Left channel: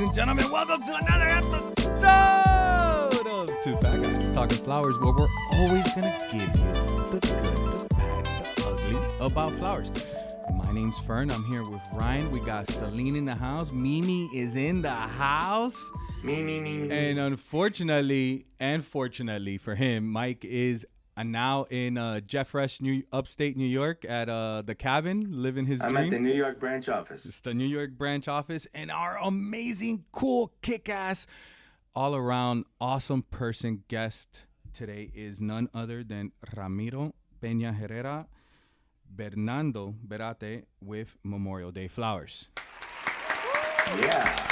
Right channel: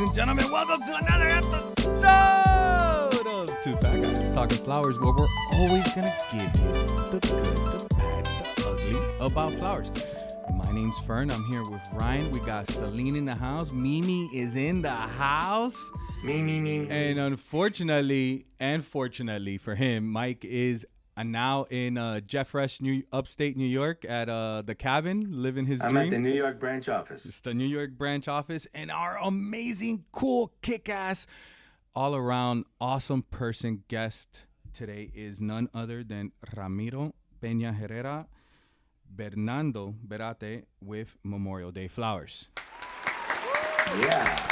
ladies and gentlemen. Welcome to another episode of Two Fat Guys Talking Flowers, where we're always gonna give you the good, the bad, the ugly about flowers. My name's Fern. I'm here with Ryan. We got Celine in the house. Mimi is in the house. Me. And unfortunately, and fortunately for him, Mike is now in Jeffresh, upstate New York at the cabin, living his dream. I'm at the New York branch office. It's the New York branch office. And our amazing, cool, kick-ass, all-around, awesome person guest today is none other than Ramiro Penaherrera, Bernardo Beate with Memorial Day Flowers. Yeah.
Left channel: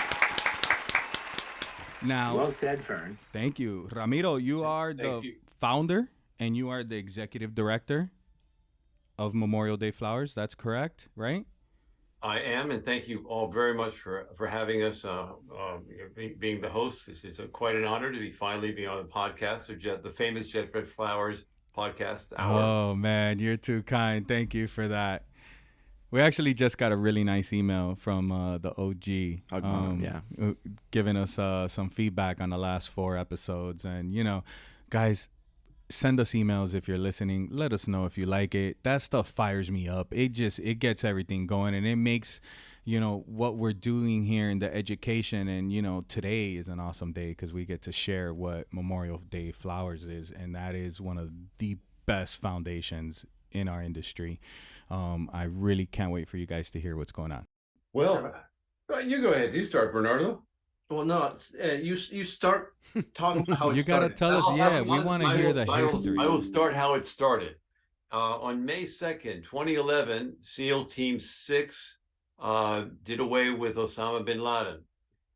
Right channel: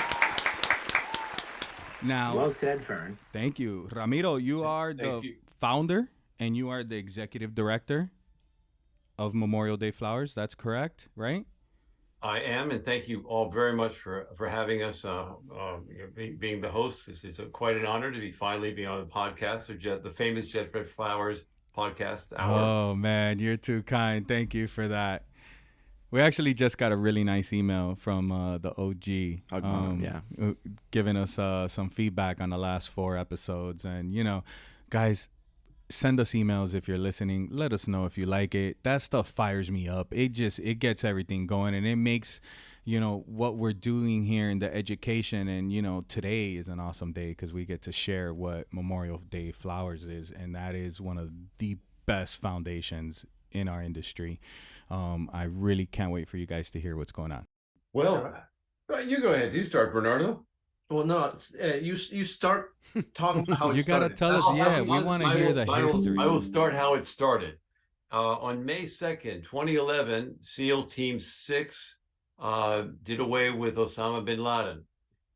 Now, well said, Fern. Thank you. Ramiro, you are the founder and you are the executive director of Memorial Day Flowers. That's correct, right? I am, and thank you all very much for having us, being the host. This is quite an honor to finally be on the podcast, the famous Jet Red Flowers podcast hour. Oh, man, you're too kind. Thank you for that. We actually just got a really nice email from the OG, giving us some feedback on the last 4 episodes. And, you know, guys, send us emails if you're listening. Let us know if you like it. That stuff fires me up. It gets everything going, and it makes, you know, what we're doing here in the education. And, you know, today is an awesome day because we get to share what Memorial Day Flowers is, and that is one of the best foundations in our industry. I really can't wait for you guys to hear what's going on. Well, you go ahead. You start, Bernardo. Well, no, you start talking about how it You got to tell us, we want to hear the history. I will start how it started. On May 2nd, 2011, SEAL Team 6 did away with Osama bin Laden.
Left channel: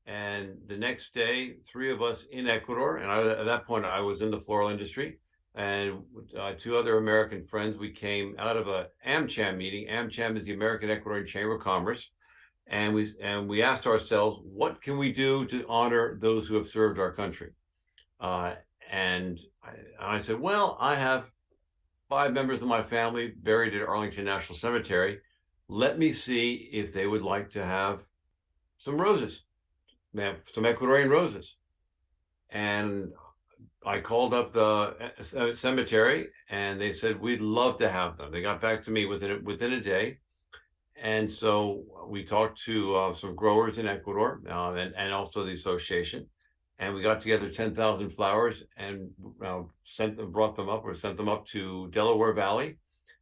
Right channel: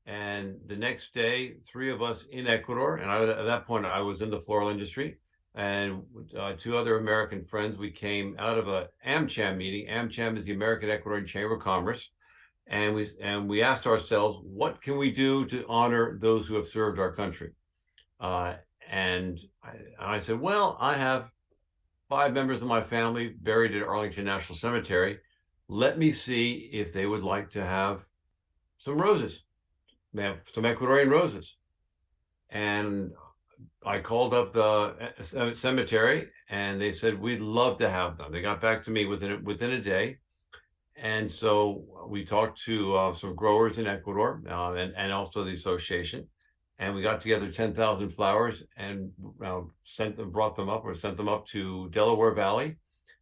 And the next day, 3 of us in Ecuador, and at that point, I was in the floral industry, and 2 other American friends, we came out of a AmCham meeting. AmCham is the American Ecuadorian Chamber of Commerce. And we asked ourselves, what can we do to honor those who have served our country? And I said, well, I have 5 members of my family buried at Arlington National Cemetery. Let me see if they would like to have some roses, some Ecuadorian roses. And I called up the cemetery, and they said, we'd love to have them. They got back to me within a day. And so we talked to some growers in Ecuador and also the association, and we got together 10,000 flowers and sent them up to Delaware Valley.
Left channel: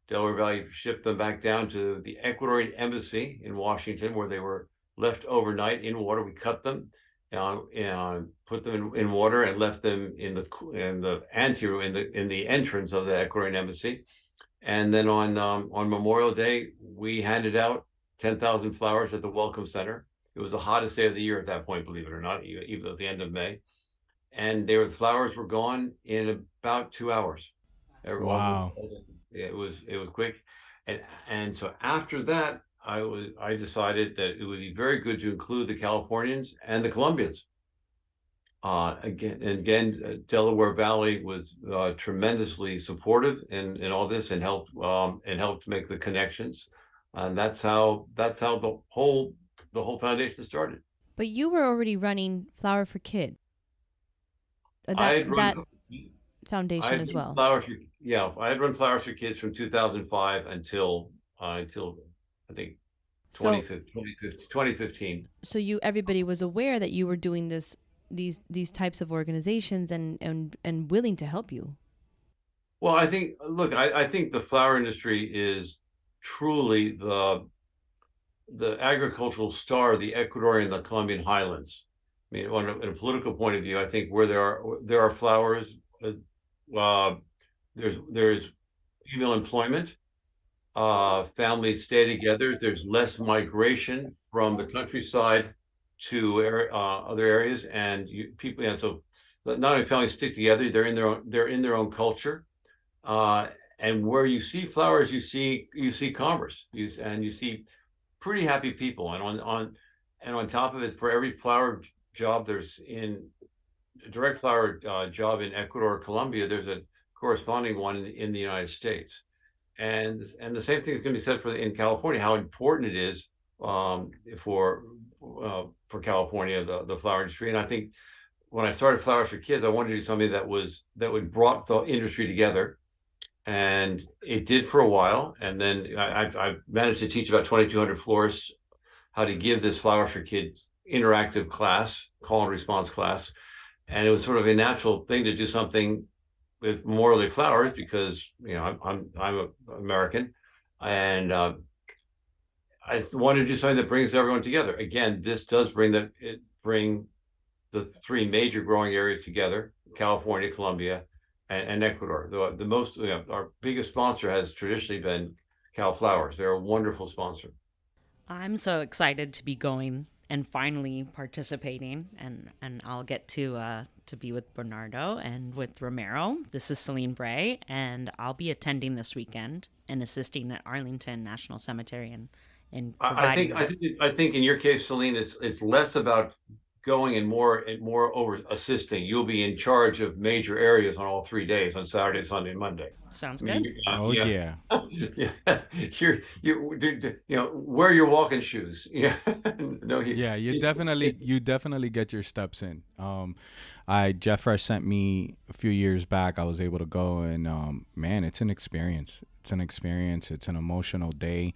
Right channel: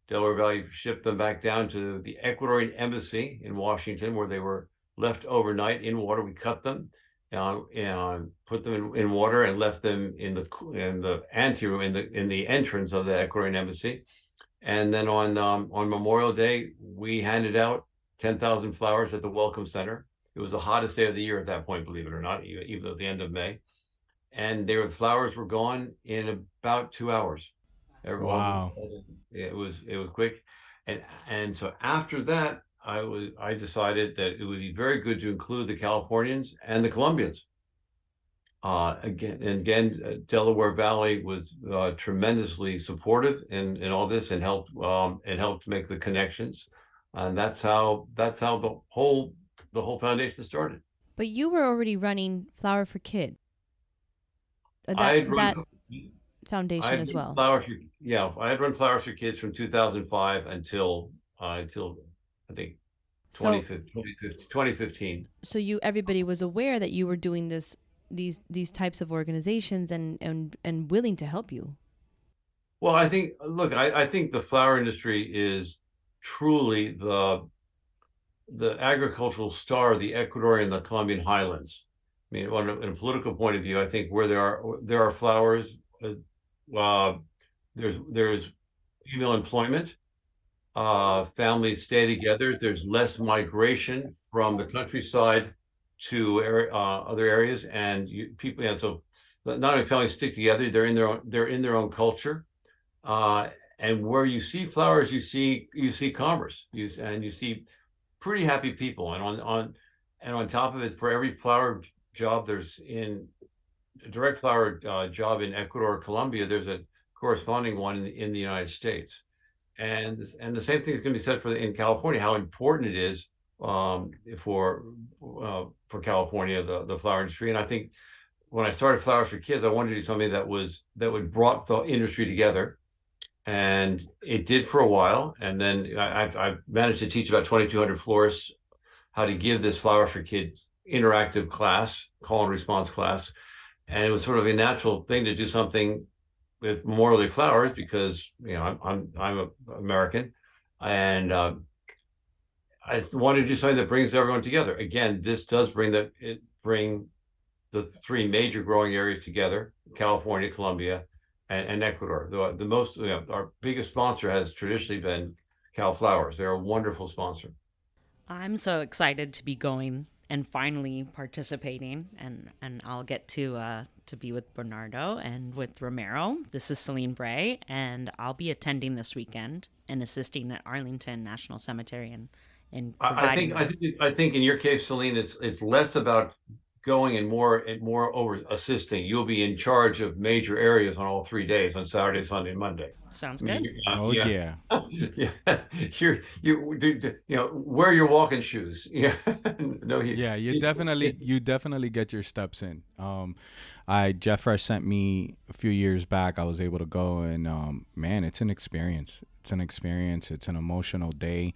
Delaware Valley shipped them back down to the Ecuadorian embassy in Washington, where they were left overnight in water. We cut them and put them in water and left them in the anteroom in the entrance of the Ecuadorian embassy. And then on Memorial Day, we handed out 10,000 flowers at the Welcome Center. It was the hottest day of the year at that point, believe it or not, even at the end of May. And the flowers were gone in about 2 hours. Wow. It was quick. And so after that, I decided that it would be very good to include the Californians and the Colombians. Again, Delaware Valley was tremendously supportive in all this and helped make the connections, and that's how the whole foundation started. But you were already running Flower for Kids. That foundation as well. I had run Flowers for Kids from 2005 until I think 2015. So everybody was aware that you were doing these types of organizations and willing to help you. Well, I think the flower industry is truly the agricultural star of the Ecuadorian and the Colombian highlands. I mean, in a political point of view, I think where there are flowers, there's female employment, families stay together. There's less migration from the countryside to other areas, and so not only families stick together, they're in their own culture, and where you see flowers, you see commerce, and you see pretty happy people, and on top of it, for every flower job there's in a direct flower job in Ecuador or Colombia, there's a corresponding one in the United States, and the same thing is going to be said in California, how important it is for California, the flower industry. And I think when I started Flowers for Kids, I wanted to do something that would brought the industry together, and it did for a while. And then I managed to teach about 2,200 florists how to give this Flowers for Kids interactive class, call and response class. And it was sort of a natural thing to do something with Memorial Day flowers because I'm American, and I wanted to do something that brings everyone together. Again, this does bring the three major growing areas together: California, Colombia, and Ecuador. The most our biggest sponsor has traditionally been Cal Flowers. They're a wonderful sponsor. I'm so excited to be going and finally participating, and I'll get to be with Bernardo and with Ramiro. This is Celine Bray, and I'll be attending this weekend and assisting at Arlington National Cemetery and providing. I think in your case, Celine, it's less about going and more over assisting. You'll be in charge of major areas on all 3 days, on Saturday, Sunday, and Monday. Sounds good. Yeah. Wear your walking shoes. Yeah. You definitely get your steps in. Jeff Fresh sent me a few years back. I was able to go, and man, it's an experience. It's an emotional day.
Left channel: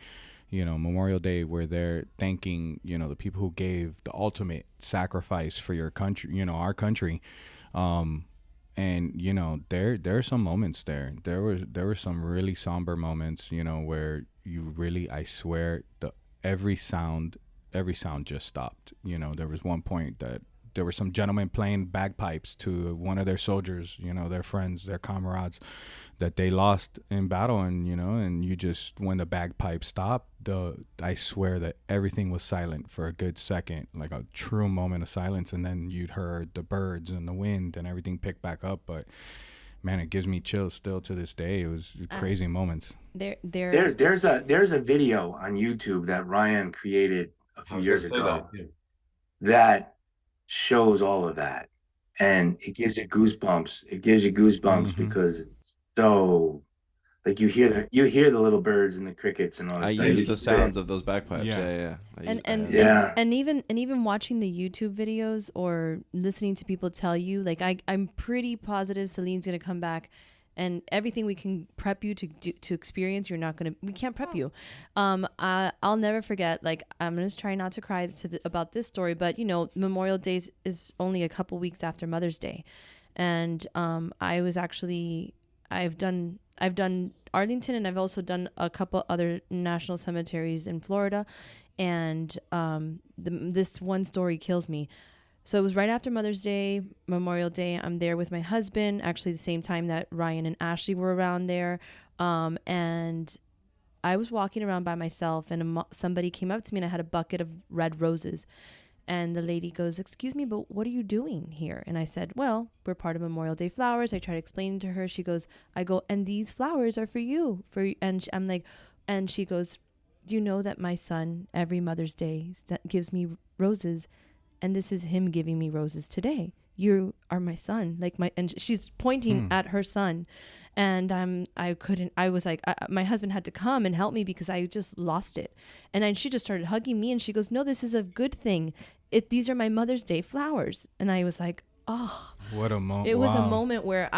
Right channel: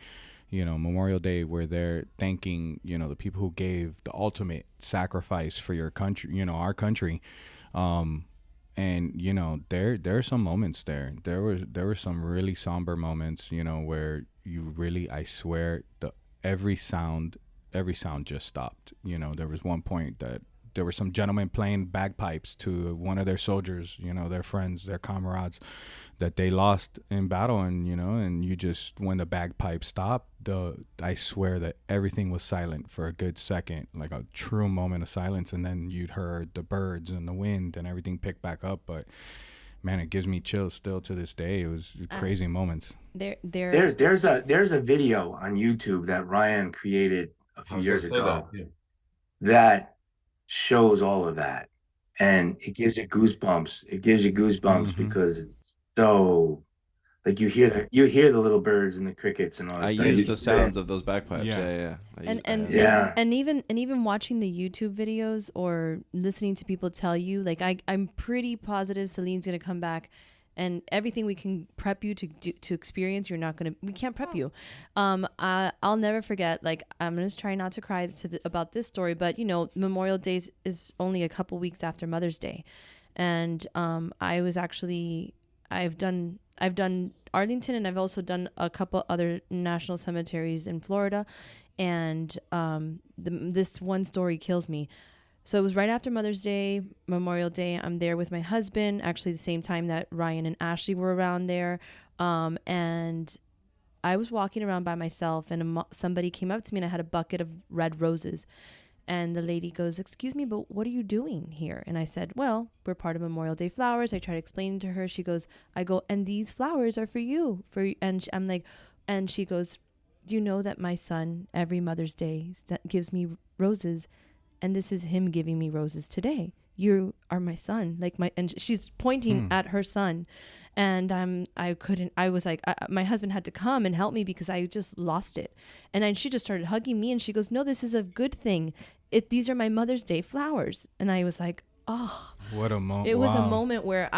Memorial Day, where they're thanking, the people who gave the ultimate sacrifice for your country, our country. And, there are some moments there. There were some really somber moments, where you really, I swear, every sound just stopped. There was one point that there were some gentlemen playing bagpipes to one of their soldiers, their friends, their comrades that they lost in battle. And, and you just, when the bagpipes stopped, I swear that everything was silent for a good second, like a true moment of silence. And then you'd heard the birds and the wind and everything pick back up. But man, it gives me chills still to this day. It was crazy moments. There's a video on YouTube that Ryan created a few years ago that shows all of that, and it gives you goosebumps. Because it's so, like, you hear the little birds and the crickets and all that. I use the sounds of those bagpipes. Yeah. And even watching the YouTube videos or listening to people tell you, like, I'm pretty positive Celine's gonna come back, and everything we can prep you to experience, we can't prep you. I'll never forget, like, I'm going to try not to cry about this story, but Memorial Day is only a couple weeks after Mother's Day. And I've done Arlington, and I've also done a couple other national cemeteries in Florida. And this one story kills me. So it was right after Mother's Day, Memorial Day. I'm there with my husband, actually the same time that Ryan and Ashley were around there. And I was walking around by myself, and somebody came up to me, and I had a bucket of red roses. And the lady goes, "Excuse me, but what are you doing here?" And I said, "Well, we're part of Memorial Day Flowers." I tried to explain to her. She goes, "And these flowers are for you." I'm like, and she goes, "Do you know that my son every Mother's Day gives me roses? And this is him giving me roses today. You are my son." And she's pointing at her son. And I was like, my husband had to come and help me because I just lost it. And then she just started hugging me, and she goes, "No, this is a good thing. These are my Mother's Day flowers." And I was like, oh, what a moment. It was a moment where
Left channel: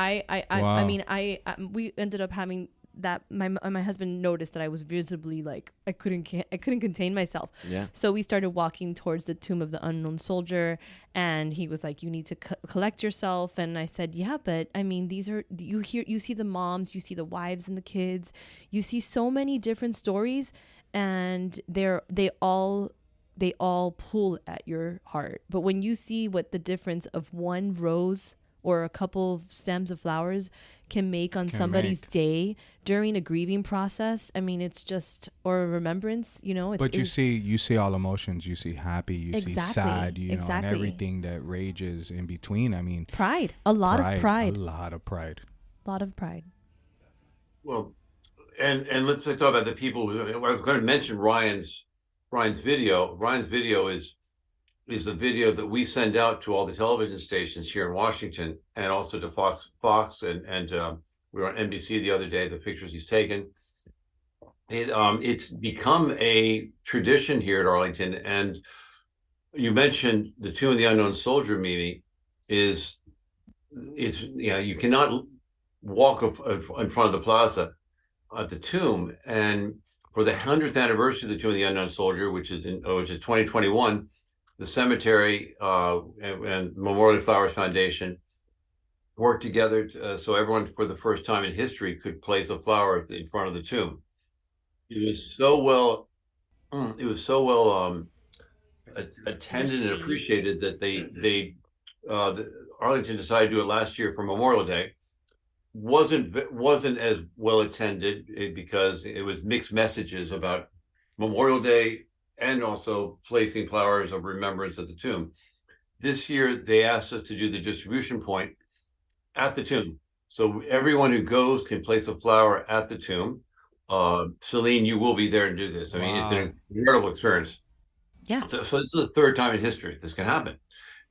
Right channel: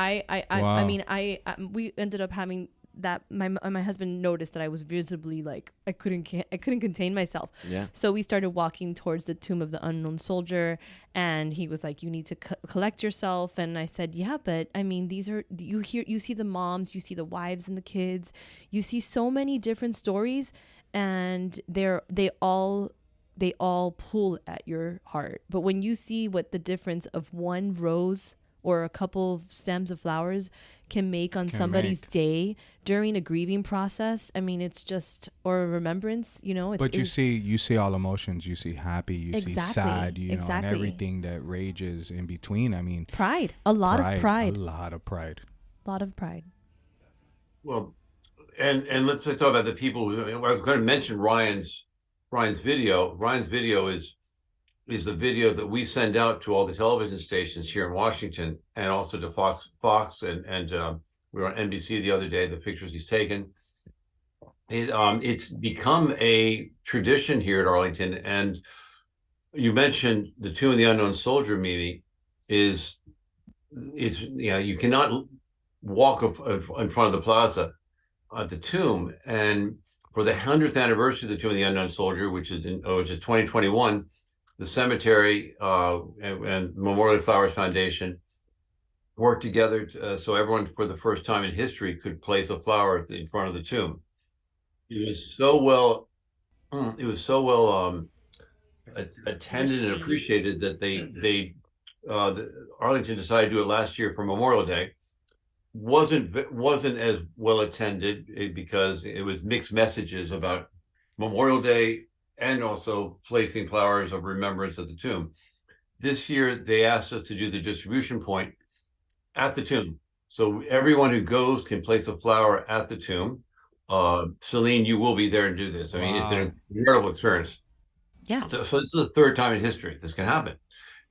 we ended up having that my husband noticed that I was visibly, like, I couldn't contain myself. Yeah. So we started walking towards the tomb of the unknown soldier, and he was like, "You need to collect yourself." And I said, "Yeah, but I mean, you see the moms, you see the wives and the kids, you see so many different stories, and they all pull at your heart. But when you see what the difference of one rose or a couple of stems of flowers can make on somebody's day during a grieving process, I mean, it's just, or a remembrance, But you see all emotions. You see happy, you see sad, and everything that rages in between. I mean, pride, a lot of pride. Well, and let's talk about the people who, I was going to mention Ryan's video. Ryan's video is the video that we send out to all the television stations here in Washington, and also to Fox, and we were on NBC the other day, the pictures he's taken. It's become a tradition here at Arlington, and you mentioned the Tomb of the Unknown Soldier, Mimi. It's you cannot walk in front of the plaza at the tomb, and for the 100th anniversary of the Tomb of the Unknown Soldier, which is 2021, the cemetery and Memorial Flowers Foundation worked together so everyone, for the first time in history, could place a flower in front of the tomb. It was so well. It was so well attended and appreciated that Arlington decided to do it last year for Memorial Day. Wasn't as well attended because it was mixed messages about Memorial Day and also placing flowers of remembrance at the tomb. This year they asked us to do the distribution point at the tomb, so everyone who goes can place a flower at the tomb. Celine, you will be there and do this. I mean, it's an incredible experience. Yeah. So this is the third time in history this can happen.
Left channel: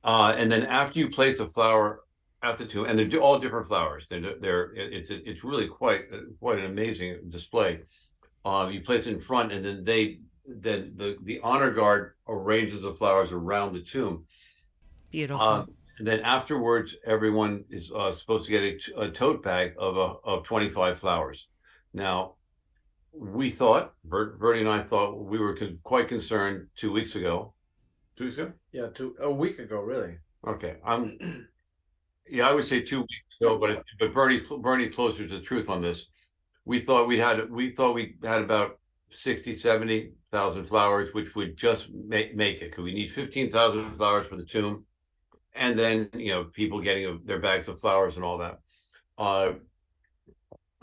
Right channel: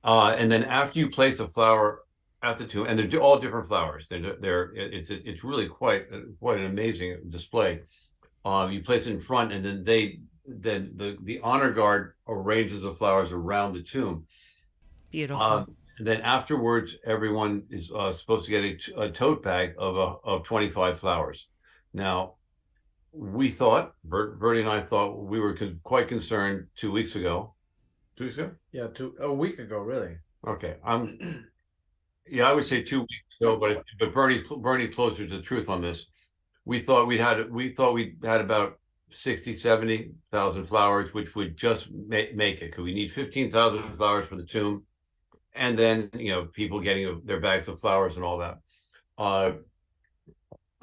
And then after you place a flower at the tomb, and they're all different flowers. It's really quite an amazing display. You place it in front, and then the honor guard arranges the flowers around the tomb. Beautiful. And then afterwards, everyone is supposed to get a tote bag of 25 flowers. Now, we thought, Bertie and I thought, we were quite concerned 2 weeks ago. 2 weeks ago? Yeah, a week ago, really. Okay, I would say 2 weeks ago, but Bernie closer to the truth on this. We thought we had about 60, 70,000 flowers, which would just make it, because we need 15,000 flowers for the tomb, and then people getting their bags of flowers and all that.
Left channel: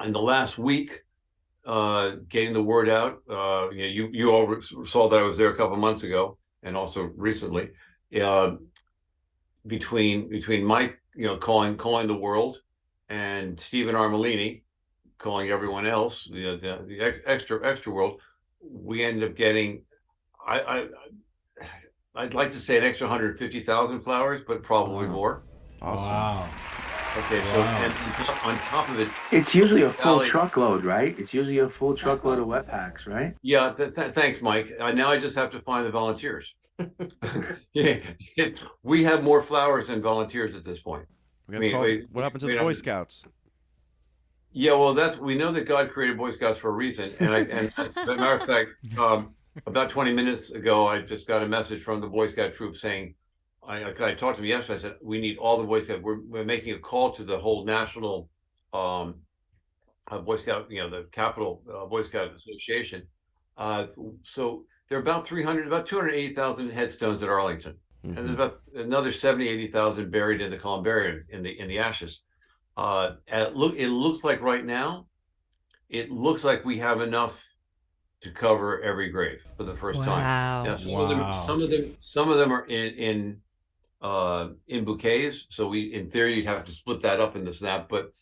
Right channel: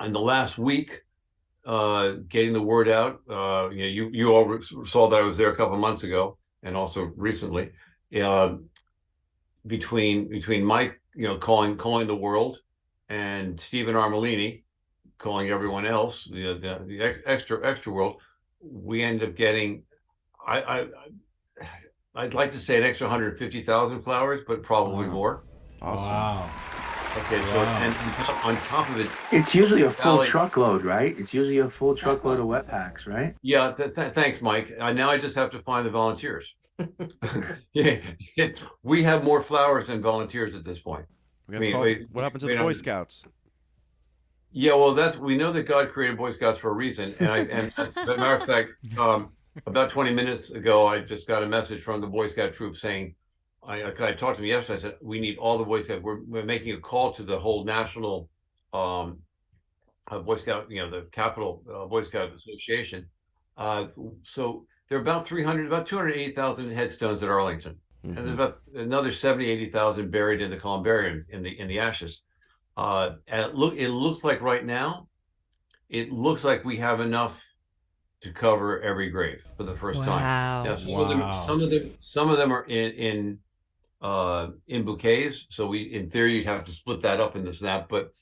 And the last week, getting the word out, you all saw that I was there a couple of months ago, and also recently, between Mike, calling the world, and Stephen Armelini calling everyone else, the extra world, we end up getting, I'd like to say an extra 150,000 flowers, but probably more. Awesome. Wow. Okay, so and on top of it, it's usually a full truckload, right? It's usually a full truckload of wet packs, right? Yeah. Thanks, Mike. Now I just have to find the volunteers. Yeah, we have more flowers than volunteers at this point. What happened to the Boy Scouts? Yeah, well, we know that God created Boy Scouts for a reason, and as a matter of fact, about 20 minutes ago, I just got a message from the Boy Scout troop saying, I talked to them yesterday. I said, we need all the Boy Scouts. We're making a call to the whole national Boy Scout, the Capital Boy Scout Association. So there are about 280,000 headstones at Arlington, and there's about another 70, 80,000 buried in the columbarium in the ashes. It looks like right now, it looks like we have enough to cover every grave for the first time. Now, some of them are in bouquets, so in theory you'd have to split that up in the snap. But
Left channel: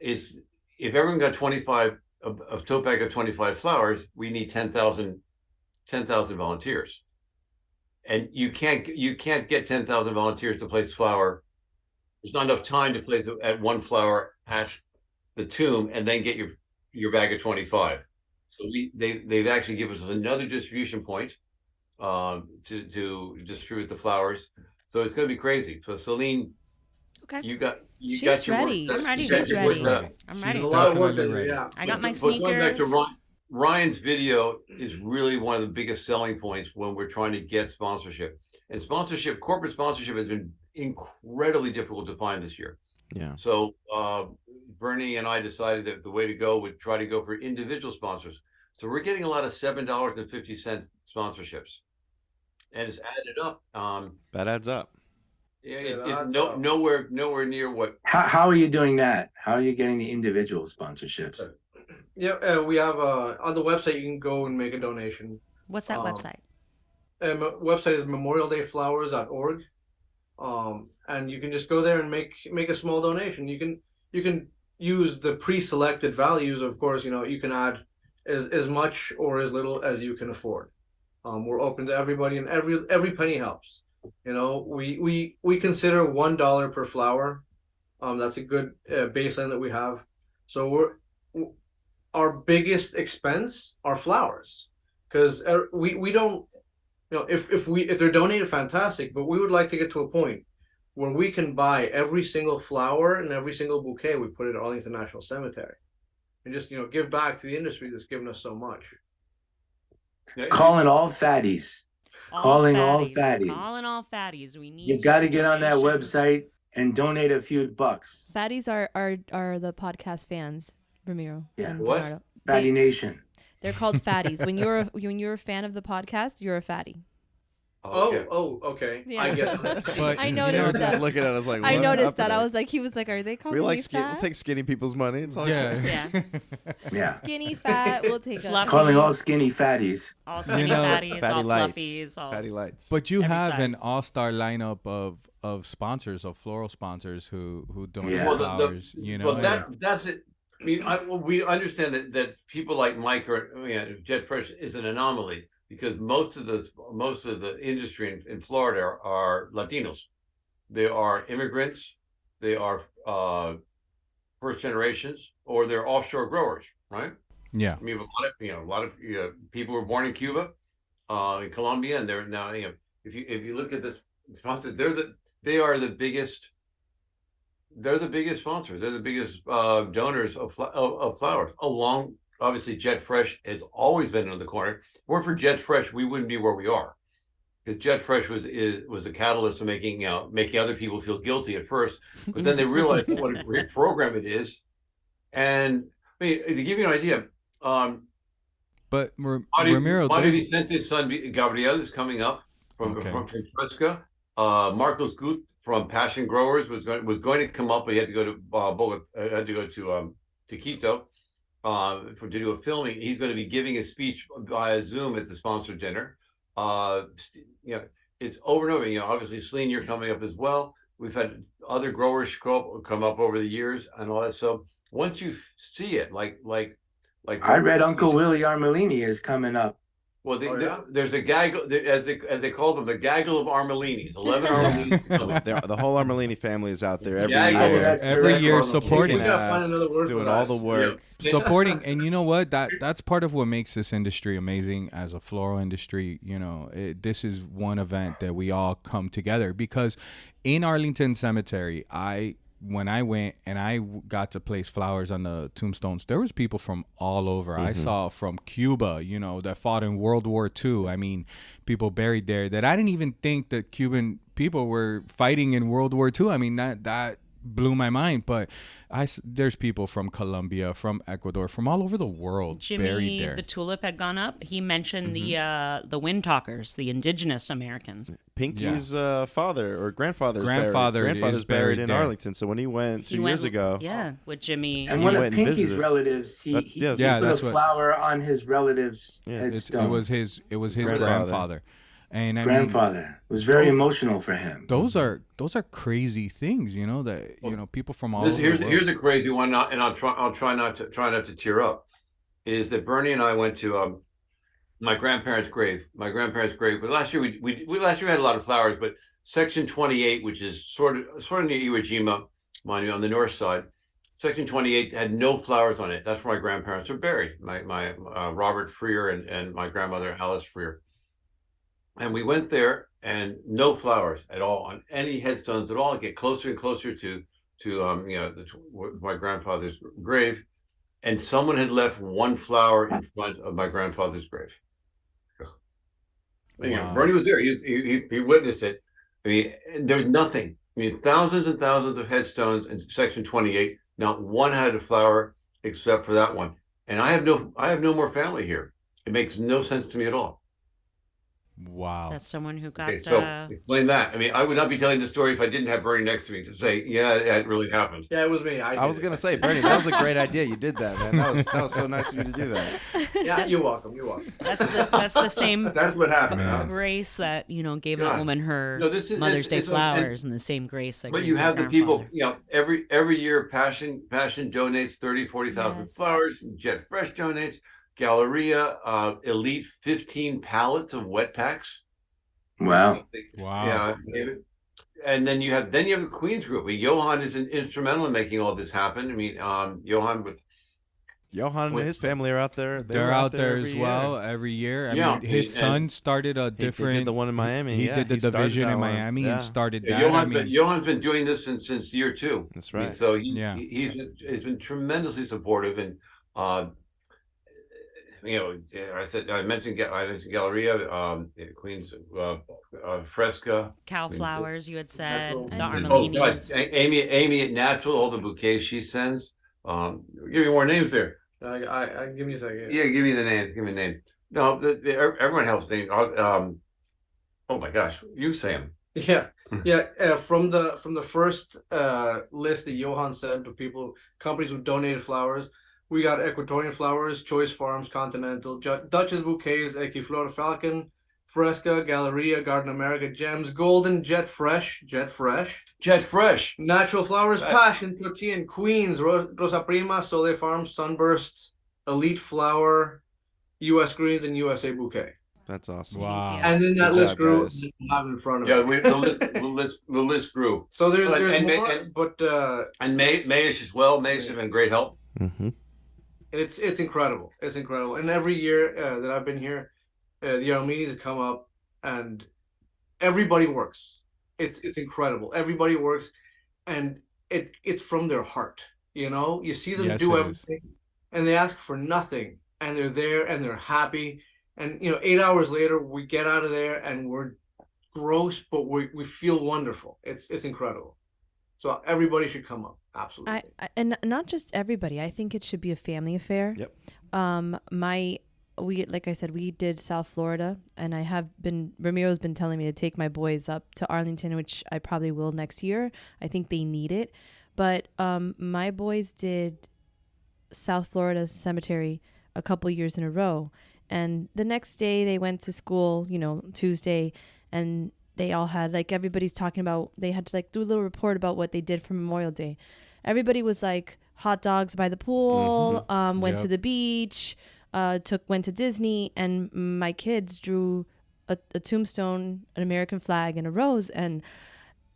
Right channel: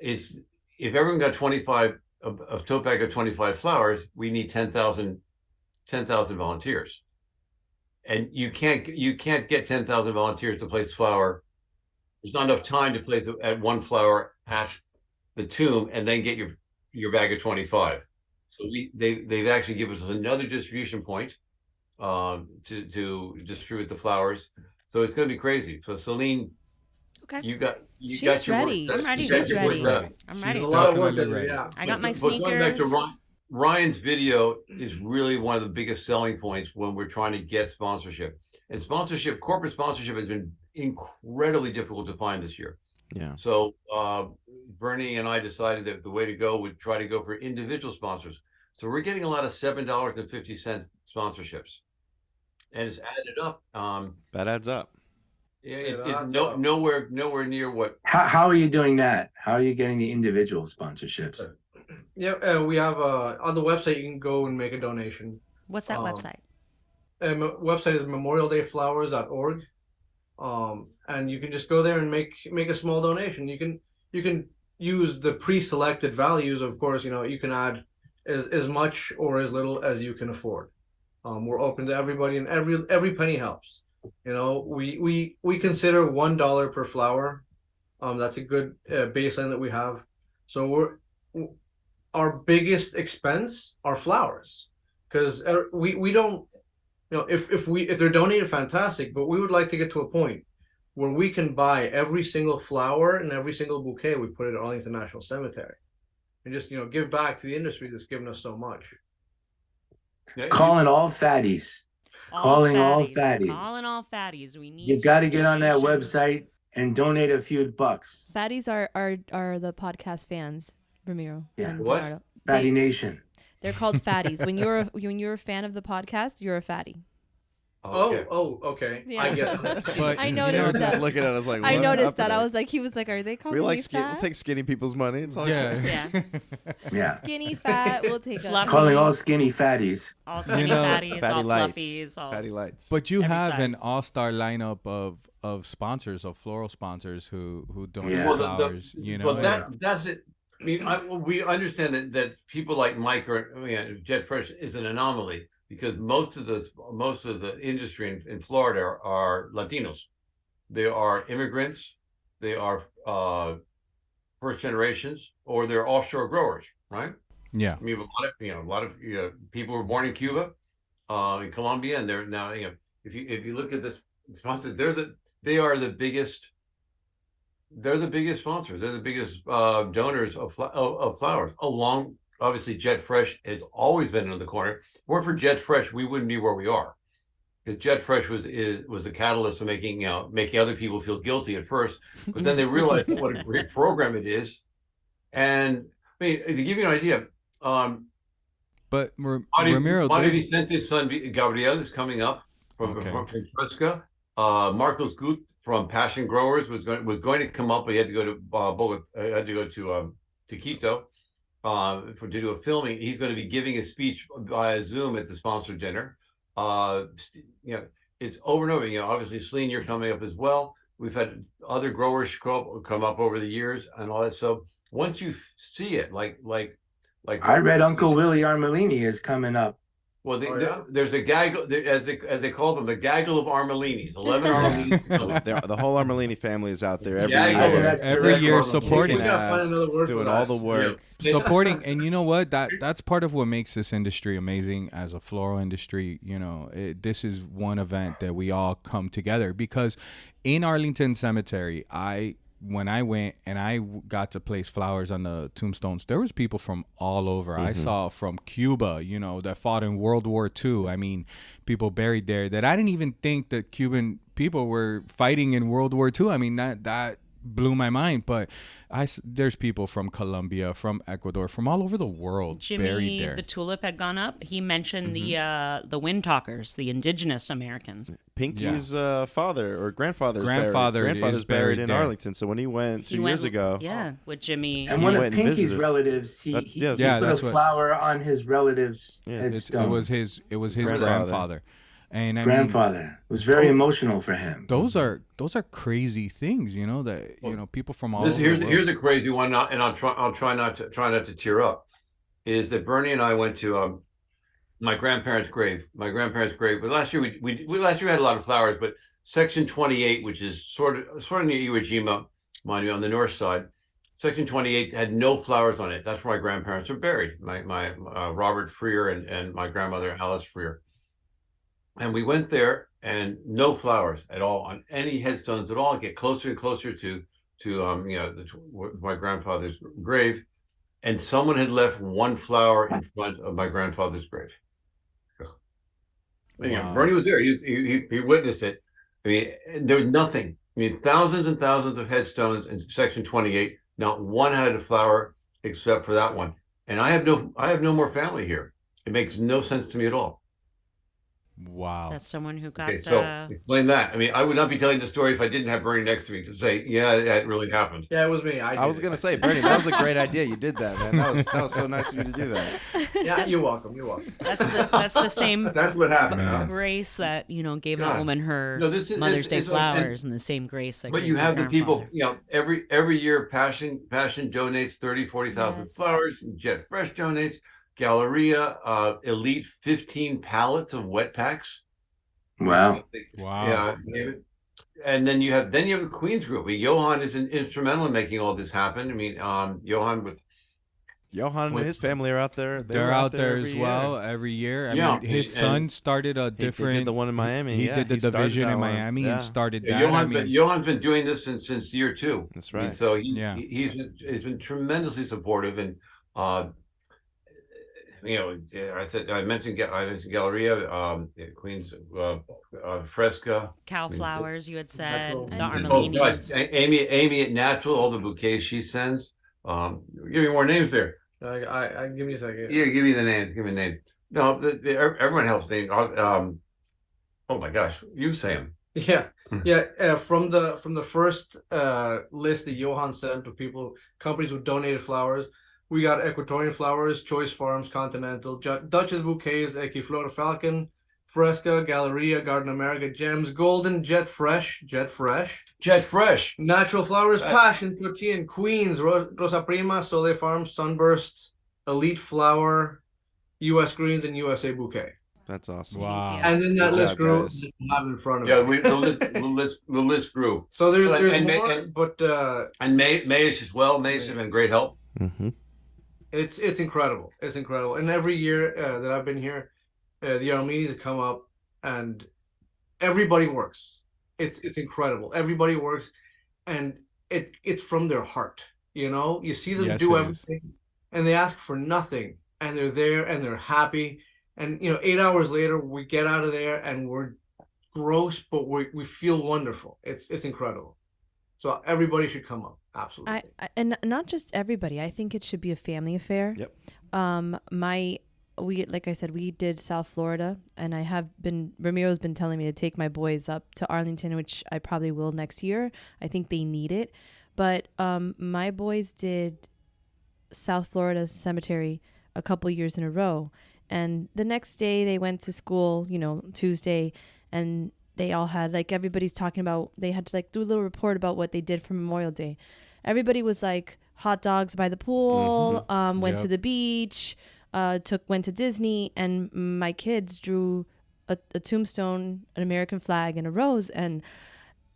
if everyone got 25 a tote bag of 25 flowers, we need 10,000 volunteers, and you can't get 10,000 volunteers to place flower. There's not enough time to place at one flower at the tomb and then get your bag of 25. So they've actually given us another distribution point to distribute the flowers. So it's going to be crazy. So Celine, okay, she's ready. I'm ready. She's ready. I'm ready. She's a lot of work to do, ready. yeah. I got my sneakers. Ryan's video is really one of the biggest selling points when we're trying to get sponsorship. And corporate sponsorship has been incredibly difficult to find this year. Yeah. So Bernie and I decided that the way to go would try to go for individual sponsors. So we're getting a lot of $7.50 sponsorships, and it's added up. That adds up. Nowhere near what. How are you doing that? How are you getting the individual sponsorships? Yeah, we have on the website you can go and make a donation. What's that website? Website is memorialDayFlowers.org. And you can just go there and make a small donation. You can use the pre-selected values. Of course, you can add as much or as little as you can afford. We're open to everybody, and every penny helps. We consider $1 per flower. That's a good baseline that we have. So our biggest expense are flowers, because we don't, if they're donated, fantastic, but we would like to get to a point where we can buy every single flower and every single bouquet we put at Arlington National Cemetery, and just give back to the industry that's given us so much. Calling all fatties. Calling all fatties. We need. You got to get on that website and donate a few bucks. Fatties are the podcast fans, Ramiro and Bernardo. Fatty Nation. They're called fatties. When you're a fan of the podcast, you're a fatty. Okay. Yeah. I get it. But I noticed that. Just looking at us like, I noticed that. happening? I was like, he was like, are they calling me fat? We'll take skinny people's money. It's all good. Yeah. Skinny, fat, we'll take it. Calling all skinny fatties. All skinny fatties, fatty all lights, fluffies, all fatty lights. But you have an all-star lineup of sponsors, of floral sponsors who donate flowers. Well, that's it. I mean, we understand that people like Mike or Jet Fresh is an anomaly, because most of the industry in Florida are Latinos. They are immigrants. They are first generations, or they're offshore growers, right? Yeah. I mean, a lot of people were born in Cuba, in Colombia, and they're now, if you look at this sponsor, they are the biggest. They're the biggest sponsors. They're the biggest donors of flowers. Along, obviously, Jet Fresh has always been in the corner. If it weren't for Jet Fresh, we wouldn't be where we are, because Jet Fresh was the catalyst of making other people feel guilty at first, but then they realized what a great program it is. And I mean, to give you an idea, but Ramiro, Montevicente's son Gabriel is coming up from Fresca. Marcos Gut from Passion Growers was going to come up, but he had to go to Bogota, had to go to Quito to do a filming. He's going to be giving a speech via Zoom at the sponsor dinner. It's over and over. Obviously, Celine, you're coming up as well. We've had other growers come up over the years and all that. So once you see it, like I read Uncle Willie Armelini is coming up. Well, there's a gaggle, as they call them, the gaggle of Armelinis. 11 Armelinis. The whole Armelini family is out there every year supporting us, doing all the work. Supporting, and you know what? That's part of what makes this industry amazing as a floral industry. This is one event that we all come together, because in Arlington Cemetery, when I went and I got to place flowers on the tombstones, there was people from all over. I saw from Cuba, that fought in World War II. I mean, people buried there that I didn't even think that Cuban people were fighting in World War II. I mean, that blew my mind. But there's people from Colombia, from Ecuador, from all over the world buried there. The tulip had gone up. He mentioned the wind talkers, the indigenous Americans. Pinky's father or grandfather's buried in there. Arlington. So when he went 2 years ago, with Jimmy, and one of Pinky's relatives, he put a flower on his relatives. It was his grandfather. And grandfather. It was very emotional for him. Those are crazy things, that people from all over the world. Here's a crazy one, and I'll try not to tear up. Is that Bernie and I went to my grandparents' grave. But last year we had a lot of flowers. But Section 28, which is sort of near Iwo Jima, mind you, on the north side, Section 28 had no flowers on it. That's where my grandparents are buried. My Robert Freer and my grandmother Alice Freer. And we went there, and no flowers at all on any headstones at all. Get closer and closer to my grandfather's grave, and someone had left one flower in front of my grandfather's grave. Wow. Bernie was there. He witnessed it. I mean, there was nothing. I mean, thousands and thousands of headstones in Section 28. Not one had a flower except for that one. And I have no more family here. It makes no sense to me at all. Wow. That's someone who got... Okay, so explain that. I mean, I would not be telling the story if I didn't have Bernie next to me to say, yeah, it really happened. Yeah, it was me. I was going to say, Bernie, that was a great idea. You did that, man. That was so nice of you to do that. Yeah, you're welcome. That's the same That's what happened. grace that, gave that woman her Mother's Day flowers, and the same grace that But you have the people, every year Passion donates 30,000, 40,000 flowers, Jet Fresh donates. Galleria, Elite 15 pallets of wet packs. Wow. Yeah. And then you have the Queens group. Johan is instrumental in making all this happen. I mean, Johan with Johan and his family are out there. They're out there as well every year. I mean, his son started a different. He did the one in Miami. He did the division in Miami and started that. Johan's been doing this since year 2. That's right. And so he's been tremendously supportive, and I mentioned Galleria, Queens, Fresca, Cal Flowers. You had said the Armelinis. Amy at Natural, all the bouquets she sends. Give me more names there. I give me a second. Yeah, give me the name. Give me a name. No, everyone helps name. Oh my gosh, you say them. Yeah. From the first list that Johan sent to companies who donated flowers, we got Equatorian Flowers, Choice Farms, Continental, Duchess Bouquets, Equiflora Falcon, Fresca, Galleria, Garden America, Gems, Golden, Jet Fresh, Natural Flowers, Passion, Tortilla, Queens, Rosa Prima, Sole Farms, Sunburst, Elite Flower, U.S. Greens, and USA Bouquet. That's awesome. Wow. And then that list grew. Have in front of me. The list grew. So there's more, and Mayish as well. Mayish has been great help. Mm-hmm. It's incredible. It's incredible. And every year that I've been here, the Armenians have come up, and everybody works. It's incredible. Everybody works, and it's from their heart. You see them do everything, and they ask for nothing, and they're there, and they're happy. And 8 hours later, we get out of there, and we're gross, but we feel wonderful. It's incredible. So everybody should come up. Absolutely. And not just everybody. I think it should be a family affair. Yep. Like I said, we did South Florida, and Ramiro's been telling me to take my boys up to Arlington, which I probably will next year. I think they need it. But my boys did South Florida Cemetery a couple years in a row. And the next day they went to school, Tuesday, and they all had, everybody's talking about, they had to do a little report about what they did for Memorial Day. Everybody was hot dogs by the pool, went to the beach, went to Disney, and my kids drew a tombstone, an American flag, and a rose. And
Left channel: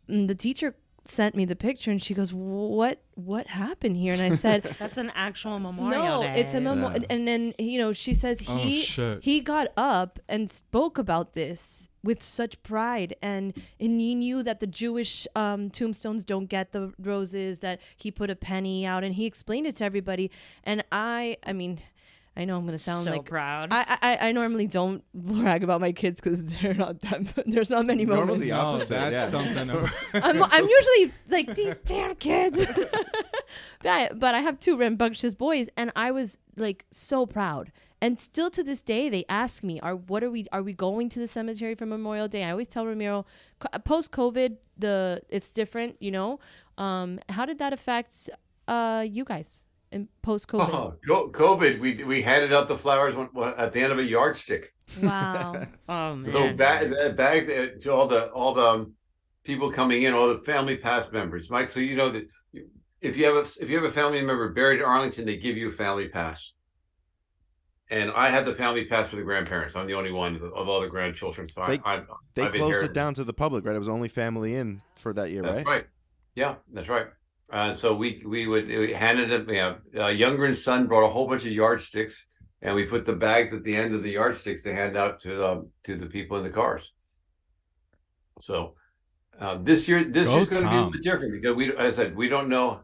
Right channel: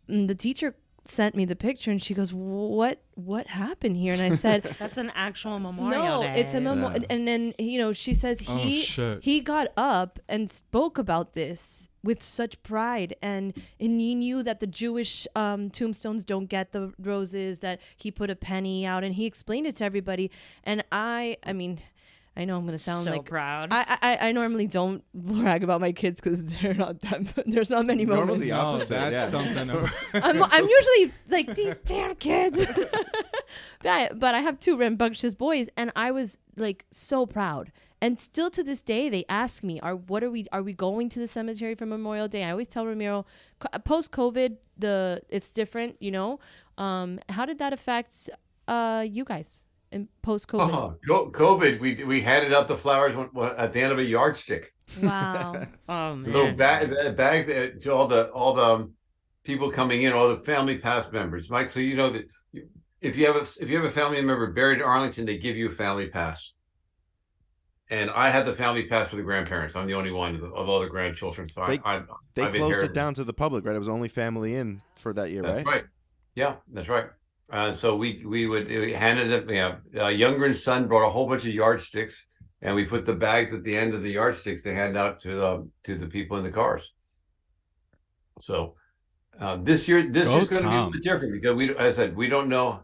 the teacher sent me the picture, and she goes, what happened here? And I said, that's an actual Memorial Day. No, it's a memorial. And then she says he got up and spoke about this with such pride, and he knew that the Jewish tombstones don't get the roses, that he put a penny out, and he explained it to everybody. And I mean, I know I'm going to sound so proud. I normally don't brag about my kids because they're not that. There's not many moments. Normally the opposite. That's something. I'm usually these damn kids. But I have 2 rambunctious boys, and I was so proud. And still to this day, they ask me, "Are we going to the cemetery for Memorial Day?" I always tell Ramiro, post COVID, it's different. How did that affect you guys? In post-COVID? COVID, we handed out the flowers at the end of a yardstick. Wow. Oh man. Little bag to all the people coming in, all the family past members. Mike, so that if you have a family member buried in Arlington, they give you a family pass. And I had the family pass for the grandparents. I'm the only one of all the grandchildren. So they closed it down to the public, right? It was only family in for that year, right? Right. Yeah, that's right. So we handed it. Younger's son brought a whole bunch of yardsticks, and we put the bags at the end of the yardsticks to hand out to the people in the cars. So this year's going to be a little bit different because as I said, we don't know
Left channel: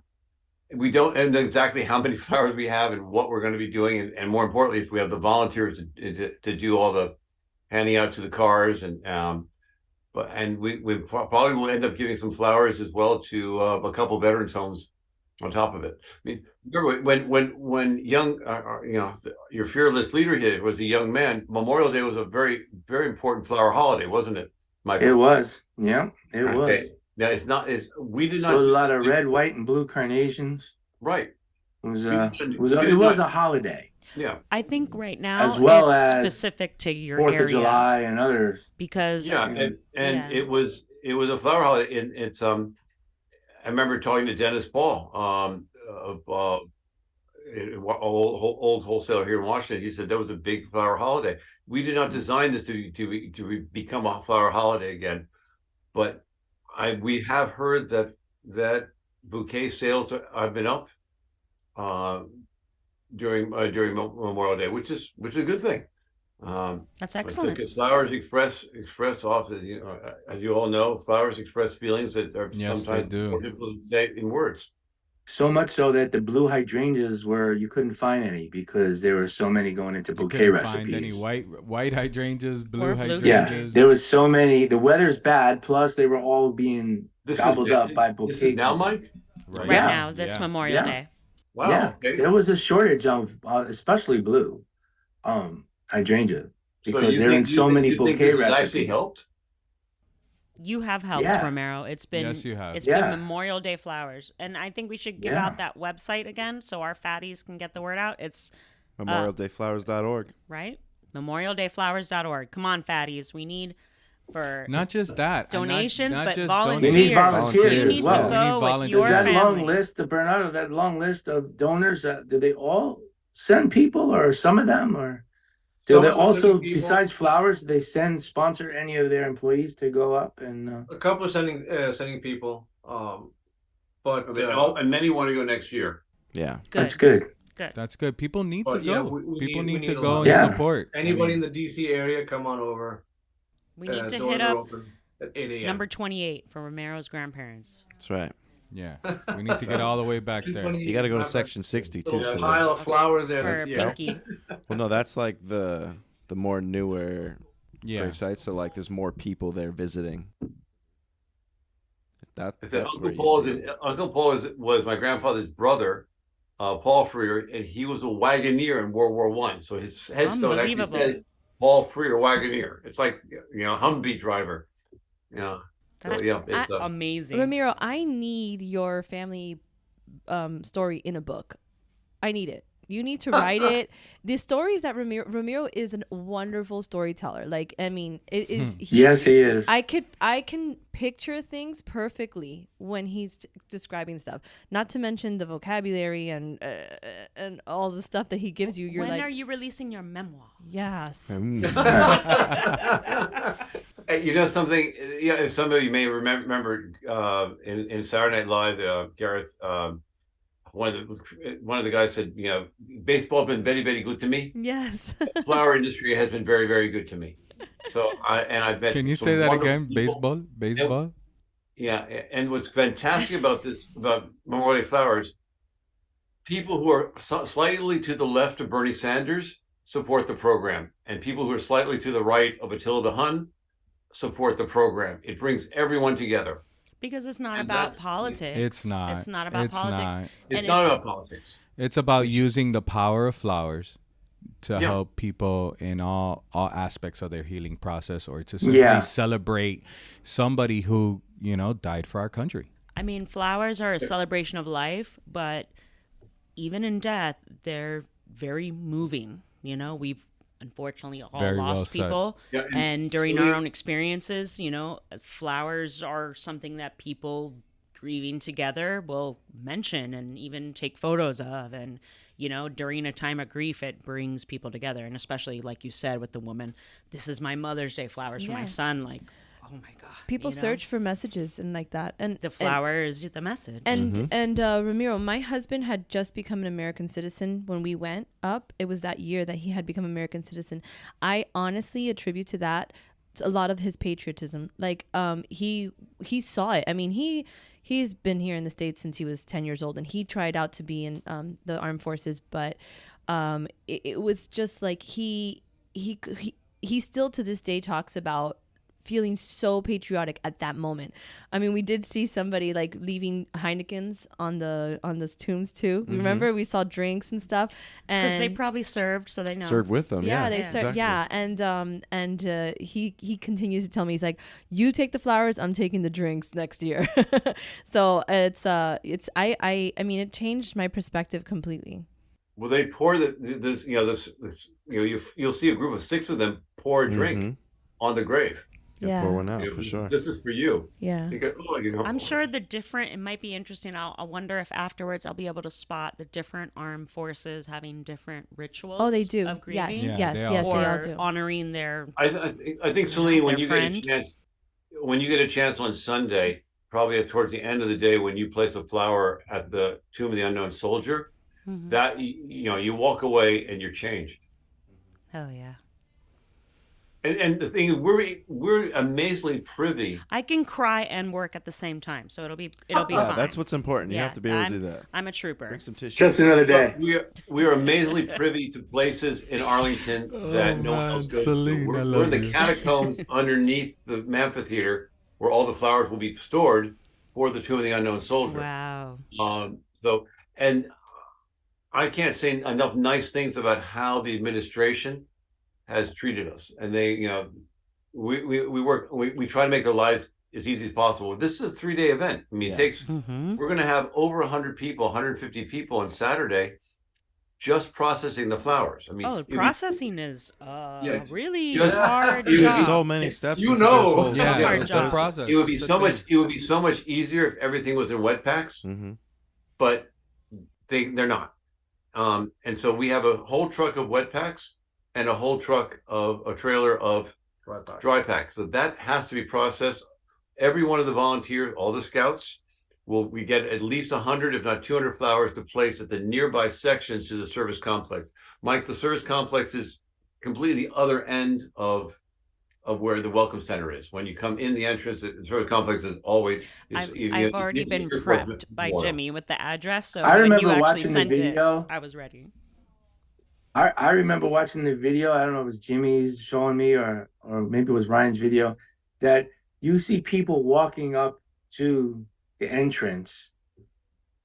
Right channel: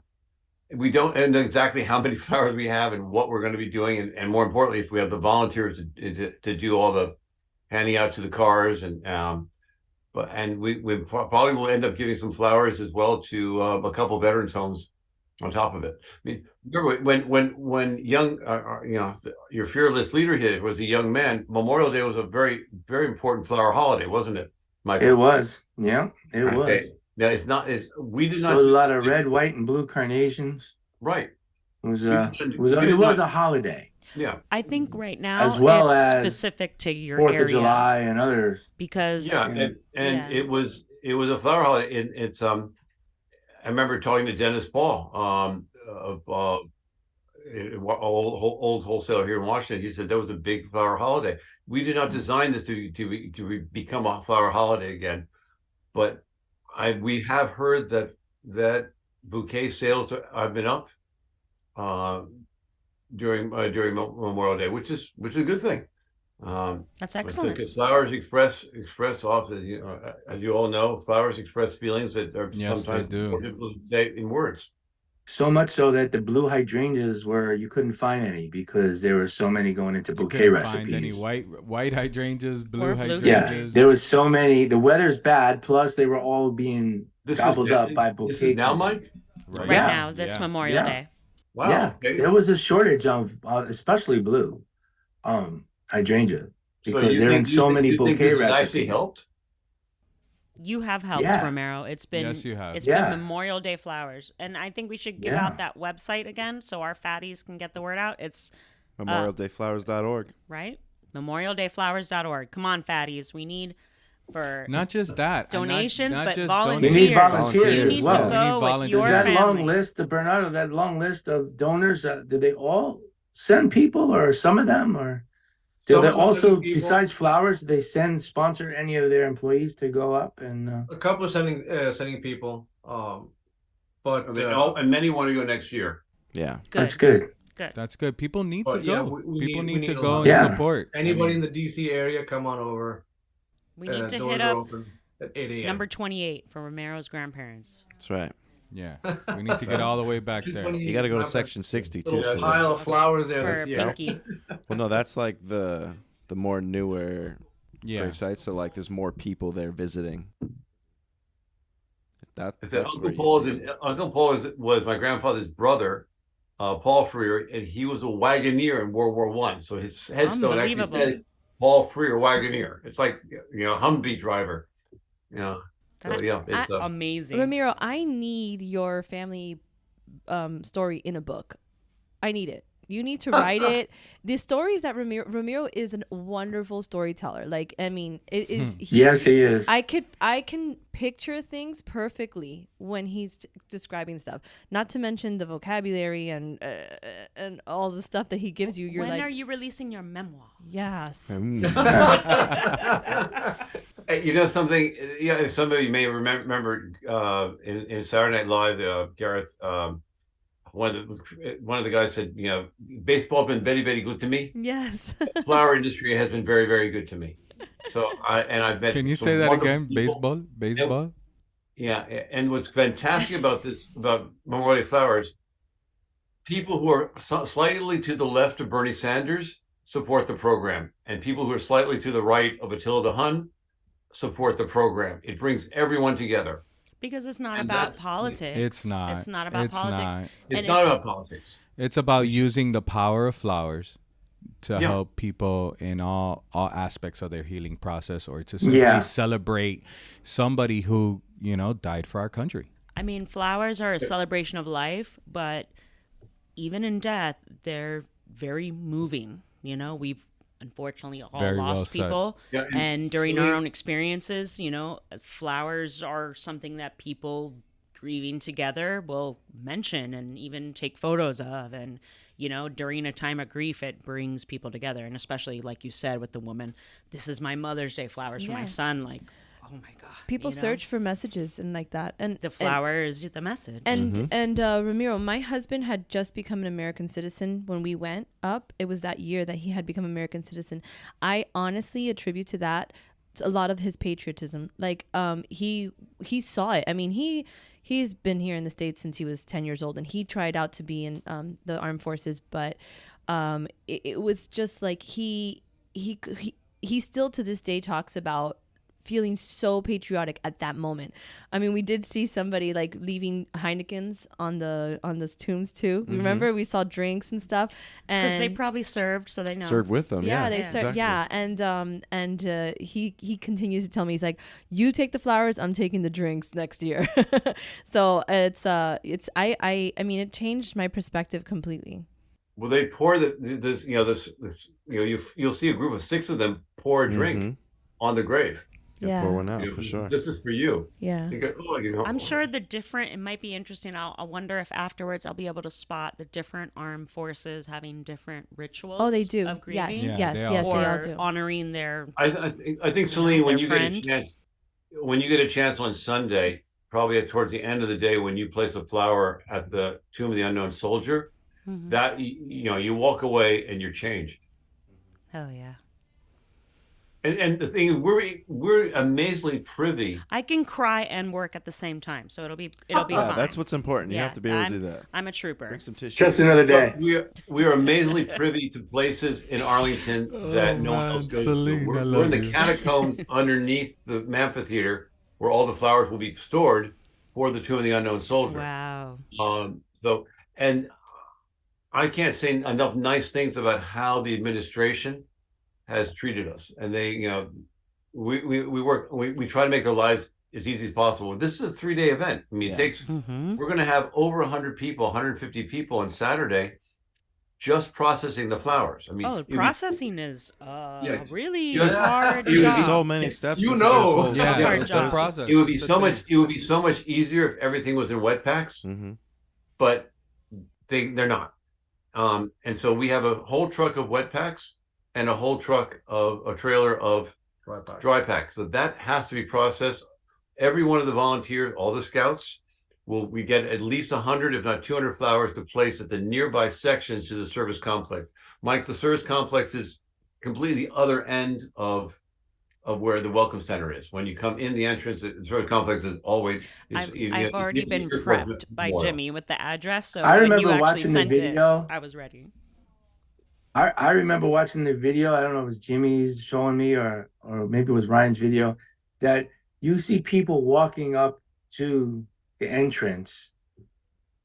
exactly how many flowers we have and what we're going to be doing, and more importantly, if we have the volunteers to do all the handing out to the cars, and we probably will end up giving some flowers as well to a couple veterans homes on top of it. I mean, remember when young, your fearless leader here was a young man, Memorial Day was a very, very important flower holiday, wasn't it, Michael? It was. Yeah, it was. Now we did not. So a lot of red, white, and blue carnations. Right. It was a holiday. Yeah. I think right now as well it's as specific to your 4th area. of July and others. Because it was a flower holiday. It's I remember talking to Dennis Paul, old wholesaler here in Washington. He said that was a big flower holiday. We did not design this to become a flower holiday again, but we have heard that bouquet sales have been up. during Memorial Day, which is a good thing. That's excellent. Because flowers express off, as you all know, flowers express feelings that are sometimes more difficult to say in words. So much so that the blue hydrangeas you couldn't find any because there were so many going into bouquet recipes. Find any white hydrangeas, blue hydrangeas. Yeah, there was so many. The weather's bad, plus they were all being gobbled up by bouquet. This is now, Mike? Right now, this Memorial Day. Wow. Yeah, there was a shortage of, especially blue hydrangea, because they're in so many bouquet recipes. Actually helped? You have helped, Ramiro. It's been yes, you have. It's been Memorial Day flowers, and I think we should give out that website again so our fatties can get the word out. It's memorialdayflowers.org. Right, memorialdayflowers.org. Come on, fatties. We need for not just that donations, not but just volunteers. We need volunteers. You need to go with your family. Long list of Bernardo. That long list of donors. Do they all send people, or some of them, or? Do they also, besides flowers, they sponsor any of their employees to go up and? A couple of sending people, but and many want to go next year. Yeah, that's good. That's good. People need to go. People need to go and support. Anybody in the DC area, come on over. We need to hit up number 28 for Ramiro's grandparents. That's right. Yeah, we need to get all the way back there. You got to go to section 60 too. A pile of flowers there for Pinky. Well, no, that's like the more newer grave sites. So like, there's more people there visiting. That's where Uncle Paul was my grandfather's brother, Paul Freer, and he was a wagoneer in World War I. So his headstone actually says Paul Freer wagoneer. It's like Humvee driver. That's amazing. Ramiro, I need your family story in a book. I need it. You need to write it. The stories that Ramiro is a wonderful storyteller. Like, I mean, it is. Yes, he is. I can picture things perfectly when he's describing stuff. Not to mention the vocabulary and all the stuff that he gives you. When are you releasing your memoir? Yes. You know something? Some of you may remember in Saturday Night Live, Gareth. One of the guys said, baseball has been very, very good to me. Yes. Flower industry has been very, very good to me. So I've met. Can you say that again? People. Baseball. And what's fantastic about Memorial Day Flowers, people who are slightly to the left of Bernie Sanders support the program, and people who are slightly to the right of Attila the Hun support the program. It brings everyone together. Because it's not about politics. It's not. It's not about politics. It's not about politics. It's about using the power of flowers to help people in all aspects of their healing process, or to simply celebrate somebody who, died for our country. I mean, flowers are a celebration of life, but even in death, they're very moving. We've unfortunately all lost people, and during our own experiences, flowers are something that people grieving together will mention and even take photos of, and during a time of grief, it brings people together. And especially, like you said, with the woman, this is my Mother's Day flowers for my son. Like, oh my God, people search for messages and like that, and the flower is the message. And Ramiro, my husband had just become an American citizen when we went up. It was that year that he had become American citizen. I honestly attribute to that a lot of his patriotism. Like, he saw it. I mean, he's been here in the States since he was 10 years old, and he tried out to be in the armed forces, but it was just like he still to this day talks about feeling so patriotic at that moment. I mean, we did see somebody like leaving Heinekens on those tombs too. Mm-hmm. Remember, we saw drinks and stuff, because they probably served, so they know. Served with them. Yeah, they served. Exactly. Yeah, and he continues to tell me, he's like, "You take the flowers, I'm taking the drinks next year." So I mean, it changed my perspective completely. Well, they pour you'll see a group of 6 of them pour a drink on the grave. Pour one out for sure. This is for you. Yeah. I'm sure it might be interesting. I'll wonder if afterwards I'll be able to spot the different armed forces having different rituals. Oh, they do. Of grieving. Yes, they all do. Honoring their. I think Celine, when you get a chance on Sunday, probably towards the end of the day, when you place a flower at the tomb of the unknown soldier, that you walk away and you're changed. Oh yeah. And the thing is, we're amazingly privy. I can cry and work at the same time, so it'll be fine. That's what's important. You have to be able to do that. I'm a trooper. Bring some tissues. Just another day. We are amazingly privy to places in Arlington that no one else goes Celine, to. We're in the catacombs underneath the amphitheater, where all the flowers will be stored for the Tomb of the Unknown Soldier. Wow. And I can't say enough nice things about how the administration has treated us, and they, we try to make their lives as easy as possible. This is a 3-day event. I mean, it takes. We're going to have over 100 people, 150 people on Saturday, just processing the flowers. I mean, processing is really hard job. There's so many steps. It's a process. It would be so much. It would be so much easier if everything was in wet packs, but they're not. And so we have a whole truck of wet packs and a whole trailer of dry packs. So that has to be processed. Every one of the volunteers, all the scouts, we get at least 100, if not 200 flowers to place at the nearby sections to the service complex. Mike, the service complex is completely the other end of where the welcome center is. When you come in the entrance, the service complex is always. I've already been prepped by Jimmy with the address, so when you actually sent it, I was ready. I remember watching the video. I don't know if it was Jimmy's showing me or maybe it was Ryan's video, that you see people walking up to the entrance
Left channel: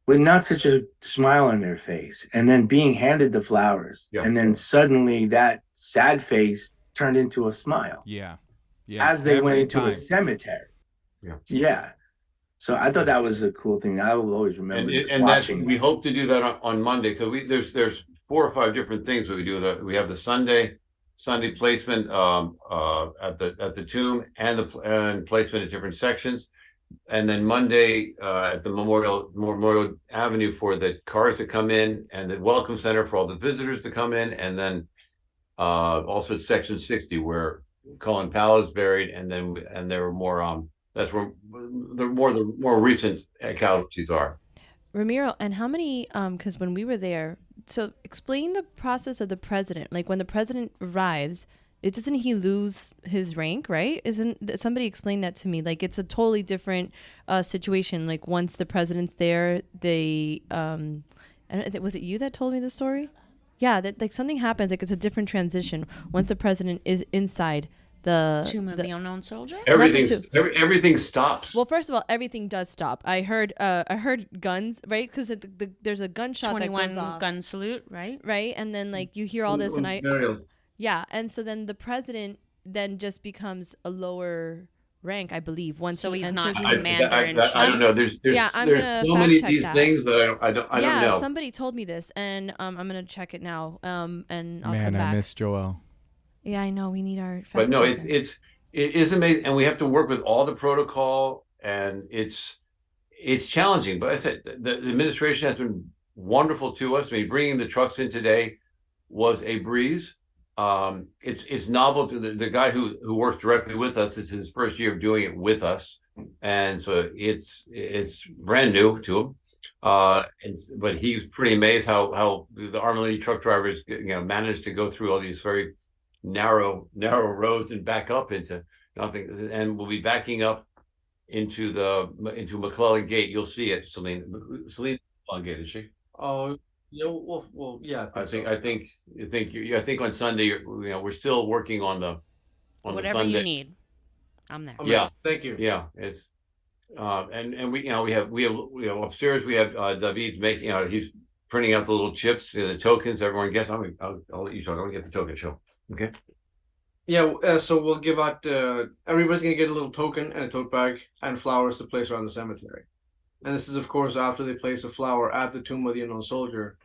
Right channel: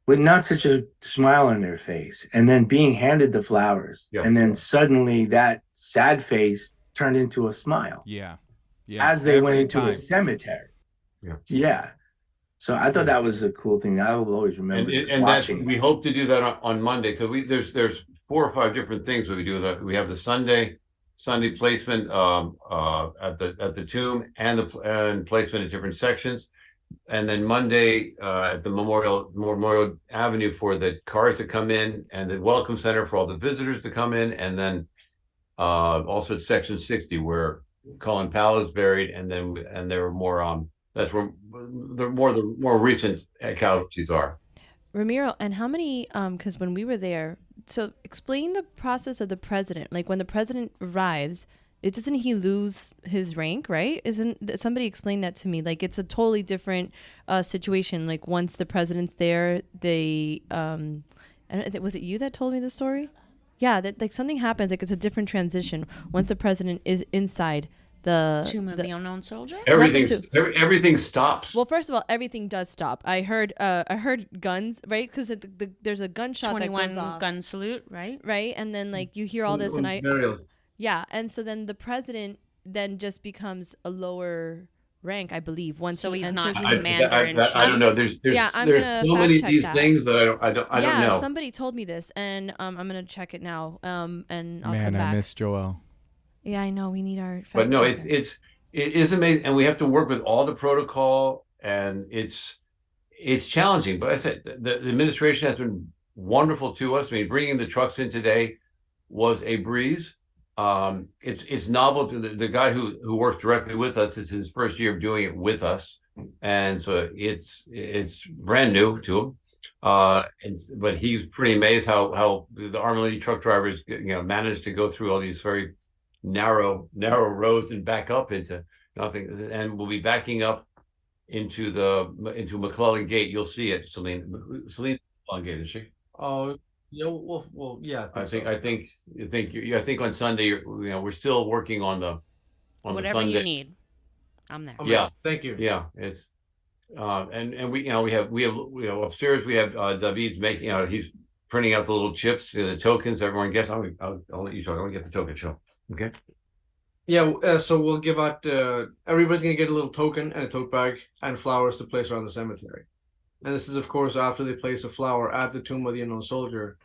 with not such a smile on their face, and then being handed the flowers, and then suddenly that sad face turned into a smile. Yeah. As they went into the cemetery. Yeah. So I thought that was a cool thing. I will always remember watching. We hope to do that on Monday, because there's 4 or 5 different things that we do. We have the Sunday placement at the tomb and placement at different sections, and then Monday at the Memorial Avenue for the cars to come in, and the welcome center for all the visitors to come in, and then also at section 60 where Colin Powell is buried, and there were more. That's where the more recent casualties are. Ramiro, and how many? Because when we were there, so explain the process of the president. Like when the president arrives, doesn't he lose his rank, right? Isn't somebody explain that to me? Like it's a totally different situation. Like once the president's there, they was it you that told me the story? Yeah, that like something happens. Like it's a different transition once the president is inside the Tomb of the Unknown Soldier. Everything stops. Well, first of all, everything does stop. I heard guns, right? Because there's a gunshot that goes off. 21 gun salute, right? Right, and then like you hear all this, and and so then the president then just becomes a lower rank, I believe. Once so he's not commander in chief. I don't know. There's I'm gonna so many of these things that I don't know. Somebody told me this, and I'm gonna check it now. And I'll come back. I missed Joel. Yeah, I know. We need our fact But no, checker. it is amazing, and we have to work with all the protocol, and it's challenging. But I said the administration has been wonderful to us. I mean, bringing the trucks in today was a breeze. It's novel to the guy who works directly with us. This is his first year of doing it with us, and so it's brand new to him. But he's pretty amazed how the Army truck drivers managed to go through all these very narrow roads and back up into nothing, and we'll be backing up into McClellan Gate. You'll see it, Celine. Celine McClellan Gate, is she? Oh, yeah. Well, yeah. I think on Sunday, we're still working on the whatever Sunday. you need. I'm there. Yeah, thank you. Yeah, it's and we have upstairs we have David's making he's printing out the little chips, the tokens. Everyone gets. I'll let you talk. I want to get the token show. Okay. Yeah, so we'll give out. Everybody's gonna get a little token and a tote bag and flowers to place around the cemetery. And this is, of course, after they place a flower at the Tomb of the Unknown Soldier.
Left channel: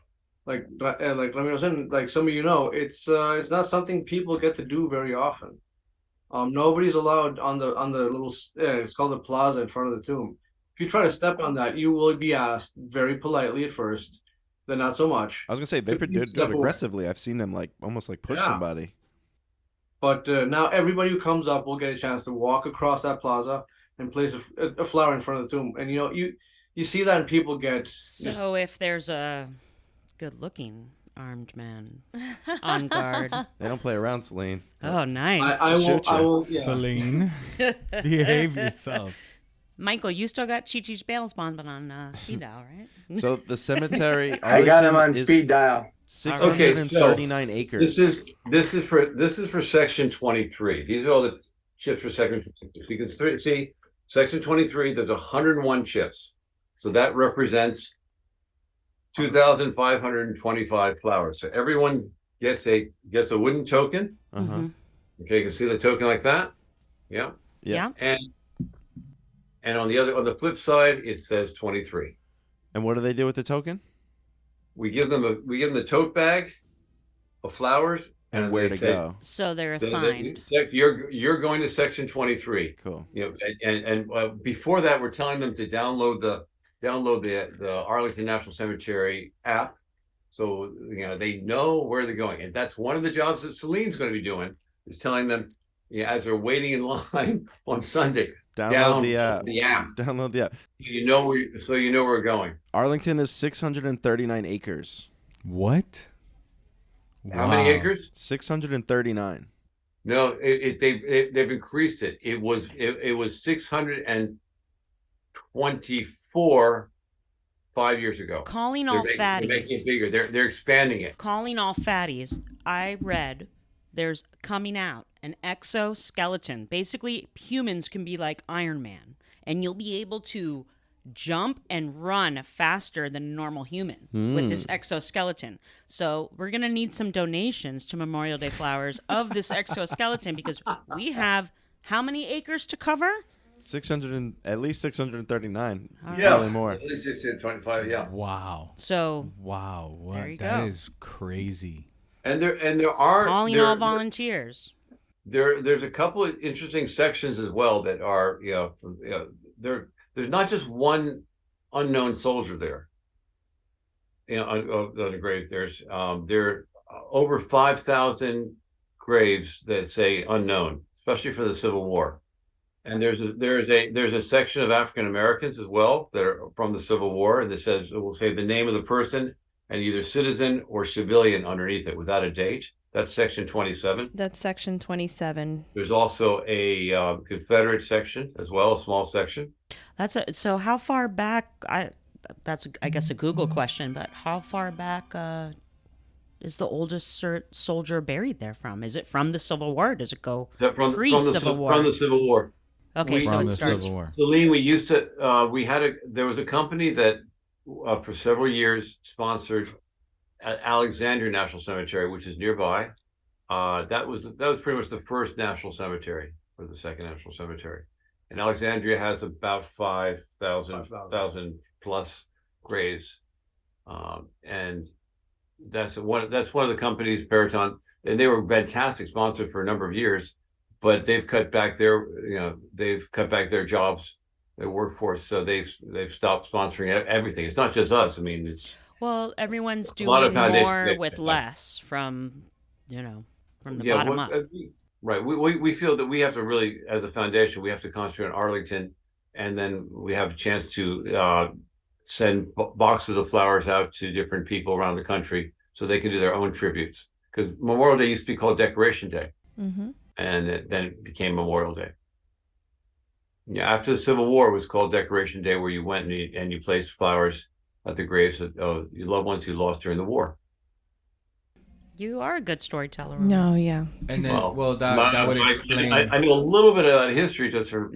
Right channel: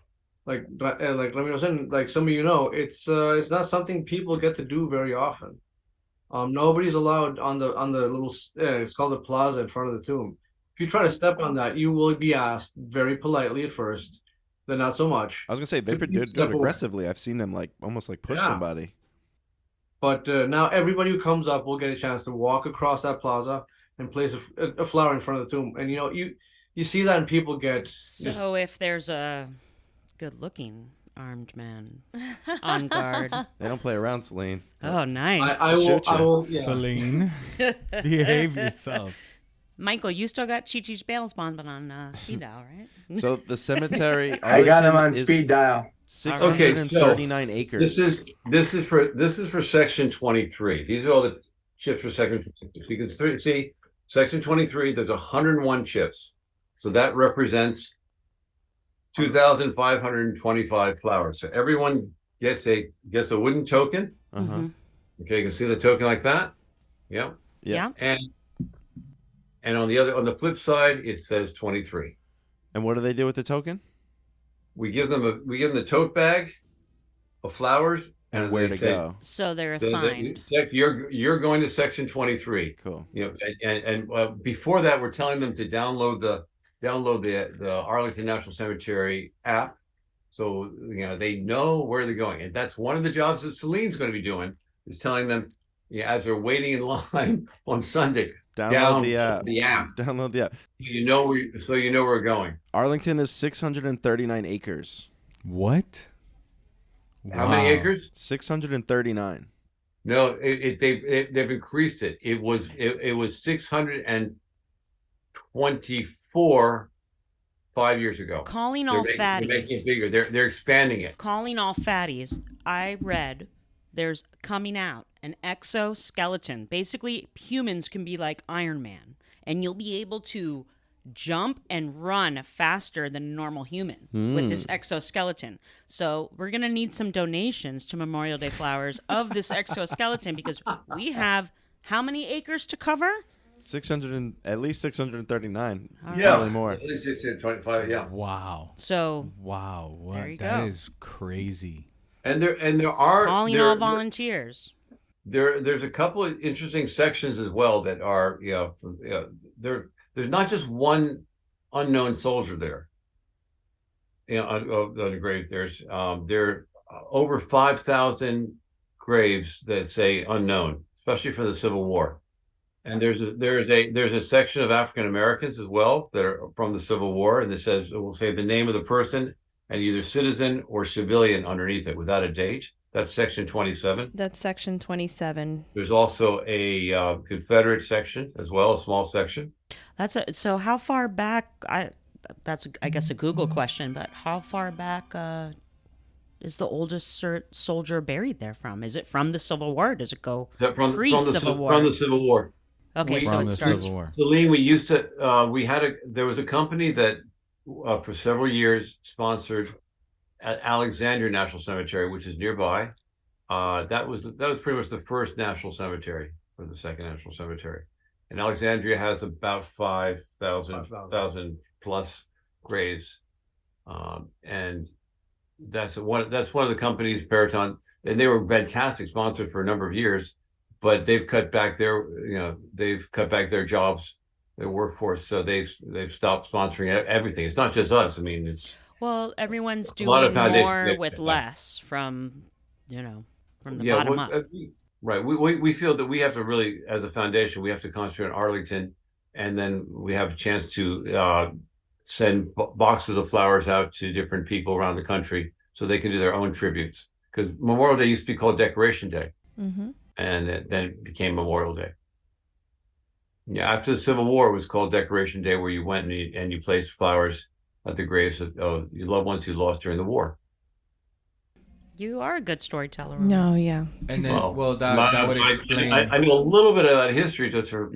Like Ramiro said, like some of you know, it's not something people get to do very often. Nobody's allowed on the little. It's called the plaza in front of the tomb. If you try to step on that, you will be asked very politely at first. Then not so much. I was gonna say they do it aggressively. I've seen them almost push somebody. But now everybody who comes up will get a chance to walk across that plaza and place a flower in front of the tomb. And you see that, and people get. So if there's a good-looking armed man on guard. They don't play around, Celine. Oh, nice. I will, yeah. Celine, behave yourself. Michael, you still got Chi-Chi's bail bond on speed dial, right? So the cemetery, I got him on Arlington, is speed dial. 639 acres. This is for section 23. These are all the chips for section 23. So you can see section 23. There's 101 chips, so that represents 2,525 flowers. So everyone gets a wooden token. Uh-huh. Okay, you can see the token like that. Yeah. Yeah. And on the flip side, it says 23. And what do they do with the token? We give them the tote bag of flowers And where to go. So they're assigned. You're going to section 23. Cool. You know, and before that, we're telling them to download the Arlington National Cemetery app, so they know where they're going. And that's one of the jobs that Celine's going to be doing, is telling them, as they're waiting in line on Sunday, Download the app. Download the app. So you know where we're going. Arlington is 639 acres. What? How many acres? 639. No, they've increased it. It was 624 5 years ago. Calling all fatties. They're making it bigger. They're expanding it. Calling all fatties. I read there's coming out an exoskeleton. Basically, humans can be like Iron Man, and you'll be able to jump and run faster than a normal human with this exoskeleton. So we're going to need some donations to Memorial Day Flowers of this exoskeleton, because we have how many acres to cover? 600 at least 639. Right. Probably more. At least 625. Yeah. Wow. So Wow. What? There you That go. is crazy. And there are calling all volunteers. There's a couple of interesting sections as well that are there's not just one unknown soldier there. On the grave, there are over 5,000 graves that say unknown, especially for the Civil War. And there's a section of African Americans as well that are from the Civil War, and it will say the name of the person and either citizen or civilian underneath it without a date. That's section 27. That's section 27. There's also a Confederate section as well, a small section. So how far back? That's I guess a Google question, but how far back is the oldest soldier buried there from? Is it from the Civil War? Does it go pre-Civil War? From the Civil War. Okay, so From it the starts. Civil War. Celine, we used to. There was a company that for several years sponsored at Alexandria National Cemetery, which is nearby. That was pretty much the first national cemetery, or the second national cemetery. And Alexandria has about 5,000 plus graves, and that's one of the companies, Peraton, and they were fantastic sponsors for a number of years, but they've cut back their jobs, their workforce, so they've stopped sponsoring everything. It's not just us. I mean, it's everyone's doing more with less from the bottom up. Right. We feel that we have to really, as a foundation, we have to concentrate on Arlington, and then we have a chance to send boxes of flowers out to different people around the country so they can do their own tributes. Because Memorial Day used to be called Decoration Day, and then it became Memorial Day. Yeah, after the Civil War, it was called Decoration Day, where you went and you placed flowers at the graves of your loved ones who lost during the war. You are a good storyteller. No, yeah. And then, that would explain. I know a little bit of history, just for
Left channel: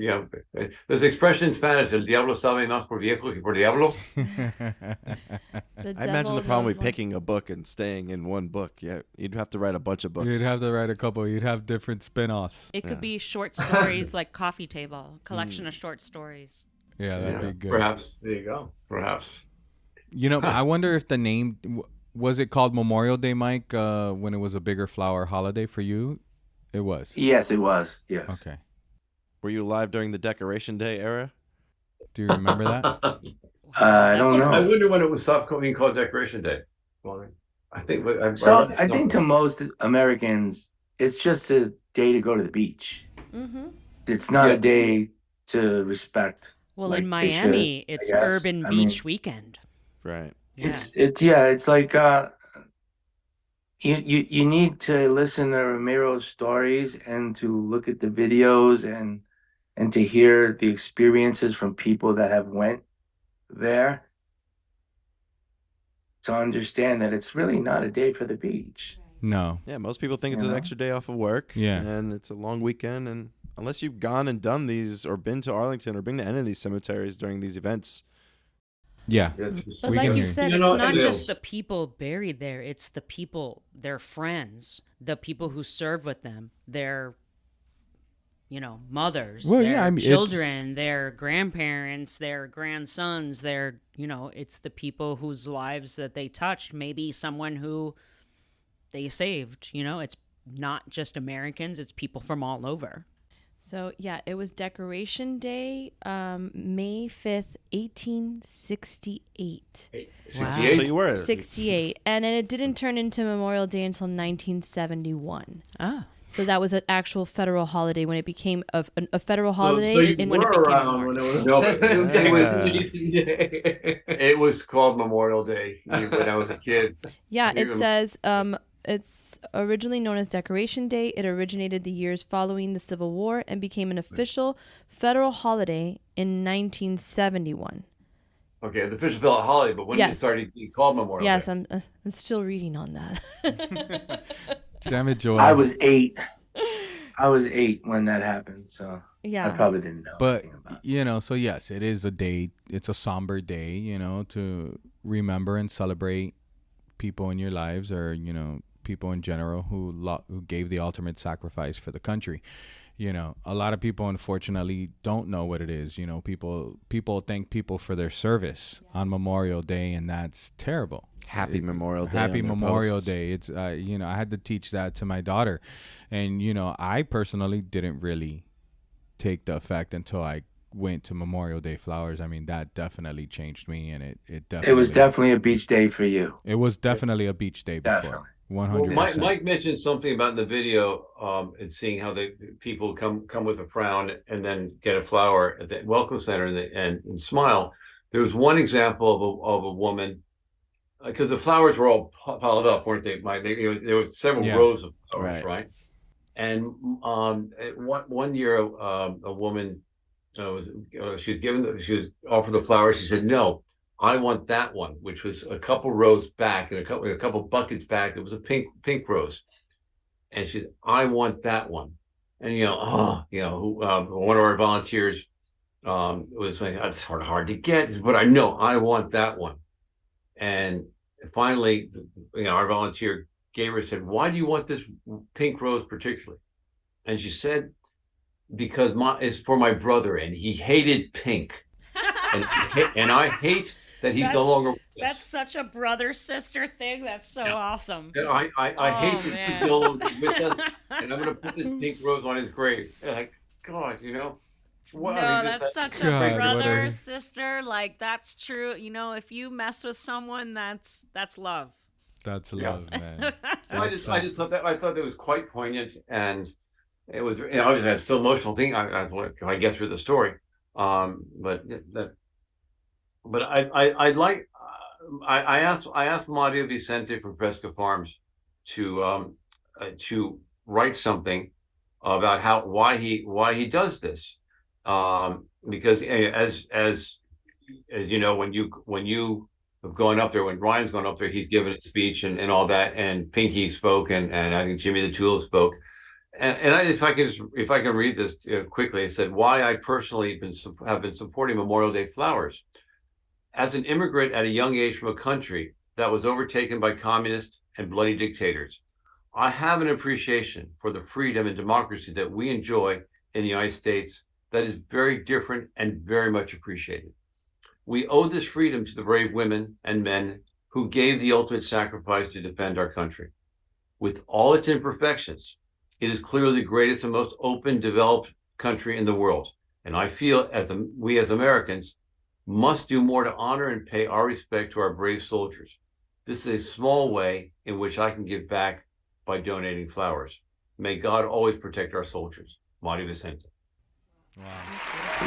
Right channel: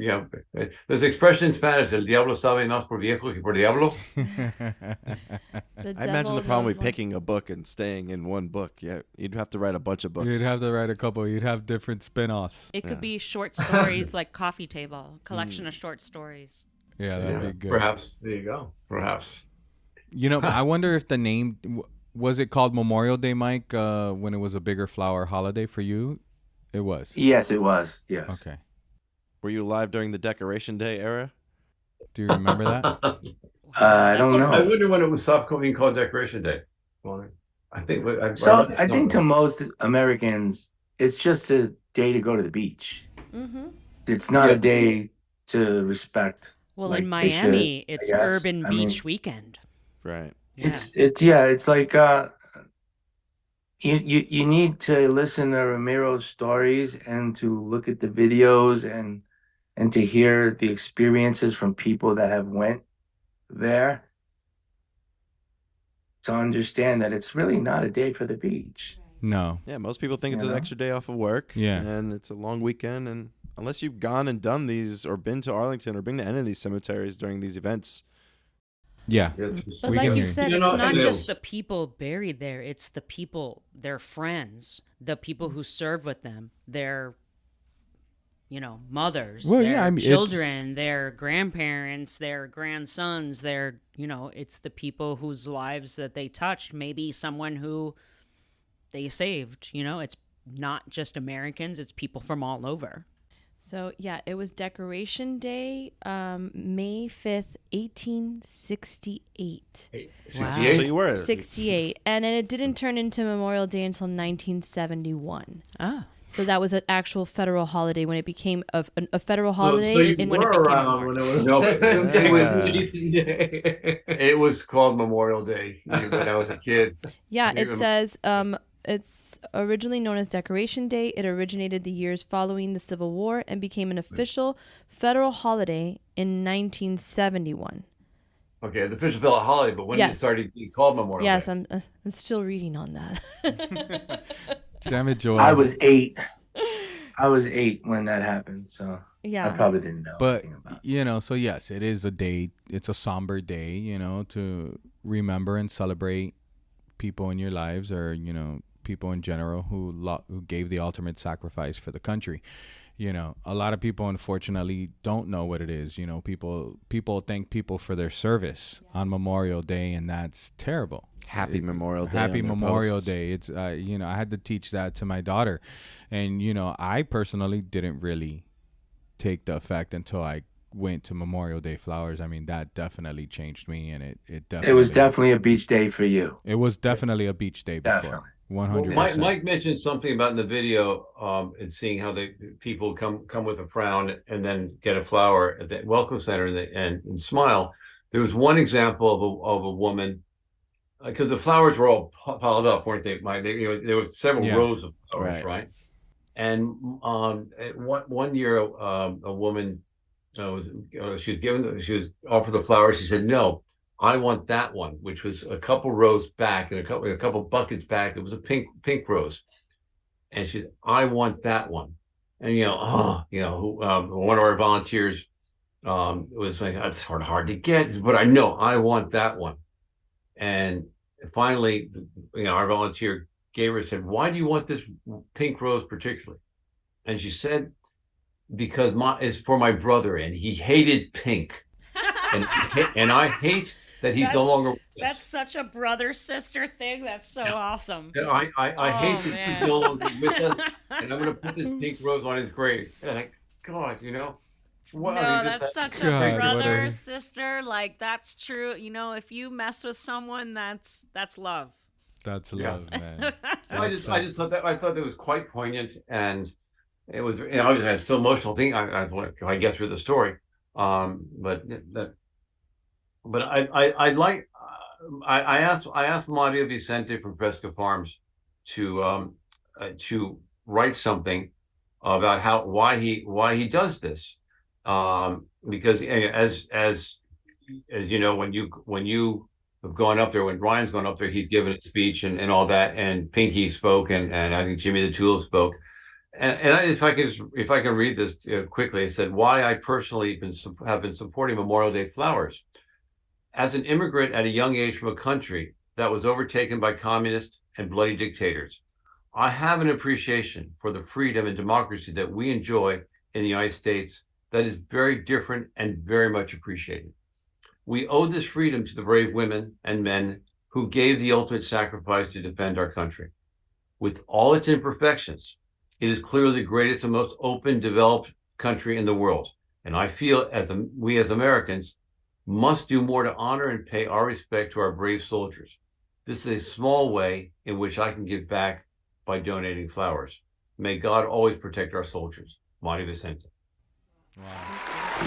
there's an expression in Spanish: "El diablo sabe más por viejo que por diablo." I imagine the problem with picking a book and staying in one book. Yeah, you'd have to write a bunch of books. You'd have to write a couple. You'd have different spin-offs. It could be short stories, like Coffee Table, collection of short stories. Yeah, that'd be good. Perhaps. There you go. Perhaps. I wonder if the name. Was it called Memorial Day, Mike, when it was a bigger flower holiday for you? It was. Yes, it was. Yes. Okay. Were you alive during the Decoration Day era? Do you remember that? I don't know. I wonder when it was stopped being called Decoration Day. Well, I think to most Americans, it's just a day to go to the beach. Mm-hmm. It's not a day to respect. Well, in Miami, it's Urban Beach Weekend. Right. It's like you need to listen to Ramiro's stories and to look at the videos and to hear the experiences from people that have went there to understand that it's really not a day for the beach. No. Yeah, most people think it's an extra day off of work. Yeah. And it's a long weekend. And unless you've gone and done these or been to Arlington or been to any of these cemeteries during these events. Yeah. But like you said, it's not just the people buried there. It's the people, their friends, the people who served with them, their, mothers, their children, their grandparents, their grandsons, it's the people whose lives that they touched. Maybe someone who they saved, it's not just Americans, it's people from all over. So, yeah, it was Decoration Day, May 5th, 1868. Wow. So you were 68. And it didn't turn into Memorial Day until 1971. Ah. So that was an actual federal holiday when it became a federal holiday. When it became a It was called Memorial Day when I was a kid. Yeah, it says it's originally known as Decoration Day. It originated the years following the Civil War and became an official federal holiday in 1971. Okay, the official federal holiday, but when did it start being called Memorial Day? Yes, I'm still reading on that. Damn it, Joel. I was 8 when that happened, so yeah, I probably didn't know. But so yes, it is a day. It's a somber day, to remember and celebrate people in your lives, or people in general who gave the ultimate sacrifice for the country. A lot of people unfortunately don't know what it is. People thank people for their service on Memorial Day, and that's terrible. Happy Memorial Day. Happy Memorial Day. It's I had to teach that to my daughter, and I personally didn't really take the effect until I went to Memorial Day flowers. I mean, that definitely changed me, and it definitely. It was definitely a beach day for you. It was definitely a beach day before. 100%. Well, Mike mentioned something about in the video, and seeing how the people come with a frown and then get a flower at the welcome center and smile. There was one example of a woman, because the flowers were all piled up, weren't they? There were several rows of flowers, right? And one year, a woman she was offered the flowers. She said, "No, I want that one," which was a couple rows back and a couple buckets back. It was a pink rose, and she said, "I want that one." And one of our volunteers was like, "It's sort of hard to get, but I know I want that one." And finally, our volunteer said, "Why do you want this pink rose particularly?" And she said, "Because it's for my brother, and he hated pink, and I hate that he's no longer with us." That's such a brother-sister thing. That's so awesome. And I hate that he's no longer with us, and I'm going to put this pink rose on his grave. And like, God, What? No, that's such a brother, sister. Like, that's true. If you mess with someone, that's love. That's love, man. I just thought that was quite poignant, and it was. Obviously, it's still emotional thing. I get through the story, but I'd like. I asked Mario Vicente from Fresca Farms to write something about why he does this. Because as you know, when you have gone up there, when Ryan's gone up there, he's given a speech and all that, and Pinky spoke, and I think Jimmy the Tool spoke, and if I can read this quickly, it said, "Why I personally have been supporting Memorial Day flowers. As an immigrant at a young age from a country that was overtaken by communist and bloody dictators, I have an appreciation for the freedom and democracy that we enjoy in the United States that is very different and very much appreciated. We owe this freedom to the brave women and men who gave the ultimate sacrifice to defend our country. With all its imperfections, it is clearly the greatest and most open, developed country in the world. And I feel we as Americans must do more to honor and pay our respect to our brave soldiers. This is a small way in which I can give back by donating flowers. May God always protect our soldiers." Mario Vicente.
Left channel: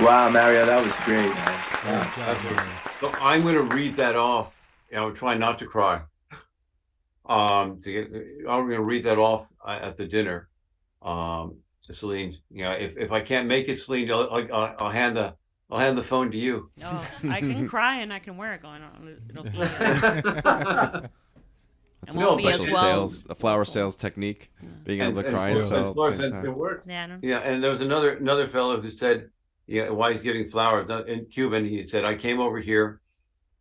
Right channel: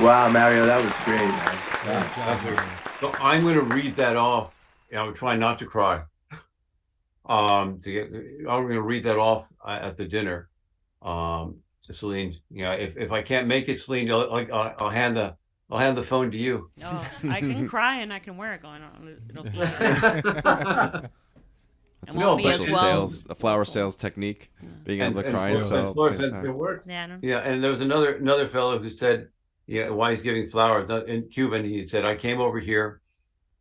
Wow, Mario, that was great, man. Great job, Mario. So I'm going to read that off I'm trying not to cry. I'm going to read that off at the dinner. To Celine, if I can't make it, Celine, I'll hand the phone to you. Oh, I can cry and I can wear it going on. It'll be. That's a special sales, a flower sales technique, being able to cry and sell at the same time. It works. Yeah, and there was another fellow who said, why he's giving flowers in Cuba, and he said, I came over here,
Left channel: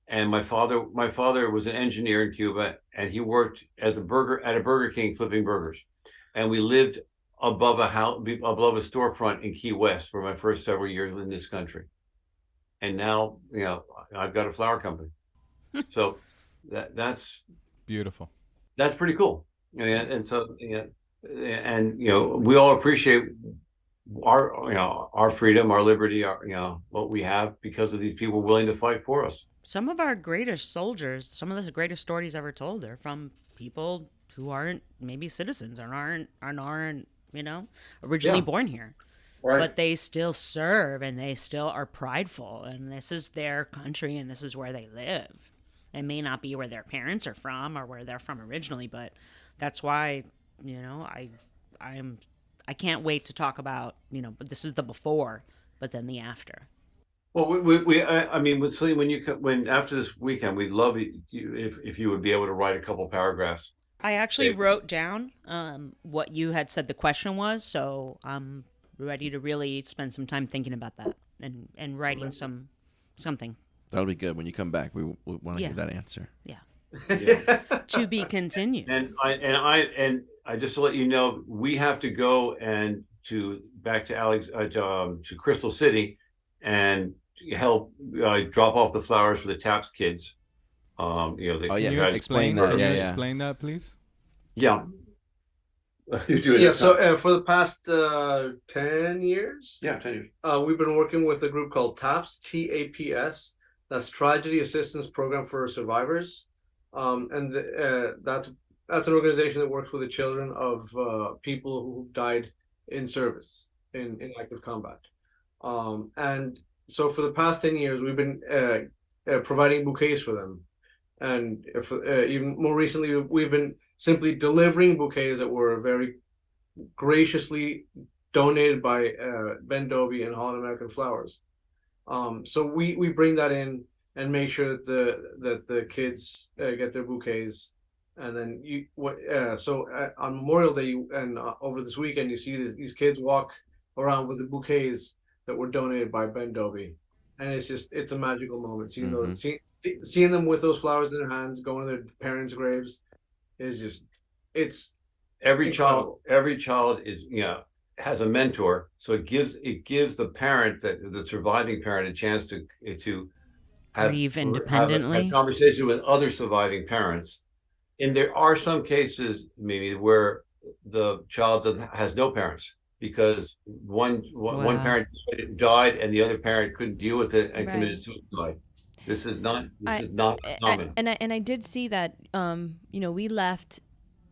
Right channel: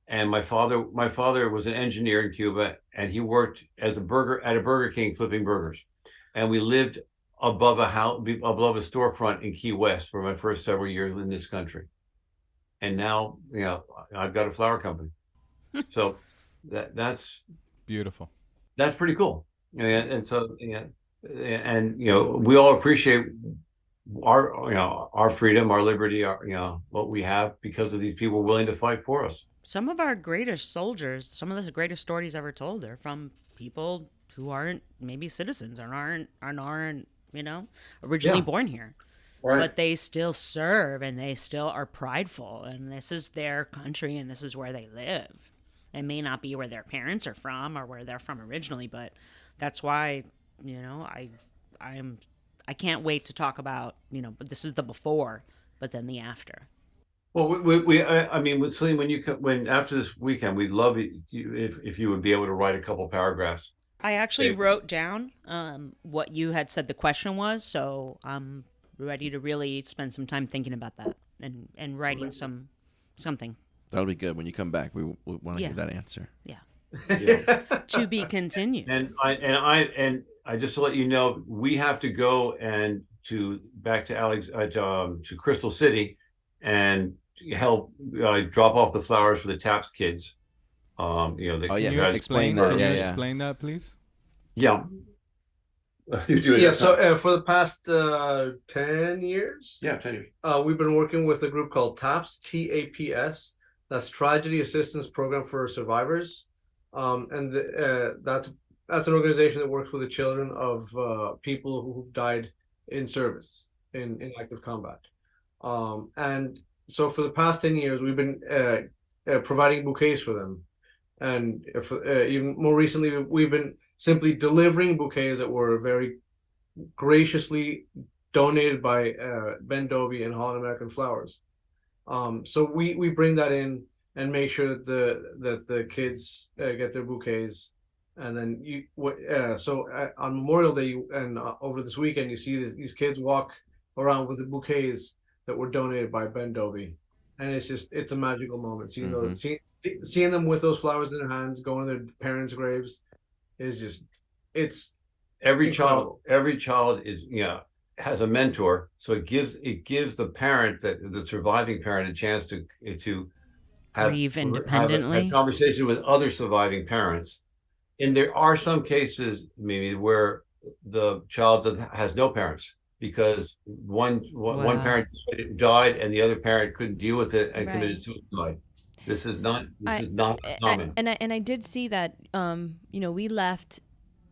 and my father was an engineer in Cuba, and he worked at a Burger King flipping burgers, and we lived above a storefront in Key West for my first several years in this country, and now I've got a flower company, so that's beautiful. That's pretty cool, and so and we all appreciate our freedom, our liberty, what we have because of these people willing to fight for us. Some of our greatest soldiers, some of the greatest stories ever told are from people who aren't maybe citizens or aren't originally born here. Right. But they still serve and they still are prideful, and this is their country and this is where they live. It may not be where their parents are from or where they're from originally, but that's why, I can't wait to talk about, but this is the before, but then the after. Well, I mean, with Celine, when after this weekend, we'd love you if you would be able to write a couple paragraphs. I actually wrote down what you had said the question was, so I'm ready to really spend some time thinking about that and writing something. That'll be good. When you come back, we want to hear that answer. Yeah. To be continued. And I just to let you know, we have to go back to Crystal City and help drop off the flowers for the TAPS kids. Can you explain that? Explain that, please. Yeah. So for the past 10 years, 10 years, we've been working with a group called TAPS, TAPS. That's Tragedy Assistance Program for Survivors, and that's an organization that works with the children of people who died in service in active combat. And so for the past 10 years, we've been providing bouquets for them, and even more recently, we've been simply delivering bouquets that were very graciously donated by Ben Dobie and Holland American Flowers. So we bring that in and make sure that the kids get their bouquets, and then on Memorial Day and over this weekend, you see these kids walk around with the bouquets that were donated by Ben Dobie, and it's a magical moment. Seeing them with those flowers in their hands, going to their parents' graves, it's every child is has a mentor, so it gives the parent, the surviving parent, a chance to grieve independently, have a conversation with other surviving parents. And there are some cases maybe where the child has no parents because one parent died and the other parent couldn't deal with it and committed suicide. This is not common. And I did see that we left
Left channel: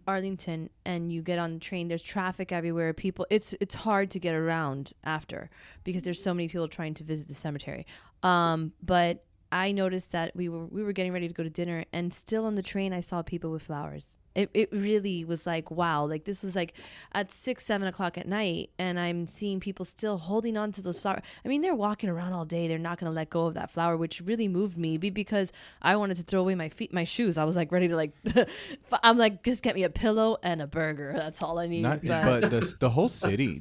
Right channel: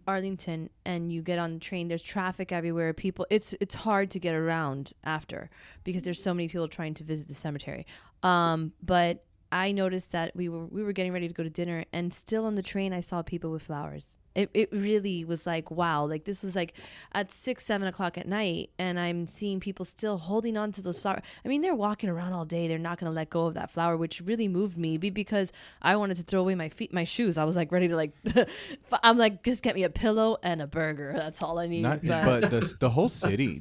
Arlington and you get on the train, there's traffic everywhere. People, it's hard to get around after because there's so many people trying to visit the cemetery. But I noticed that we were getting ready to go to dinner, and still on the train I saw people with flowers. It really was like, wow, like this was like at 6-7 o'clock at night, and I'm seeing people still holding on to those flowers. I mean, they're walking around all day. They're not going to let go of that flower, which really moved me because I wanted to throw away my shoes. I was like ready to I'm like, just get me a pillow and a burger. That's all I need. But the whole city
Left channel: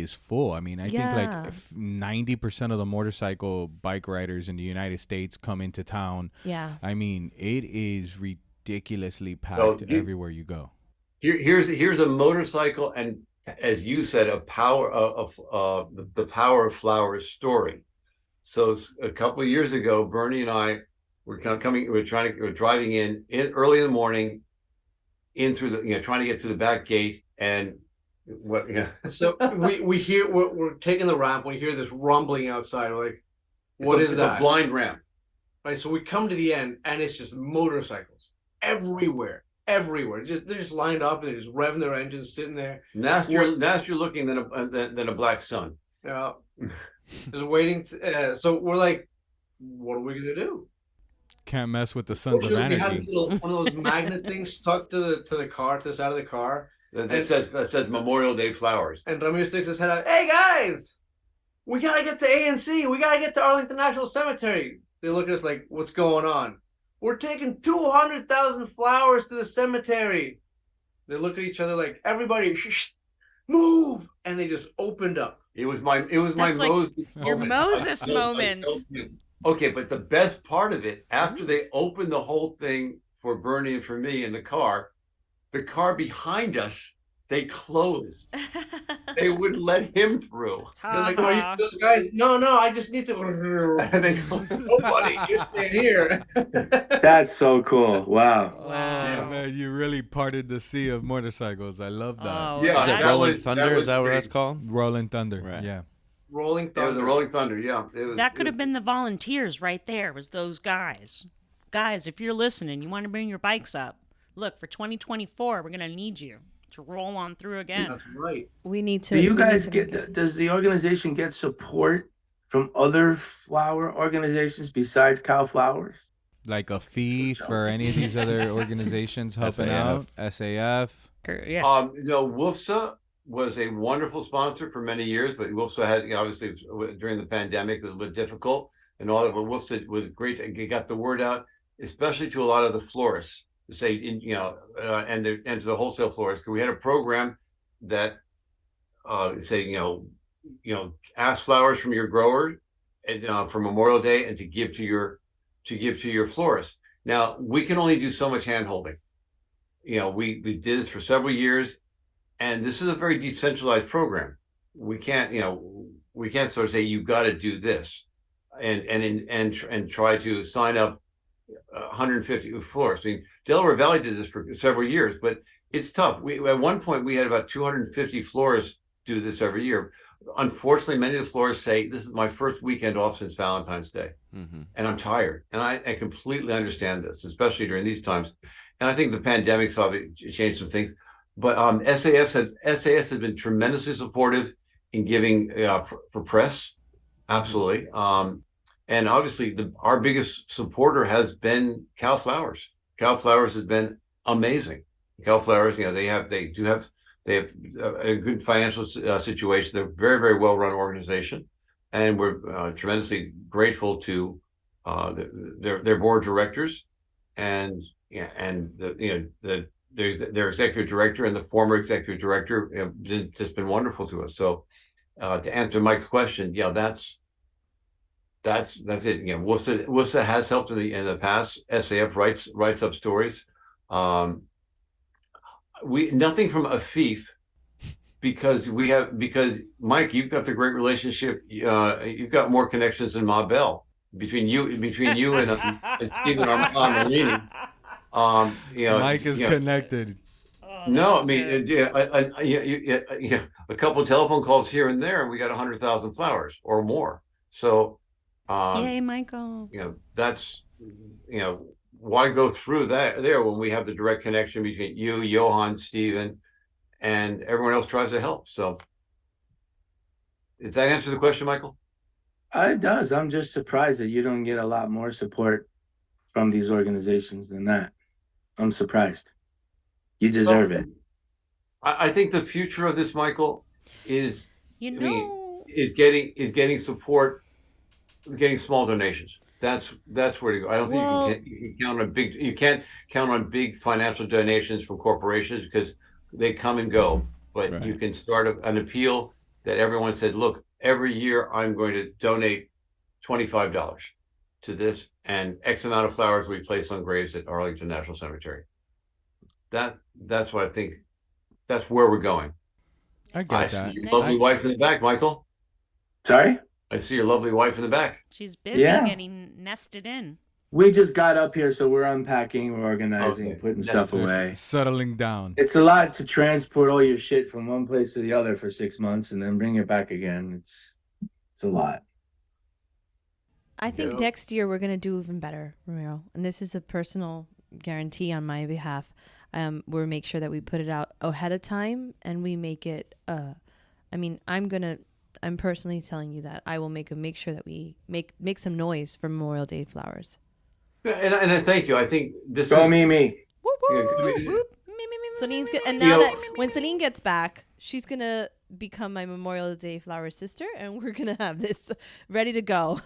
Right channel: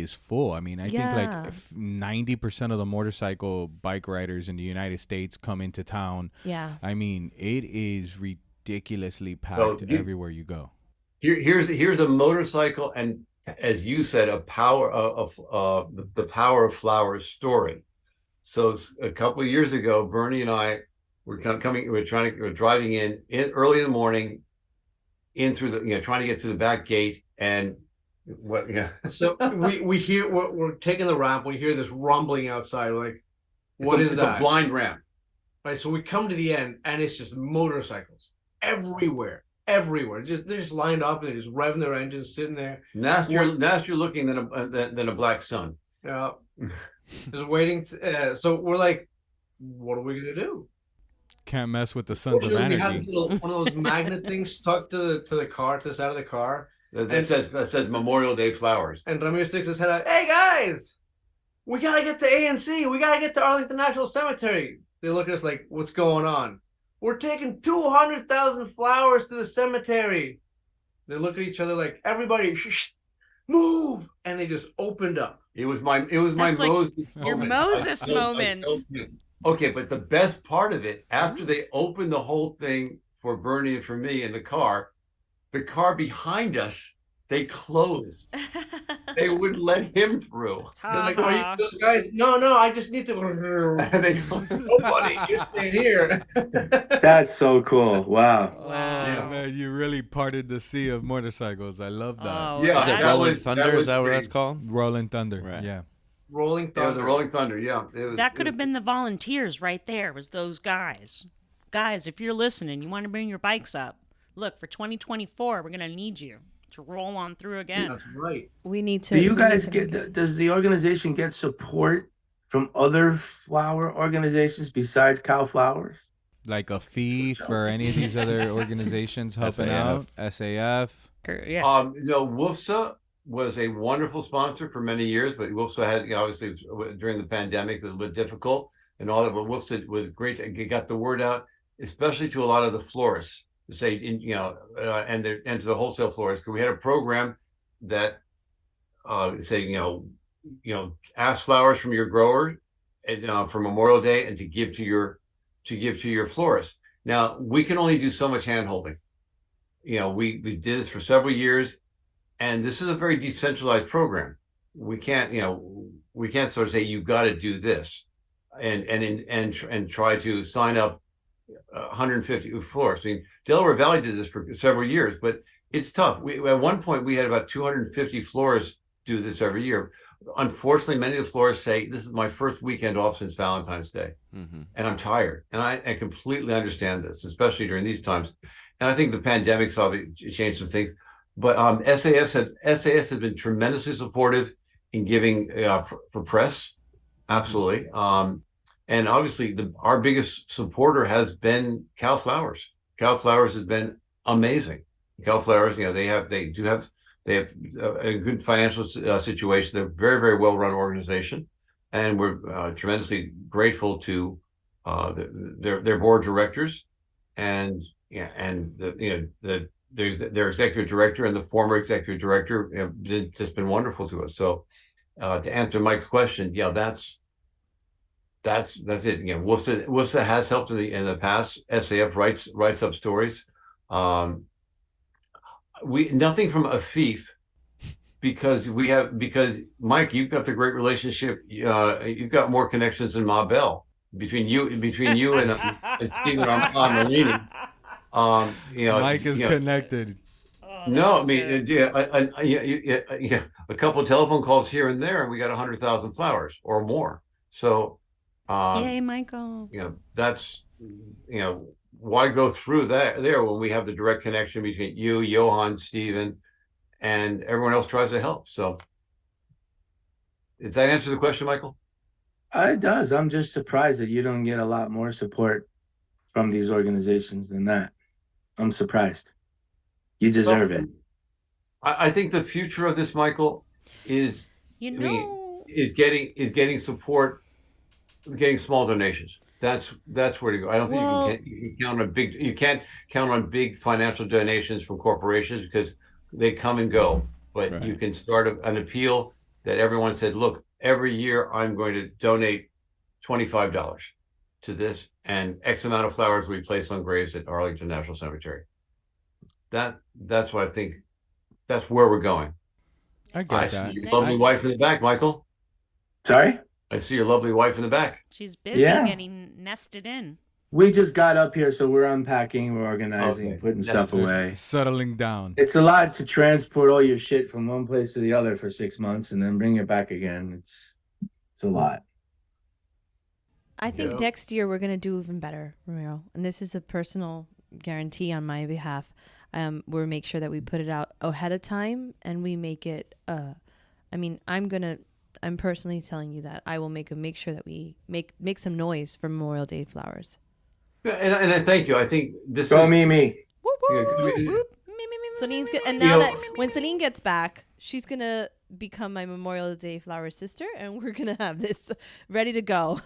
is full. I mean, I think like 90% of the motorcycle bike riders in the United States come into town. Yeah. I mean, it is ridiculously packed everywhere you go. Here's a motorcycle, and as you said, the power of flowers story. So a couple of years ago, Bernie and I were driving in early in the morning, in through the trying to get to the back gate, and So we hear we're taking the ramp. We hear this rumbling outside. We're like, what is that? It's a blind ramp. Right. So we come to the end, and it's just motorcycles everywhere. They're just lined up, and they're just revving their engines, sitting there. Nastier looking than a black sun. Yeah, just waiting. So we're like, what are we gonna do? Can't mess with the Sons of Anarchy. We had one of those magnet things stuck to the car, to the side of the car. That says Memorial Day flowers. And Ramiro sticks his head out. Hey guys, we gotta get to ANC. We gotta get to Arlington National Cemetery. They look at us like, what's going on? We're taking 200,000 flowers to the cemetery. They look at each other like, everybody, move! And they just opened up. It was my That's like Moses your moment. Moses moment. Okay, but the best part of it, after they opened the whole thing for Bernie and for me in the car behind us, they closed. They wouldn't let him through. They're like, are you guys? No, I just need to. And they go, nobody, you stay here. That's so cool. Wow. Oh, man, you really parted the sea of motorcycles. I love that. Oh, yeah, Is it Rolling Thunder? Is that what that's called? Rolling Thunder. Right. Yeah. Rolling Thunder. It was a Rolling Thunder, yeah. That could have been the volunteers right there, was those guys. Guys, if you're listening, you want to bring your bikes up. Look, for 2024, we're going to need you to roll on through again. That's right. We need to. Do you guys does the organization get support from other flower organizations besides Cow Flowers? Like a fee for any of these other organizations helping out? SAF? Yeah. WUFSA was a wonderful sponsor for many years, but WUFSA had, obviously, during the pandemic, it was a bit difficult and all that, but WUFSA was great and got the word out, especially to a lot of the florists. To say, and to the wholesale florists, because we had a program that say, ask flowers from your grower for Memorial Day and to give to your florist. Now we can only do so much hand holding. We did this for several years, and this is a very decentralized program. We can't sort of say you've got to do this, and try to sign up 150 florists. I mean, Delaware Valley did this for several years, but it's tough. At one point we had about 250 florists do this every year. Unfortunately, many of the florists say, this is my first weekend off since Valentine's Day, and I'm tired. And I completely understand this, especially during these times. And I think the pandemic's obviously changed some things. But SAS has been tremendously supportive in giving for press, absolutely. And obviously, our biggest supporter has been Cow Flowers. Cow Flowers has been amazing. Cow Flowers, they have a good financial situation. They're a very, very well run organization, and we're tremendously grateful to their board of directors, and their executive director and the former executive director have just been wonderful to us. So to answer Mike's question, that's it. WUFSA has helped in the past. SAF writes up stories. Nothing from Afif, because Mike, you've got the great relationship. You've got more connections than Ma Bell between you and Stephen Armarini. Mike is connected. Oh, no, I mean, a couple of telephone calls here and there, and we got 100,000 flowers or more. So. Yay, Michael. That's, why go through that there when we have the direct connection between you, Johan, Stephen, and everyone else tries to help. So does that answer the question, Michael? It does. I'm just surprised that you don't get a lot more support from these organizations than that. I'm surprised. You deserve it. I think the future of this, Michael, is getting support. Getting small donations. That's where to go. I don't think you can't count on big financial donations from corporations, because they come and go. But you can start an appeal that everyone said, look, every year I'm going to donate $25 to this, and X amount of flowers we place on graves at Arlington National Cemetery. That's what I think. That's where we're going. I got that. See your lovely wife in the back, Michael. Sorry? I see your lovely wife in the back. She's busy getting nested in. We just got up here, so we're unpacking, we're organizing, putting stuff away. Settling down. It's a lot to transport all your shit from one place to the other for 6 months and then bring it back again. It's a lot. I think next year we're going to do even better, Ramiro. And this is a personal guarantee on my behalf. We'll make sure that we put it out ahead of time, and we make it, I'm personally telling you that I will make sure that we make some noise for Memorial Day flowers. And I thank you. I think this Go is me. Whoop, whoop, whoop, whoop. Celine's good, and now that when Celine gets back, she's gonna become my Memorial Day flower sister, and we're gonna have this ready to go.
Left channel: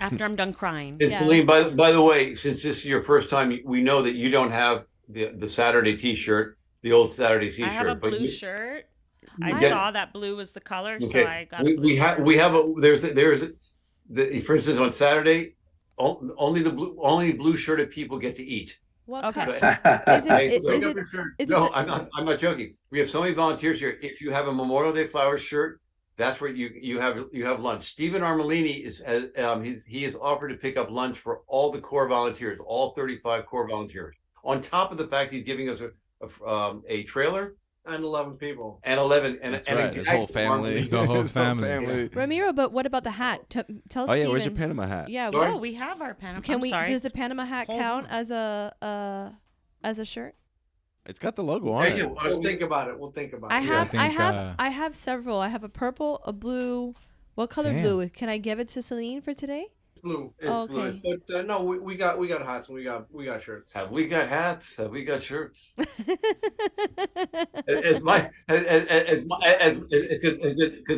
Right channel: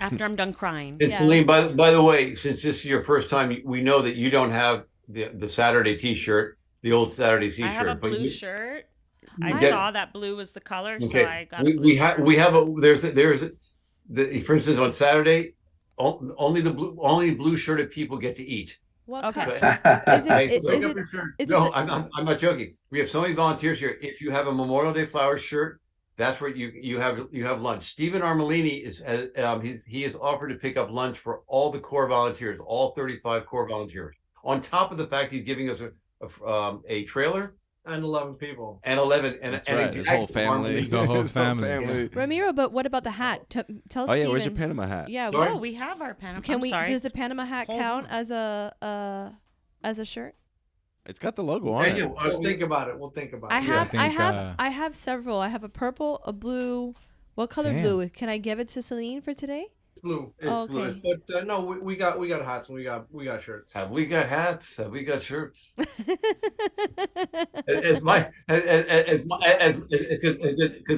After I'm done crying. And Celine, by the way, since this is your first time, we know that you don't have the Saturday T-shirt, the old Saturday T-shirt. I have a blue shirt. I saw that blue was the color, okay. so I got a blue shirt. We have for instance, on Saturday, only blue shirted people get to eat. What okay. No, I'm not joking. We have so many volunteers here. If you have a Memorial Day flowers shirt, that's where you have lunch. Stephen Armelini he has offered to pick up lunch for all the core volunteers, all 35 core volunteers. On top of the fact he's giving us a trailer. And 11 people. And 11. That's right. His whole family. The whole family. Ramiro, but what about the hat? Tell Oh, yeah. Steven. Where's your Panama hat? Yeah. Oh, we have our Panama. Does the Panama hat count as a shirt? It's got the logo on it. We'll think about it. I have several. I have a purple, a blue. What color blue? Can I give it to Celine for today? Blue. Okay. Blue. But no, we got hats and we got shirts. Have we got hats? Have we got shirts? Because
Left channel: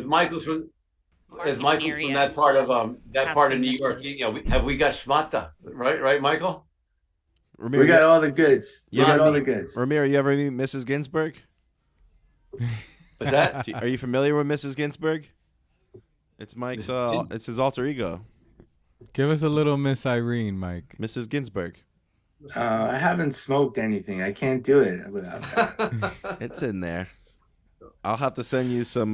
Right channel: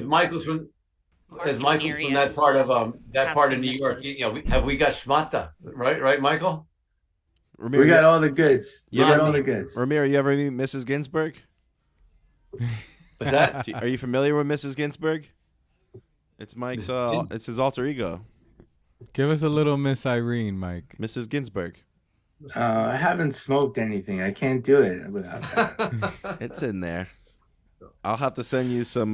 Michael's from that part of New York. You know, have we got schmata? Right, Michael? Ramiro, we got all the goods. Ramiro, you ever meet Mrs. Ginsburg? What's that? Are you familiar with Mrs. Ginsburg? It's Mike's. It's his alter ego. Give us a little Miss Irene, Mike. Mrs. Ginsburg. I haven't smoked anything. I can't do it without that. It's in there. I'll have to send you some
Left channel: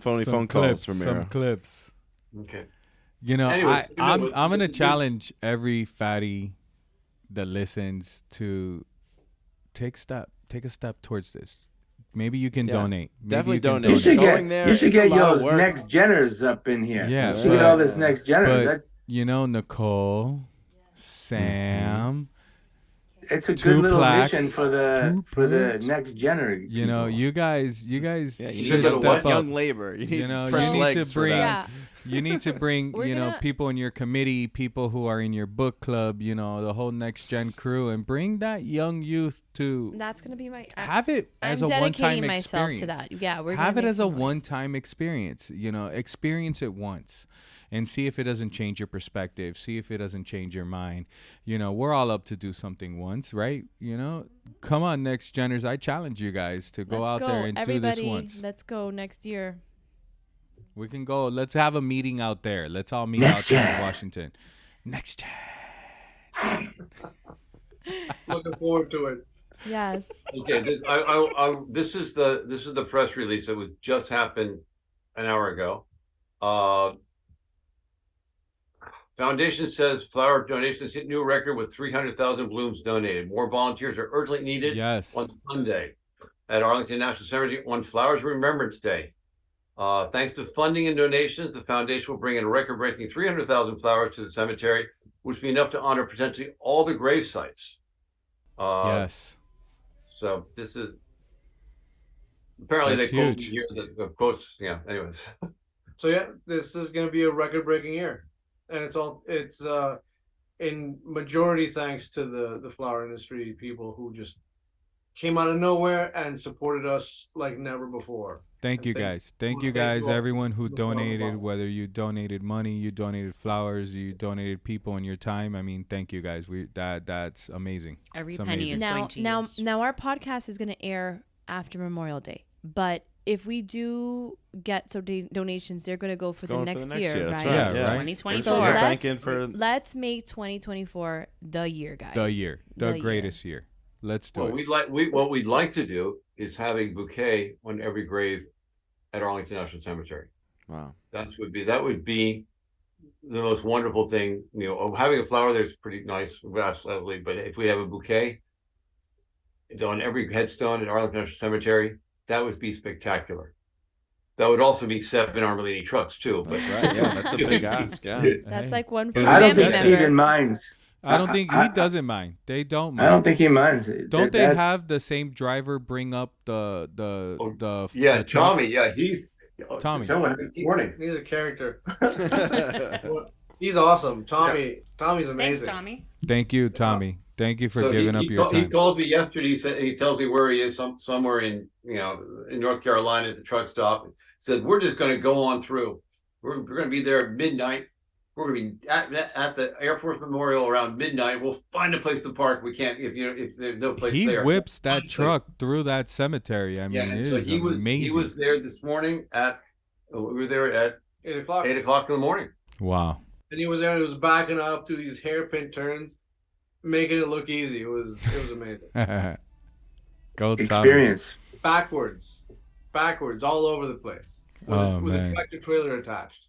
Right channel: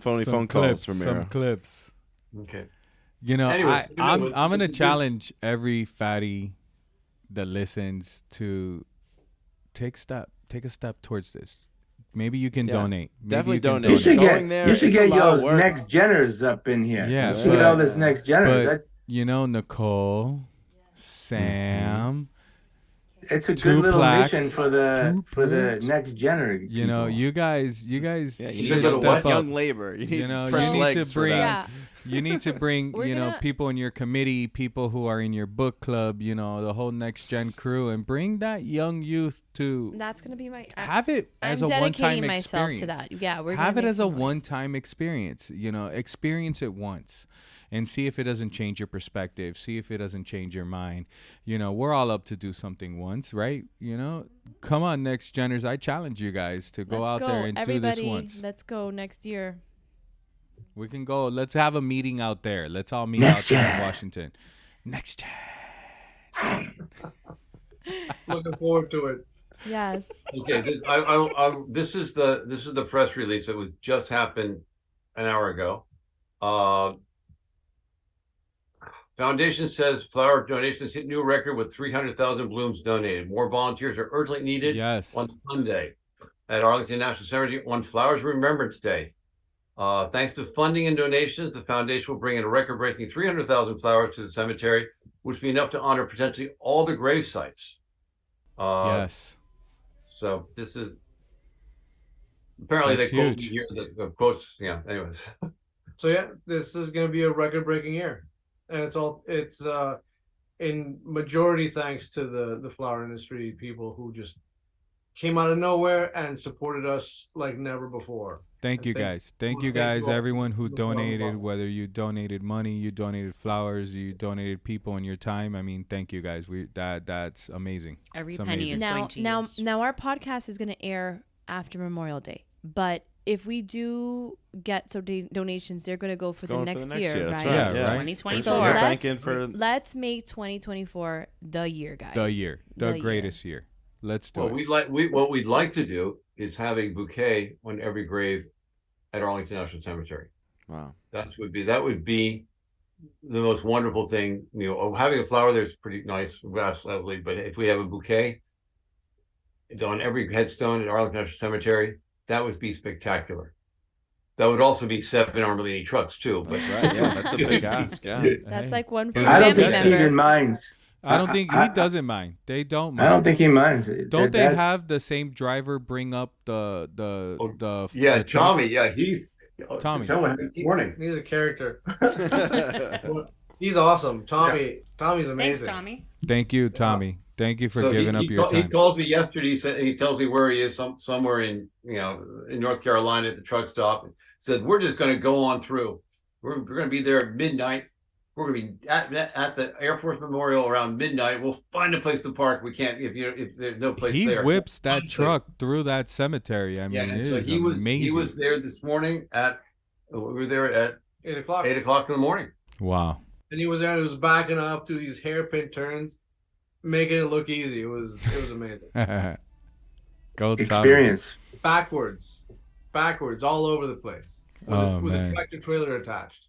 phony phone calls, Ramiro. Some clips. Okay. You know, Anyways, I'm gonna challenge every fatty that listens to take a step towards this. Maybe you can donate. Definitely donate. You should Going there, you should it's get a lot of those work. next geners up in here. Yeah, you should get all this next geners. You know, Nicole, Sam. It's a good little mission for the next gener. You know, you guys should need step up. Young labor. You need fresh legs for that. You need to bring, people in your committee, people who are in your book club, the whole next gen crew, and bring that young youth to. That's gonna be my. Have it as a one-time experience. Myself to that. Yeah, we're have gonna it as a one-time experience. Experience it once, and see if it doesn't change your perspective. See if it doesn't change your mind. We're all up to do something once, right? Come on, next geners. I challenge you guys to go out there and do this once. Let's go next year. We can go. Let's have a meeting out there. Let's all meet out there in Washington. Next gen. Looking forward to it. Yes. Okay. This is the press release that was just happened an hour ago. Foundation says flower donations hit new record with 300,000 blooms donated. More volunteers are urgently needed. On Sunday at Arlington National Cemetery on Flowers Remembrance Day. Thanks to funding and donations, the foundation will bring in a record-breaking 300,000 flowers to the cemetery, which will be enough to honor potentially all the grave sites. Yes. So this is apparently that's they huge. Here the quotes. Yeah. Anyways. So yeah, this is going to be a record-breaking year, and it's in majority thanks to the flower industry people who just came out of nowhere and supported us like never before. Thank you guys. Thank you guys, everyone who donated, whether you donated money, you donated flowers, you donated people and your time. I mean, thank you guys. That's amazing. Every penny is going to use. Now our podcast is going to air after Memorial Day. But if we do get some donations, they're going to go for the next year, right? Yeah, right. 2024. So let's make 2024 the year, guys. The greatest year. Let's do it. What we'd like to do is have a bouquet on every grave at Arlington National Cemetery. Wow. That would be the most wonderful thing. Having a flower there's pretty nice, lovely, but if we have a bouquet on every headstone at Arlington National Cemetery, that would be spectacular. That would also be 7 Armelini trucks too. That's right. Yeah, that's a big ask. Yeah. That's like one for I don't family think member. Steven minds. I don't think he doesn't mind. They don't mind. I don't think he minds. Don't they have the same driver bring up the Tommy. Yeah, he's Tommy. Morning. He's a character. He's awesome. Tommy's amazing. Thanks, Tommy. Thank you, Tommy. Thank you for giving up your time. He calls me yesterday. He tells me where he is, somewhere in North Carolina at the truck stop. He said, we're just going to go on through. We're going to be there at midnight. We're going to be at the Air Force Memorial around midnight. We'll find a place to park. We can't if there's no place there. He whips that truck through that cemetery. I mean, it is amazing. He was there this morning we were there at 8 o'clock. 8 o'clock in the morning. Wow. And he was there. He was backing up to these hairpin turns, making it look easy. It was amazing. Go experience. Backwards, all over the place. With a tractor trailer attached.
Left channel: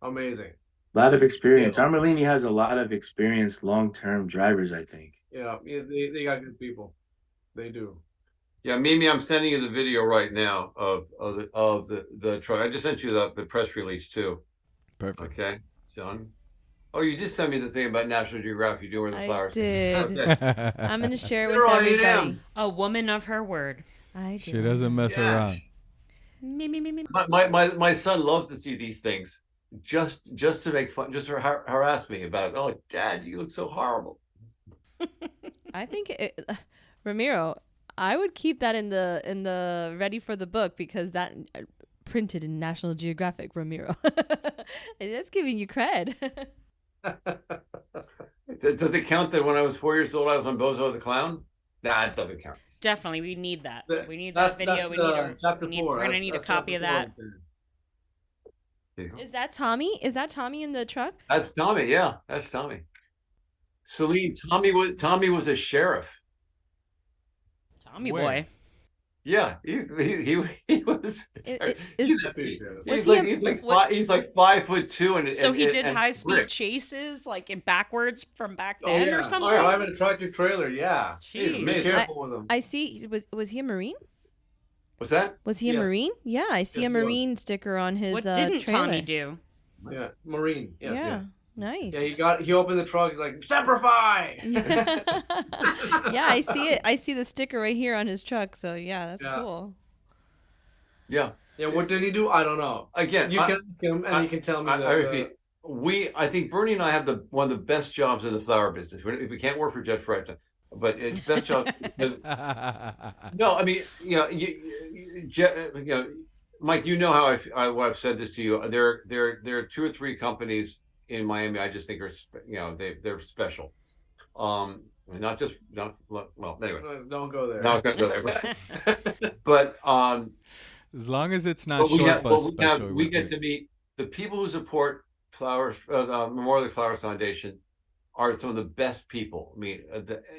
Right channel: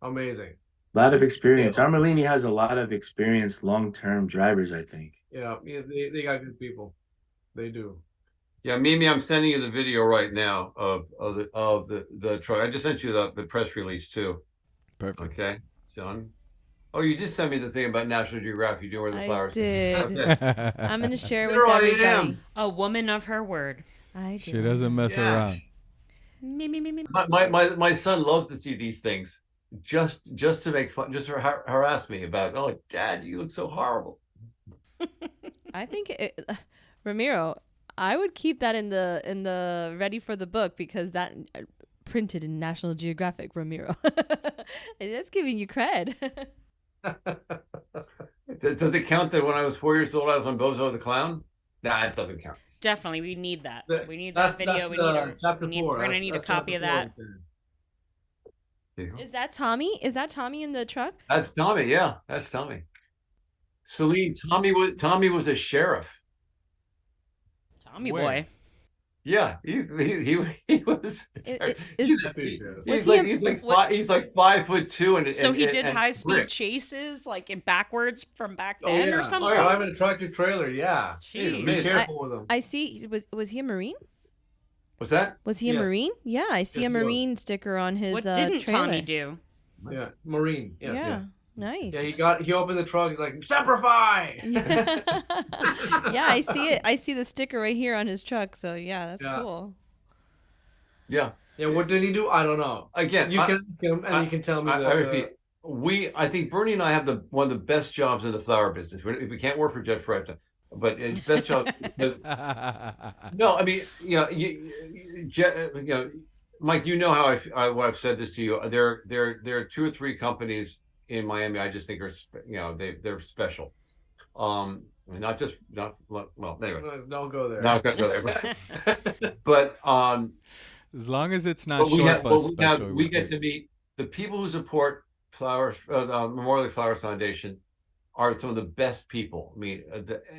Amazing. A lot of experience. Armelini has a lot of experienced long-term drivers, I think. Yeah, they got good people. They do. Yeah, Mimi, I'm sending you the video right now of the truck. I just sent you the press release too. Perfect. Okay, John. Oh, you just sent me the thing about National Geographic doing the flowers. I did. I'm gonna share it with everybody. A woman of her word. She doesn't mess around. Me. My son loves to see these things. Just to make fun, just to harass me about, oh, Dad, you look so horrible. I think Ramiro, I would keep that in the ready for the book, because that printed in National Geographic, Ramiro. That's giving you cred. Does it count that when I was 4 years old I was on Bozo the Clown? Nah, it doesn't count. Definitely, we need that. We need that video. We're gonna need a copy of that. Is that Tommy? Is that Tommy in the truck? That's Tommy. Yeah, that's Tommy. Celine, Tommy was a sheriff. Tommy boy. Yeah, he was. He's like 5'2" and so he did high speed chases like in backwards from back then or something. Oh, I'm in a tractor trailer. Yeah. Jeez. Be careful with him. I see. Was he a Marine? What's that? Was he a Marine? Yeah, I see a Marine sticker on his What didn't trailer. Tommy do? Yeah, Marine. Yes, yeah, nice. Yeah, he opened the trunk. He's like, "Semperfi!" Yeah, I see it. I see the sticker right here on his truck. So yeah, that's cool. Yeah. Yeah. What did he do? I don't know. Again, you can ask him, and you can tell me. I repeat. I think Bernie and I have one of the best jobs in the flower business. We can't work for Jeff Fred, but it's best job. No, I mean, Mike, you know how I've said this to you. There are 2 or 3 companies in Miami I just think are they're special. Well, anyway. Don't go there. Not gonna go there. But as long as it's not short bus special, we get to meet the people who support Flowers, the Memorial Flowers Foundation. Are some of the best people,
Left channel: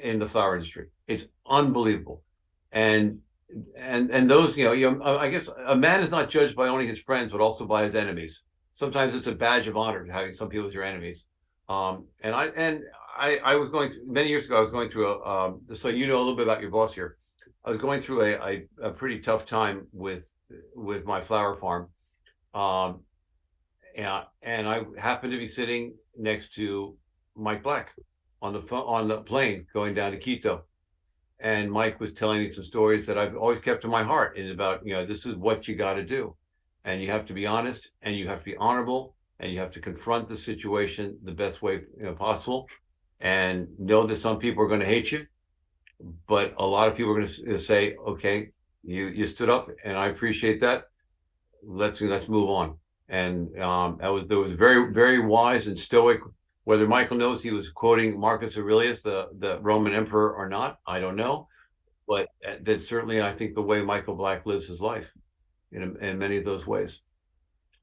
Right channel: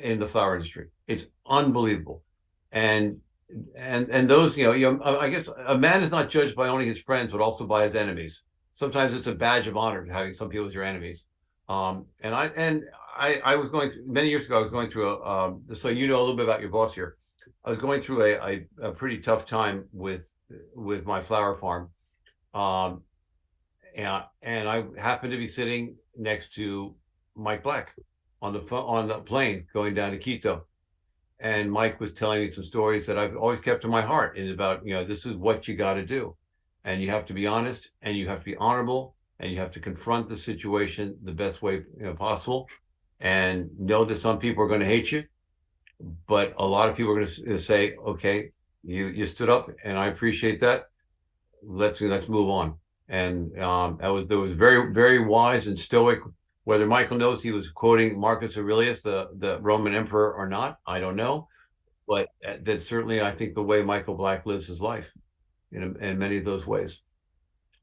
in the flower industry. It's unbelievable, and those, I guess a man is not judged by only his friends, but also by his enemies. Sometimes it's a badge of honor having some people as your enemies. I was going through, many years ago. I was going through so you know a little bit about your boss here. I was going through a pretty tough time with my flower farm, and I happened to be sitting next to Mike Black on the plane going down to Quito, and Mike was telling me some stories that I've always kept in my heart, and about this is what you got to do, and you have to be honest, and you have to be honorable, and you have to confront the situation the best way possible, and know that some people are going to hate you, but a lot of people are going to say, okay, you stood up, and I appreciate that. Let's move on. And that was very, very wise and stoic. Whether Michael knows he was quoting Marcus Aurelius, the Roman emperor, or not, I don't know. But that's certainly, I think, the way Michael Black lives his life in many of those ways.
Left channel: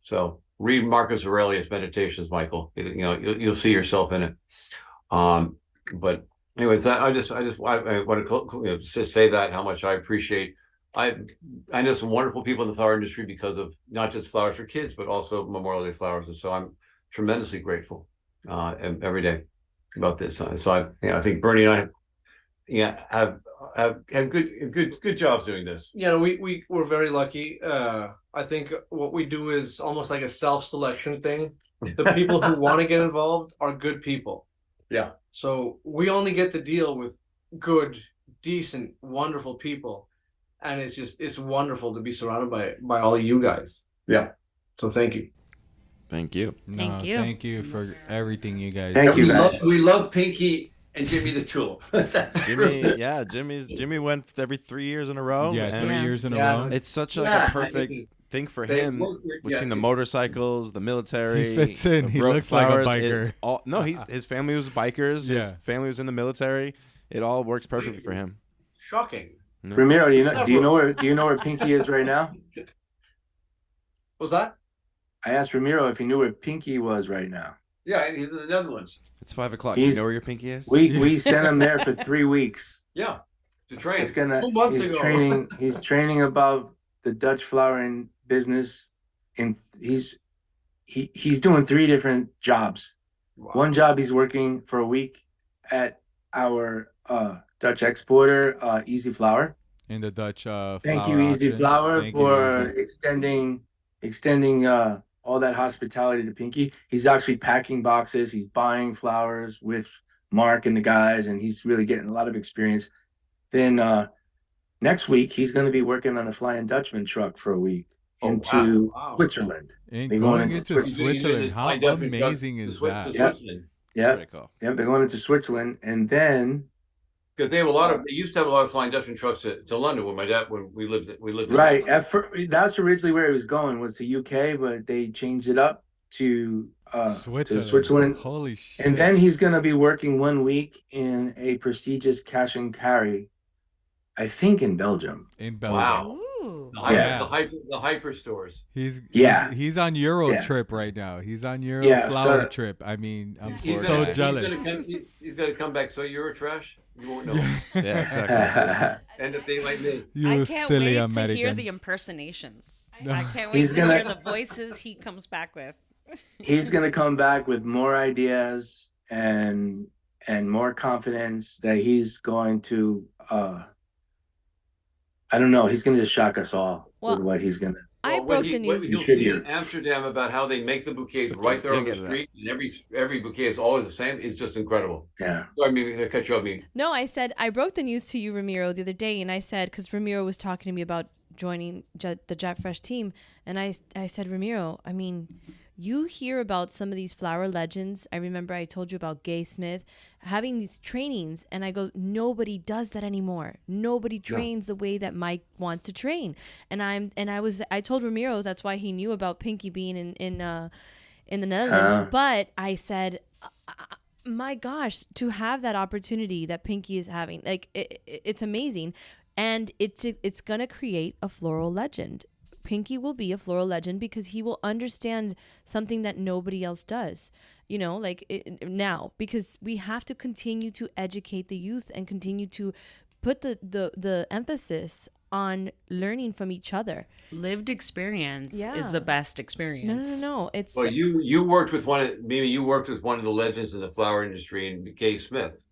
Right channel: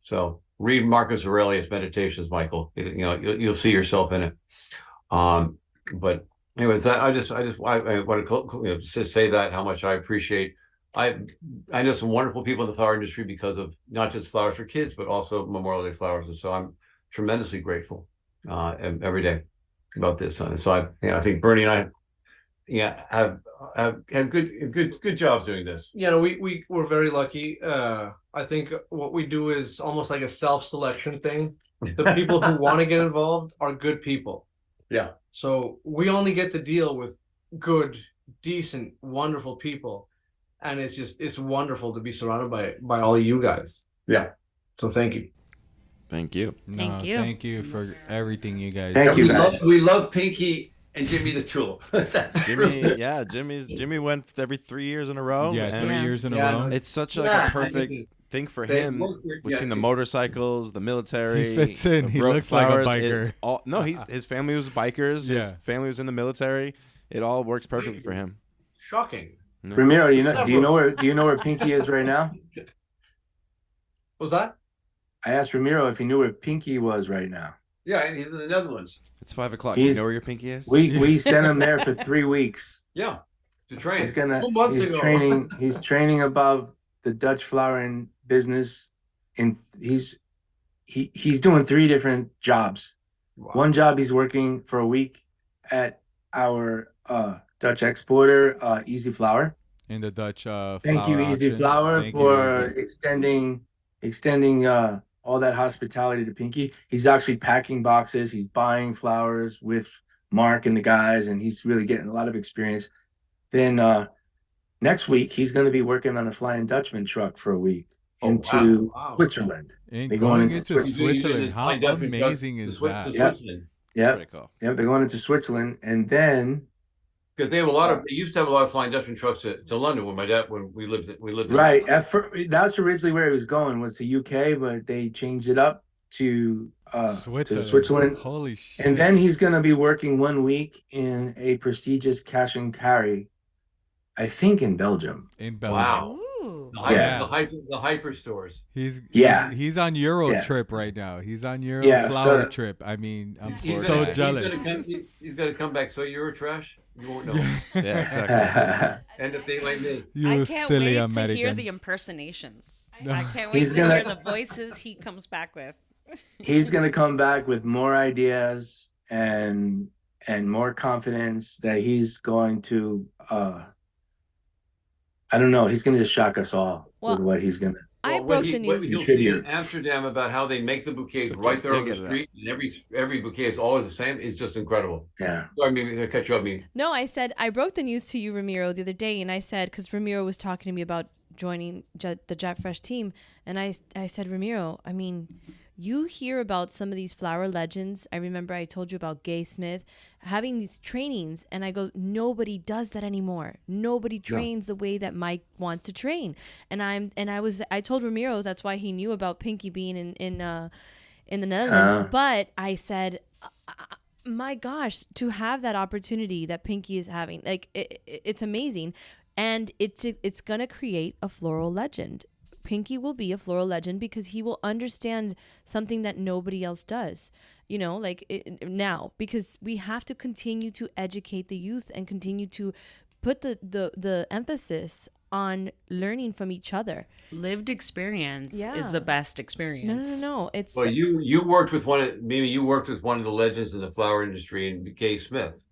So read Marcus Aurelius Meditations, Michael. You'll see yourself in it. But anyways, I want to just say that how much I appreciate. I know some wonderful people in the flower industry because of not just Flowers for Kids, but also Memorial Day Flowers, and so I'm tremendously grateful every day about this. So I think Bernie and I have good jobs doing this. We're very lucky. I think what we do is almost like a self-selection thing. The people who want to get involved are good people. Yeah. So we only get to deal with good, decent, wonderful people, and it's wonderful to be surrounded by all of you guys. Yeah. So thank you. Thank you. Thank you. Thank you for everything you guys. Thank you, guys. We love Pinky and Jimmy the Tulip. Jimmy went every 3 years in a row. Yeah, 3 years in a row. It's such like a perfect thing for him between the motorcycles, the military. He fits in. He looks flowers, like a biker. His family was bikers. His family was in the military. It all works perfectly for him. Shocking. No. Ramiro, do you know where Pinky is right now? What's that? I asked Ramiro if he knew where Pinky was right now. Yeah, he's in the Netherlands. It's 5 o'clock. Do you know where your pinky is? We sent him there for 3 weeks. Yeah, to train. He's training above the Dutch flowering business, and he's doing 3 different jobs. Wow. One job, he's working for a week at our Dutch exporter, Easy Flower. In the Dutch flower Thank you, Easy auction. Flower, Thank for you, extending all that hospitality to Pinky. He's actually packing boxes. He's buying flowers with Mark and the guys, and he's really getting a lot of experience. Then next week, he's going to be working on a Flying Dutchman truck for a week into Switzerland. And going into Switzerland. How amazing is that? Yeah, cool. They're going into Switzerland, and then because they have they used to have a lot of Flying Dutchman trucks to London when we lived right. That's originally where it was going, was to UK, but they changed it up to Switzerland. Holy shit! And then he's going to be working 1 week in a prestigious cash and carry, I think in Belgium. Wow. The hyper stores. He's on Euro trip right now. He's on Euro flower trip. I mean, I'm so jealous. He's got to come back. So Euro trash. You won't know. Yeah, exactly. End up being like me. I can't wait to hear the impersonations. I can't wait to hear the voices he comes back with. He's gonna come back with more ideas and more confidence that he's going to I don't know, he's gonna just shock us all with what he's gonna I broke the news. You'll see in Amsterdam about how they make the bouquets right there on the street, and every bouquet is always the same. It's just incredible. Yeah. I mean, I cut you off. No, I said I broke the news to you, Ramiro, the other day, and I said, because Ramiro was talking to me about joining the Jack Fresh team, and I said, Ramiro, I mean, you hear about some of these flower legends. I remember I told you about Gay Smith having these trainings, and I go, nobody does that anymore. Nobody trains the way that Mike wants to train. And I told Ramiro that's why he knew about Pinky being in the Netherlands. But I said, my gosh, to have that opportunity that Pinky is having, like it's amazing, and it's gonna create a floral legend. Pinky will be a floral legend because he will understand something that nobody else does, now, because we have to continue to educate the youth and continue to put the emphasis on learning from each other. Lived experience is the best experience. No. It's you worked with one of the legends in the flower industry, and Gay Smith.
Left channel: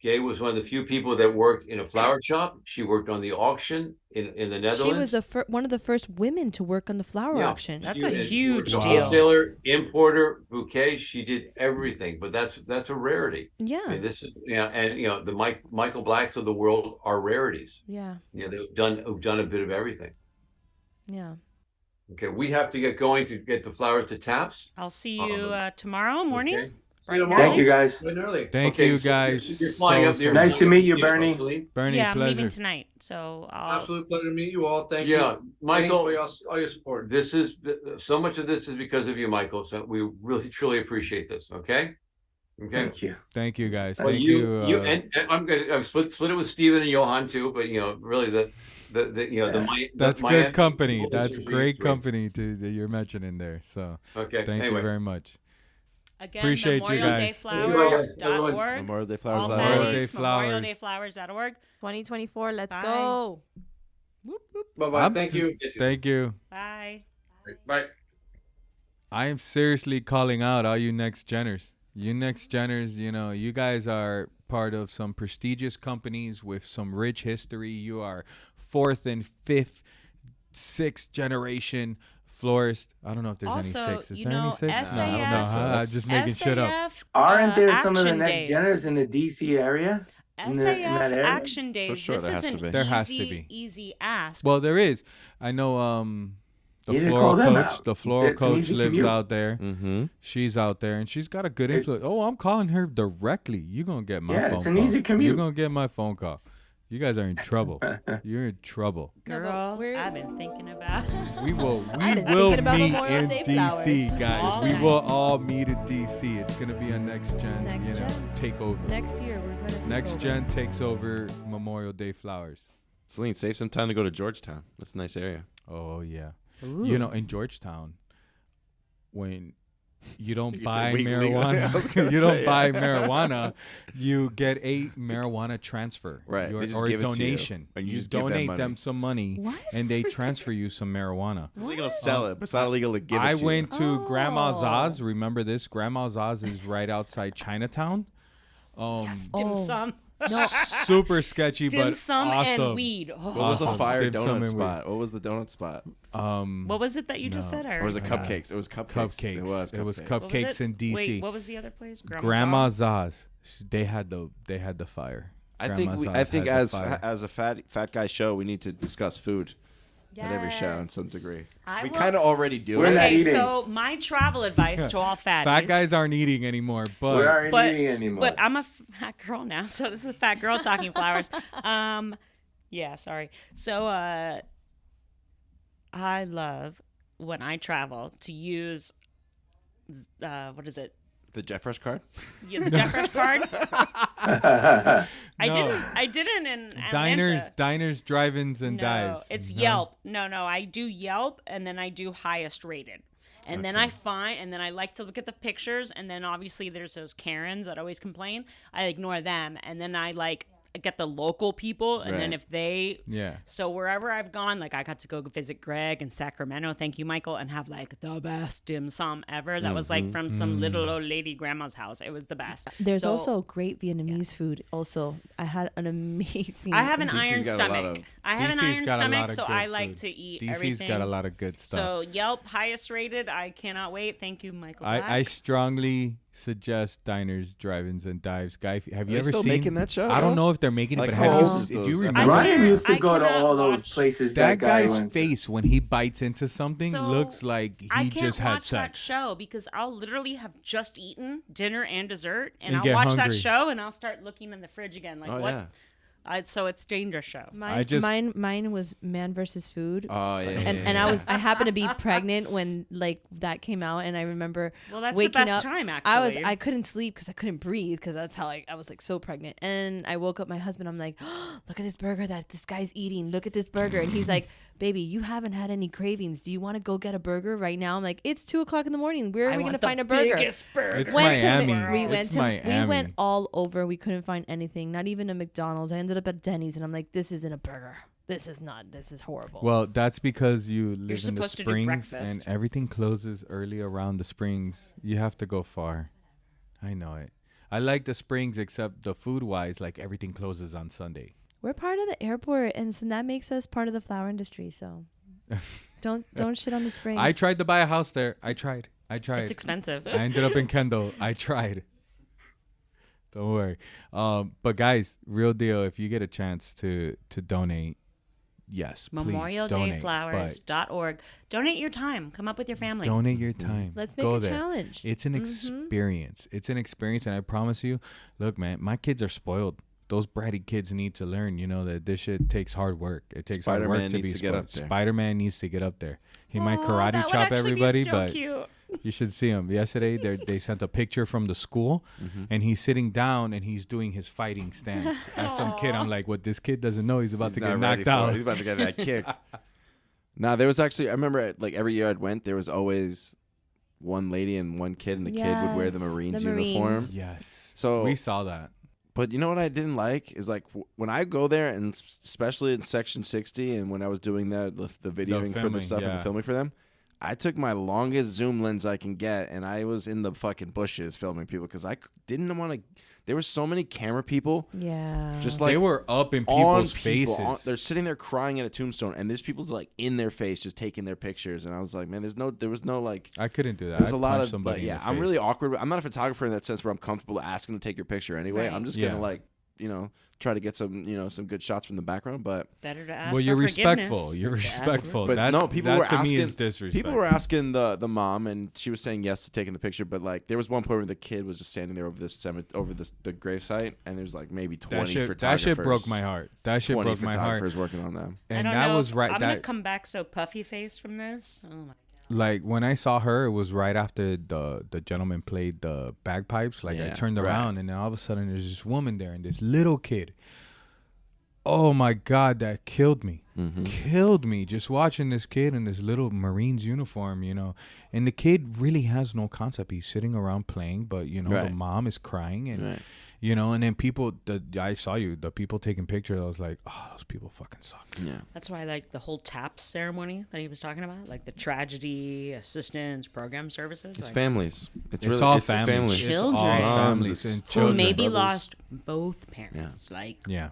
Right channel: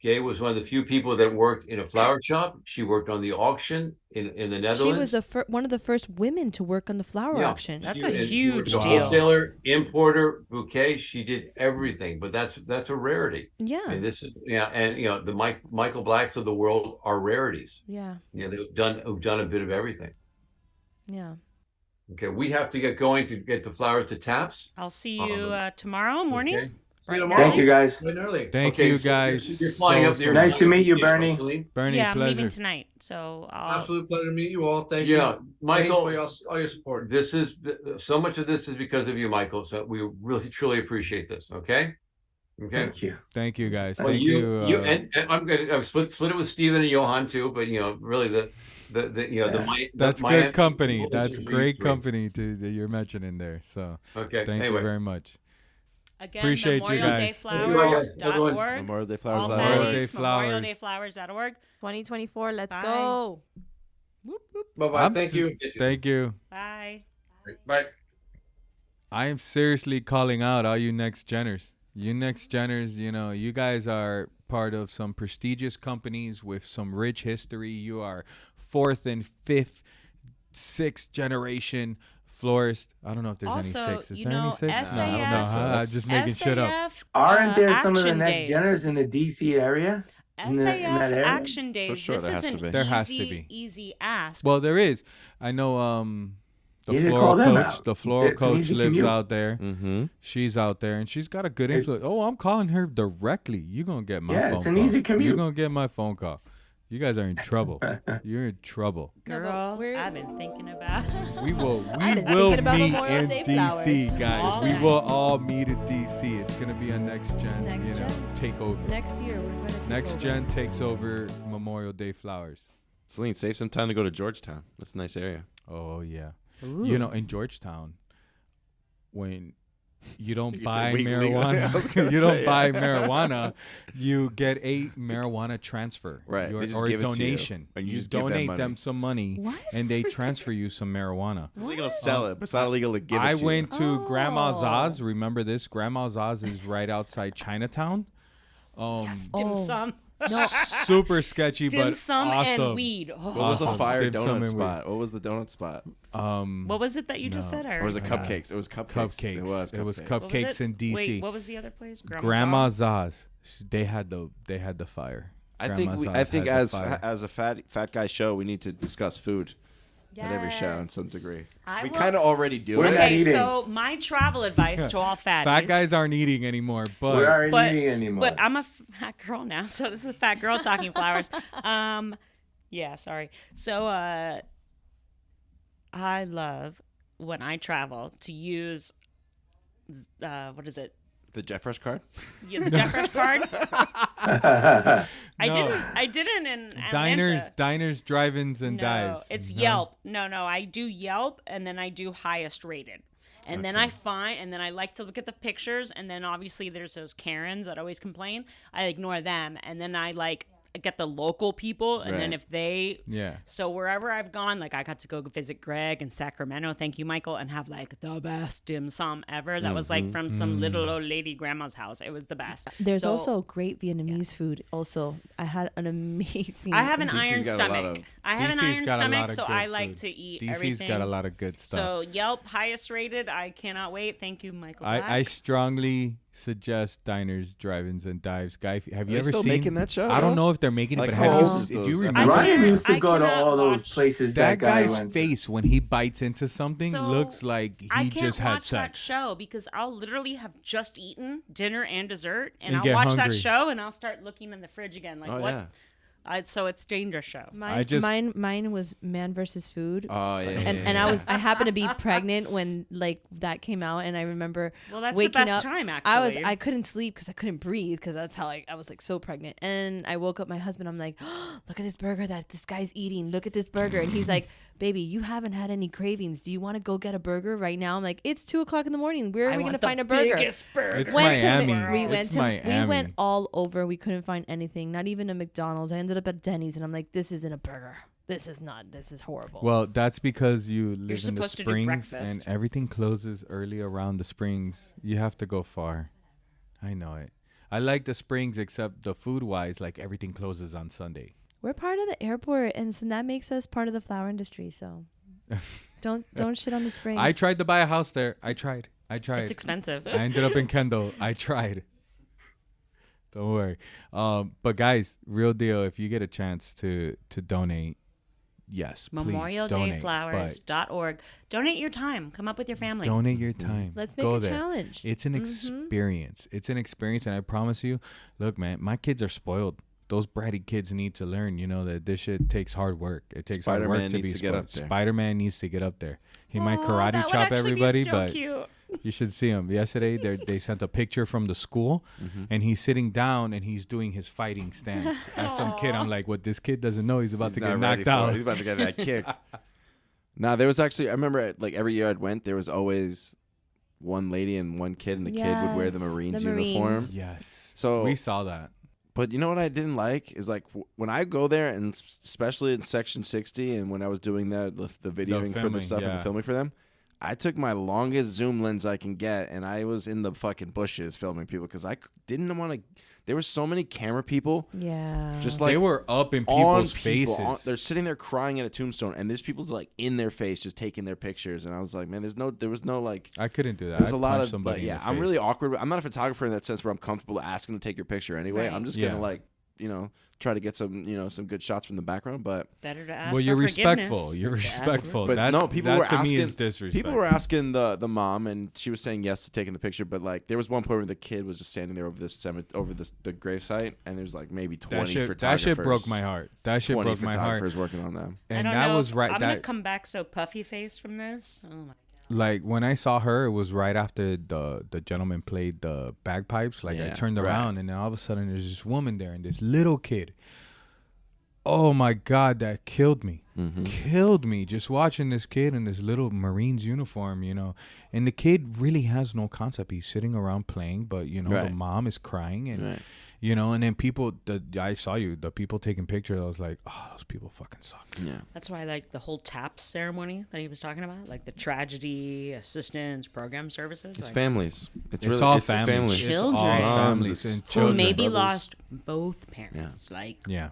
Gay was one of the few people that worked in a flower shop. She worked on the auction in the Netherlands. She was one of the first women to work on the flower auction. That's a huge deal. Wholesaler, importer, bouquet. She did everything, but that's a rarity. Yeah. And this is the Michael Blacks of the world are rarities. Yeah. Yeah, they've done a bit of everything. Yeah. Okay, we have to get going to get the flowers to taps. I'll see you tomorrow morning. Okay. Thank you, guys. Thank you, guys. Nice to meet you, Bernie. Bernie, I'm pleasure. leaving tonight, so Absolute pleasure to meet you all. Thank you. Yeah, Michael, for all your support. This is so much of this is because of you, Michael. So we really truly appreciate this. Okay. Thank you. Thank you, guys. Well, Thank you. And I've split it with Steven and Johan too, but really that's good company. That's great company that you're mentioning there. So thank you very much. Again, appreciate you guys. MemorialDayFlowers.org. MemorialDayFlowers.org. 2024. Let's go. Bye-bye. Thank you. Thank you. Bye. Bye. I am seriously calling out all you next geners. You next geners, you guys are part of some prestigious companies with some rich history. You are 4th and 5th, 6th generation florist. I don't know if there's any 6. Is there any 6? No. I'm just making shit up. Aren't there some of the next geners in the DC area? SAF Action Days. For sure, this is an there has to be. easy ask. Well, there is. I know The floral coach lives out there. Mm-hmm. She's out there, and she's got a good influence. Oh, I'm calling her directly. You're going to get my phone call. It's an easy commute. You're going to get my phone call. You guys are in trouble. You're in trouble. Girl, I've been thinking about We will meet in DC, guys. We will all meet in DC. It's going to be a next gen, takeover. Next year, we're going to take Next gen takes over Memorial Day flowers. Celine, save some time to go to Georgetown. That's a nice area. Oh, yeah. Ooh. You know, in Georgetown, when you don't buy marijuana, you get a marijuana transfer, right? Or a donation. You donate them some money, what? And they transfer you some marijuana. It's illegal to sell it, but it's not illegal to give it to you. I went to Grandma Zaz. Remember this? Grandma Zaz is right outside Chinatown. Dim sum. No. Super sketchy, dim but sum awesome. and weed. Oh. What was the fire donut spot? What was the donut spot? What was it that you just said? Or was it cupcakes? It was cupcakes. It was cupcakes in DC. Wait, what was the other place? Grandma Zaz. They had the fire. I think as a fat guy show, we need to discuss food. At every show in some degree. We kind of already do it. Okay, so my travel advice to all fatties. Fat guys aren't eating anymore, but we aren't eating anymore. But I'm a fat girl now, so this is a fat girl talking flowers. Yeah, sorry. So I love when I travel to use what is it? The Jeffresh card? Yeah, the Jeffresh card. I didn't in Atlanta. Diners, drive-ins, and dives. No, it's Yelp. No, I do Yelp, and then I do highest rated. And then I like to look at the pictures, and then obviously there's those Karens that always complain. I ignore them, and then I get the local people, and then if they so wherever I've gone, like I got to go visit Greg in Sacramento, thank you Michael, and have like the best dim sum ever that was like from some little old lady grandma's house. It was the best. There's also great Vietnamese food also. I had an amazing I have an iron stomach. So I like food. To eat DC's everything. Got a lot of good stuff. So Yelp highest rated, I cannot wait. Thank you Michael Black. I strongly suggest diners, drive-ins, and dives. Guy, have you ever still seen making that show? I don't know if they're making it, but do you remember? Ryan used to go to all those places. That guy's face when he bites into something looks like he just had sex. I can't watch that show because I'll literally have just eaten dinner and dessert, and I'll get watch hungry. That show, and I'll start looking in the fridge again, like what. Yeah. So it's dangerous show. Mine was Man versus Food. Oh yeah. And I happened to be pregnant when like that came out, and I remember that's waking the best up. time actually. I couldn't sleep because I couldn't breathe because that's how I was like so pregnant. And I woke up my husband. I'm like, oh, look at this burger that this guy's eating. Look at this burger, and he's like, baby, you haven't had any cravings. Do you want to go get a burger right now? I'm like, it's 2:00 in the morning. Where are we gonna find a burger? Biggest burger. It's Miami. We went all over. We couldn't find anything. Not even a McDonald's. I ended up at Denny's, and I'm like, this isn't a burger. This is horrible. Well, that's because you live in the to do springs breakfast. and everything closes early around the springs. You have to go far. I know it. I like the springs, except the food-wise, like everything closes on Sunday. We're part of the airport, and so that makes us part of the flower industry. So don't shit on the springs. I tried to buy a house there. I tried. It's expensive. I ended up in Kendall. I tried. Don't worry. But guys, real deal. If you get a chance to donate, yes, MemorialDayFlowers.org. Donate your time. Come up with your family. Donate your time. Let's make Go a there. challenge. It's an experience. It's an experience, and I promise you, look, man, my kids are spoiled. Those bratty kids need to learn, that this shit takes hard work. It takes hard work to be spoiled. Spider-Man needs to get up there. He might karate chop everybody, but cute. You should see him. Yesterday, they sent a picture from the school, and he's sitting down and he's doing his fighting stance as some kid. I'm like, what this kid doesn't know, he's about to get knocked out. He's about to get that kick. Now, there was actually, I remember like every year I'd went, there was always one lady and one kid, and the kid would wear the Marines uniform. Yes. So we saw that. But you know what I didn't like is like when I go there, and especially in Section 60, and when I was doing the videoing for the stuff and the filming for them, I took my longest zoom lens I can get, and I was in the fucking bushes filming people because I didn't want to. There were so many camera people. Yeah. Just like they were up in people's faces. They're sitting there crying at a tombstone, and there's people like in their face just taking their pictures. And I was like, man, there was no like. I couldn't do that. There's a lot of I'm really awkward. I'm not a photographer in that sense where I'm comfortable asking to take your picture anyway. Right. I'm just gonna like try to get some good shots from the background, but better to ask. Well, you're respectful. You're respectful. But no, people were asking. Is disrespect. People were asking the mom, and she was saying yes to taking the picture. But like, there was one point where the kid was just standing there over the gravesite, and there's like maybe 20 photographers. That shit broke my heart. That shit broke my heart. Photographers working on them, and that was right. I'm gonna come back so puffy faced from this. Oh my. Like when I saw her, it was right after the gentleman played the bagpipes. Like I turned around and then all of a sudden there's this woman there and this little kid. Oh my God, that killed me. Killed me just watching this kid in this little Marines uniform, And the kid really has no concept. He's sitting around playing, but the mom is crying and and then people. I saw the people taking pictures. I was like, oh, those people fucking suck. Yeah, that's why I like the whole TAPS ceremony that he was talking about, like the tragedy assistance program services. It's families. It's all families. Children. It's all families and children. Who maybe lost both parents. Yeah.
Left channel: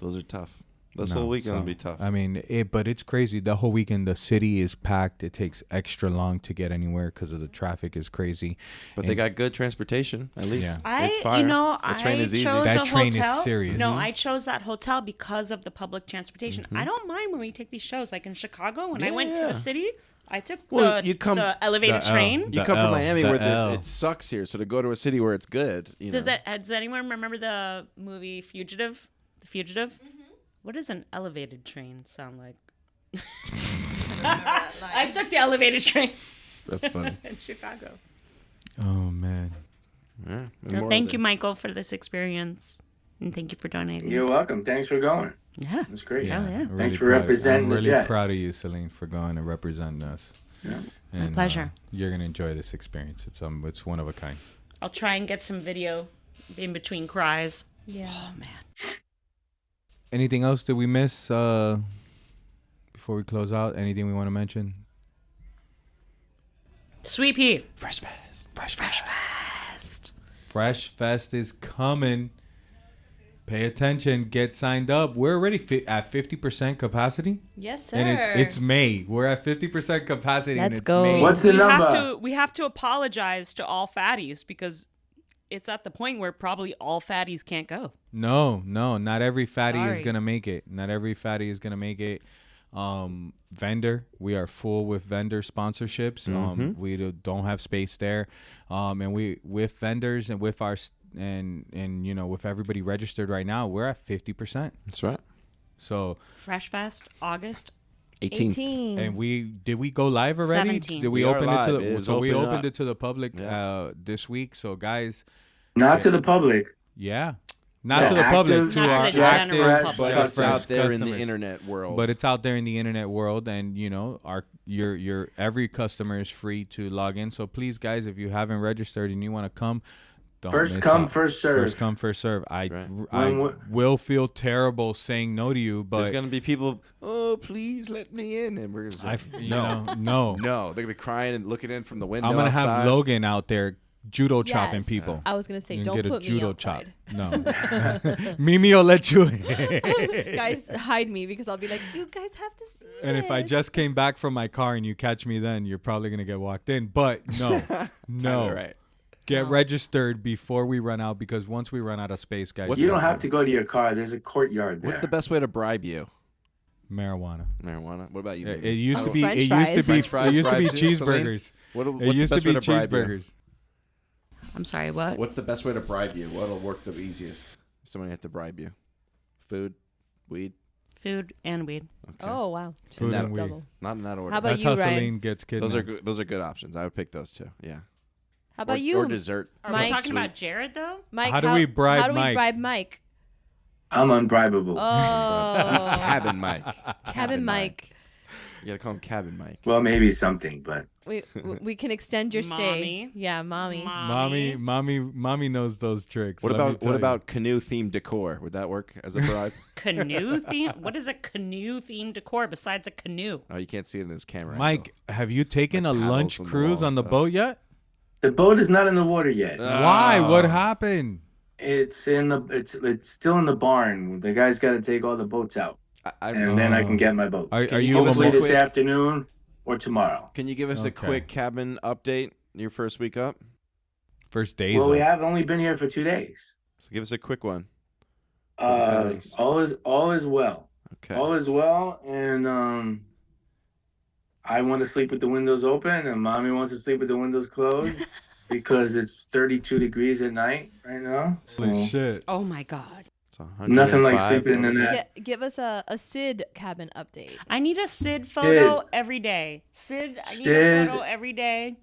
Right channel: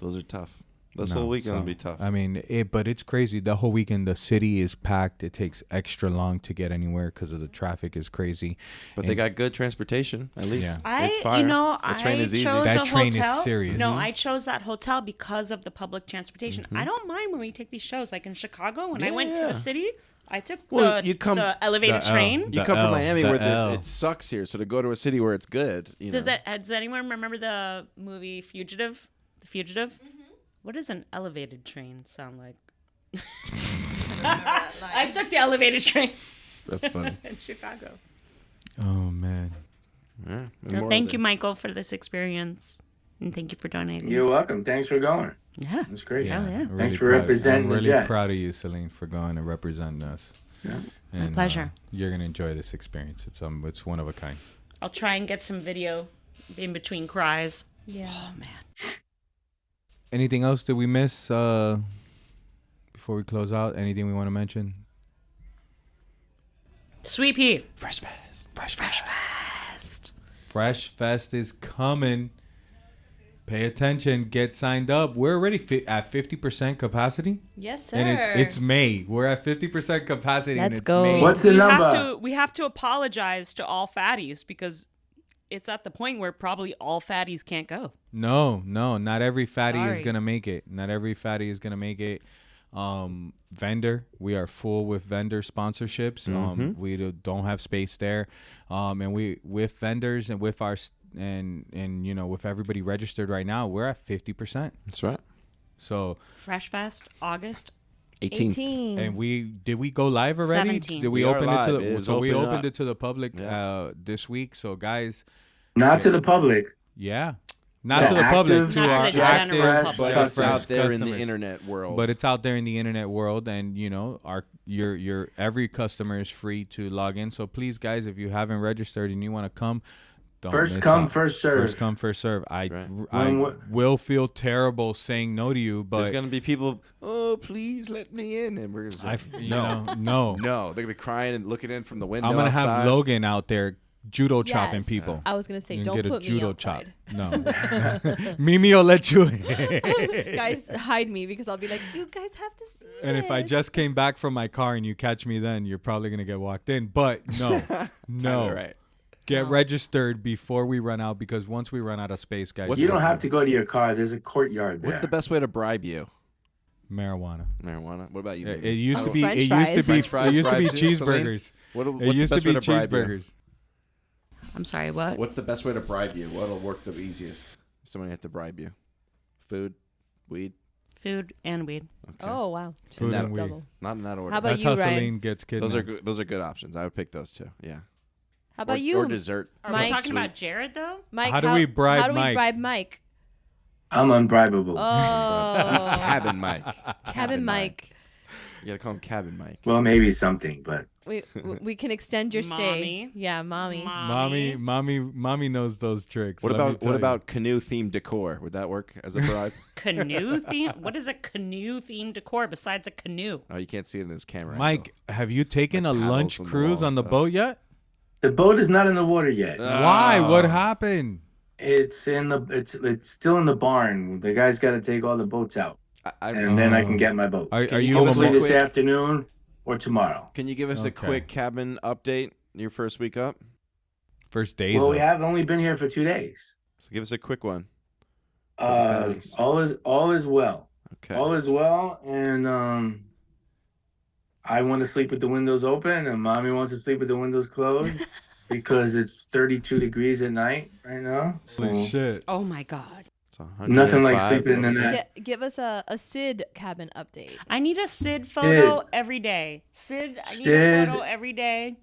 Those are tough. This whole weekend will be tough. I mean, but it's crazy. The whole weekend, the city is packed. It takes extra long to get anywhere because of the traffic is crazy. But they got good transportation, at least. Yeah. It's fire. The train is easy. That train is serious. No, I chose that hotel because of the public transportation. I don't mind when we take these shows. Like in Chicago, when I went to the city, I took the elevated train. You come from Miami where it sucks here. So to go to a city where it's good. Does anyone remember the movie Fugitive? The Fugitive? Mm-hmm. What does an elevated train sound like? I took the elevated train. That's funny. In Chicago. Oh, man. Yeah, well, thank you, Michael, for this experience. And thank you for donating. You're welcome. Thanks for going. Yeah. That's great. Yeah. Really Thanks for representing I'm really proud of you, Celine, for going and representing us. Yeah. And, my pleasure. You're going to enjoy this experience. It's one of a kind. I'll try and get some video in between cries. Yeah. Oh, man. Anything else that we miss before we close out? Anything we want to mention? Sweet pea. Fresh Fest. Fresh Fest is coming. Pay attention. Get signed up. We're already at 50% capacity. Yes, sir. And it's May. We're at 50% capacity. Let's and it's go. May. What's the number? We have to apologize to all fatties because it's at the point where probably all fatties can't go. No, not every fatty is gonna make it. Not every fatty is gonna make it. Vendor, we are full with vendor sponsorships. We don't have space there. And we with vendors and with our and with everybody registered right now, we're at 50%. That's right. So Fresh Fest August 18th. And did we go live already? 17th. Did we open it to the we opened up. it to the public this week. So guys, not to the public. Yeah. Not to the public, to our general public. But it's out there in the customers. internet world. But it's out there in the internet world, and your every customer is free to log in. So please, guys, if you haven't registered and you want to come, don't miss First come, out. first serve. First come, first serve. I Right. will feel terrible saying no to you, but there's gonna be people. Oh, please let me in, and we're gonna say, no. They're gonna be crying and looking in from the window. I'm gonna outside. have Logan out there judo chopping people. I was gonna say, You don't get a put me judo outside. chop. No, Mimi will let you in. Guys, hide me because I'll be like, you guys have to see. And if I just came back from my car and you catch me, then you're probably gonna get walked in. But no, Right. Get registered before we run out, because once we run out of space, guys, You don't have to go to your car. There's a courtyard there. What's the best way to bribe you? Marijuana. What about you? It Baby? used to be. French It used to be. fries. French It used to be fries, Celine? cheeseburgers. What's It used the to best be way to bribe you? cheeseburgers. I'm sorry, what? What's the best way to bribe you? What'll work the easiest? If somebody had to bribe you. Food, weed. Food and weed. Okay. Oh wow. Food that and weed. Double. Not in that order. How about That's you, how Ryan? Celine gets kidnapped. Those are good options. I would pick those two. Yeah. How about or, you, Or dessert. Are Mike? we talking Sweet. about Jared though? Mike? How do we bribe How do we Mike? bribe Mike? I'm unbribable. He's Oh, Cabin Mike. Cabin Mike. You gotta call him Cabin Mike. Well, maybe something, but We can extend your stay. Mommy. Yeah, mommy. Mommy knows those tricks. What let me about tell you. canoe themed decor? Would that work as a bribe? Canoe theme? What is a canoe themed decor besides a canoe? Oh, you can't see it in his camera. Mike? Have you taken a paddles lunch on the cruise wall on the and boat yet? the boat is not in the water yet. Why? What happened? It's in the. It's still in the barn. The guy's got to take all the boats out, I and then I can get my boat. Are you you? give us a Hopefully this quick- afternoon or tomorrow. Can you give us a Okay. quick cabin update? Your first week up? First days. Well, we up. have only been here for 2 days. So give us a quick one. All is well. Okay. All is well, and I want to sleep with the windows open, and mommy wants to sleep with the windows closed because it's 32 degrees at night right now. Holy shit! Oh my God. Nothing like sleeping in that. Give us a Sid cabin update. I need a Sid photo every day. Sid, I need a photo every day.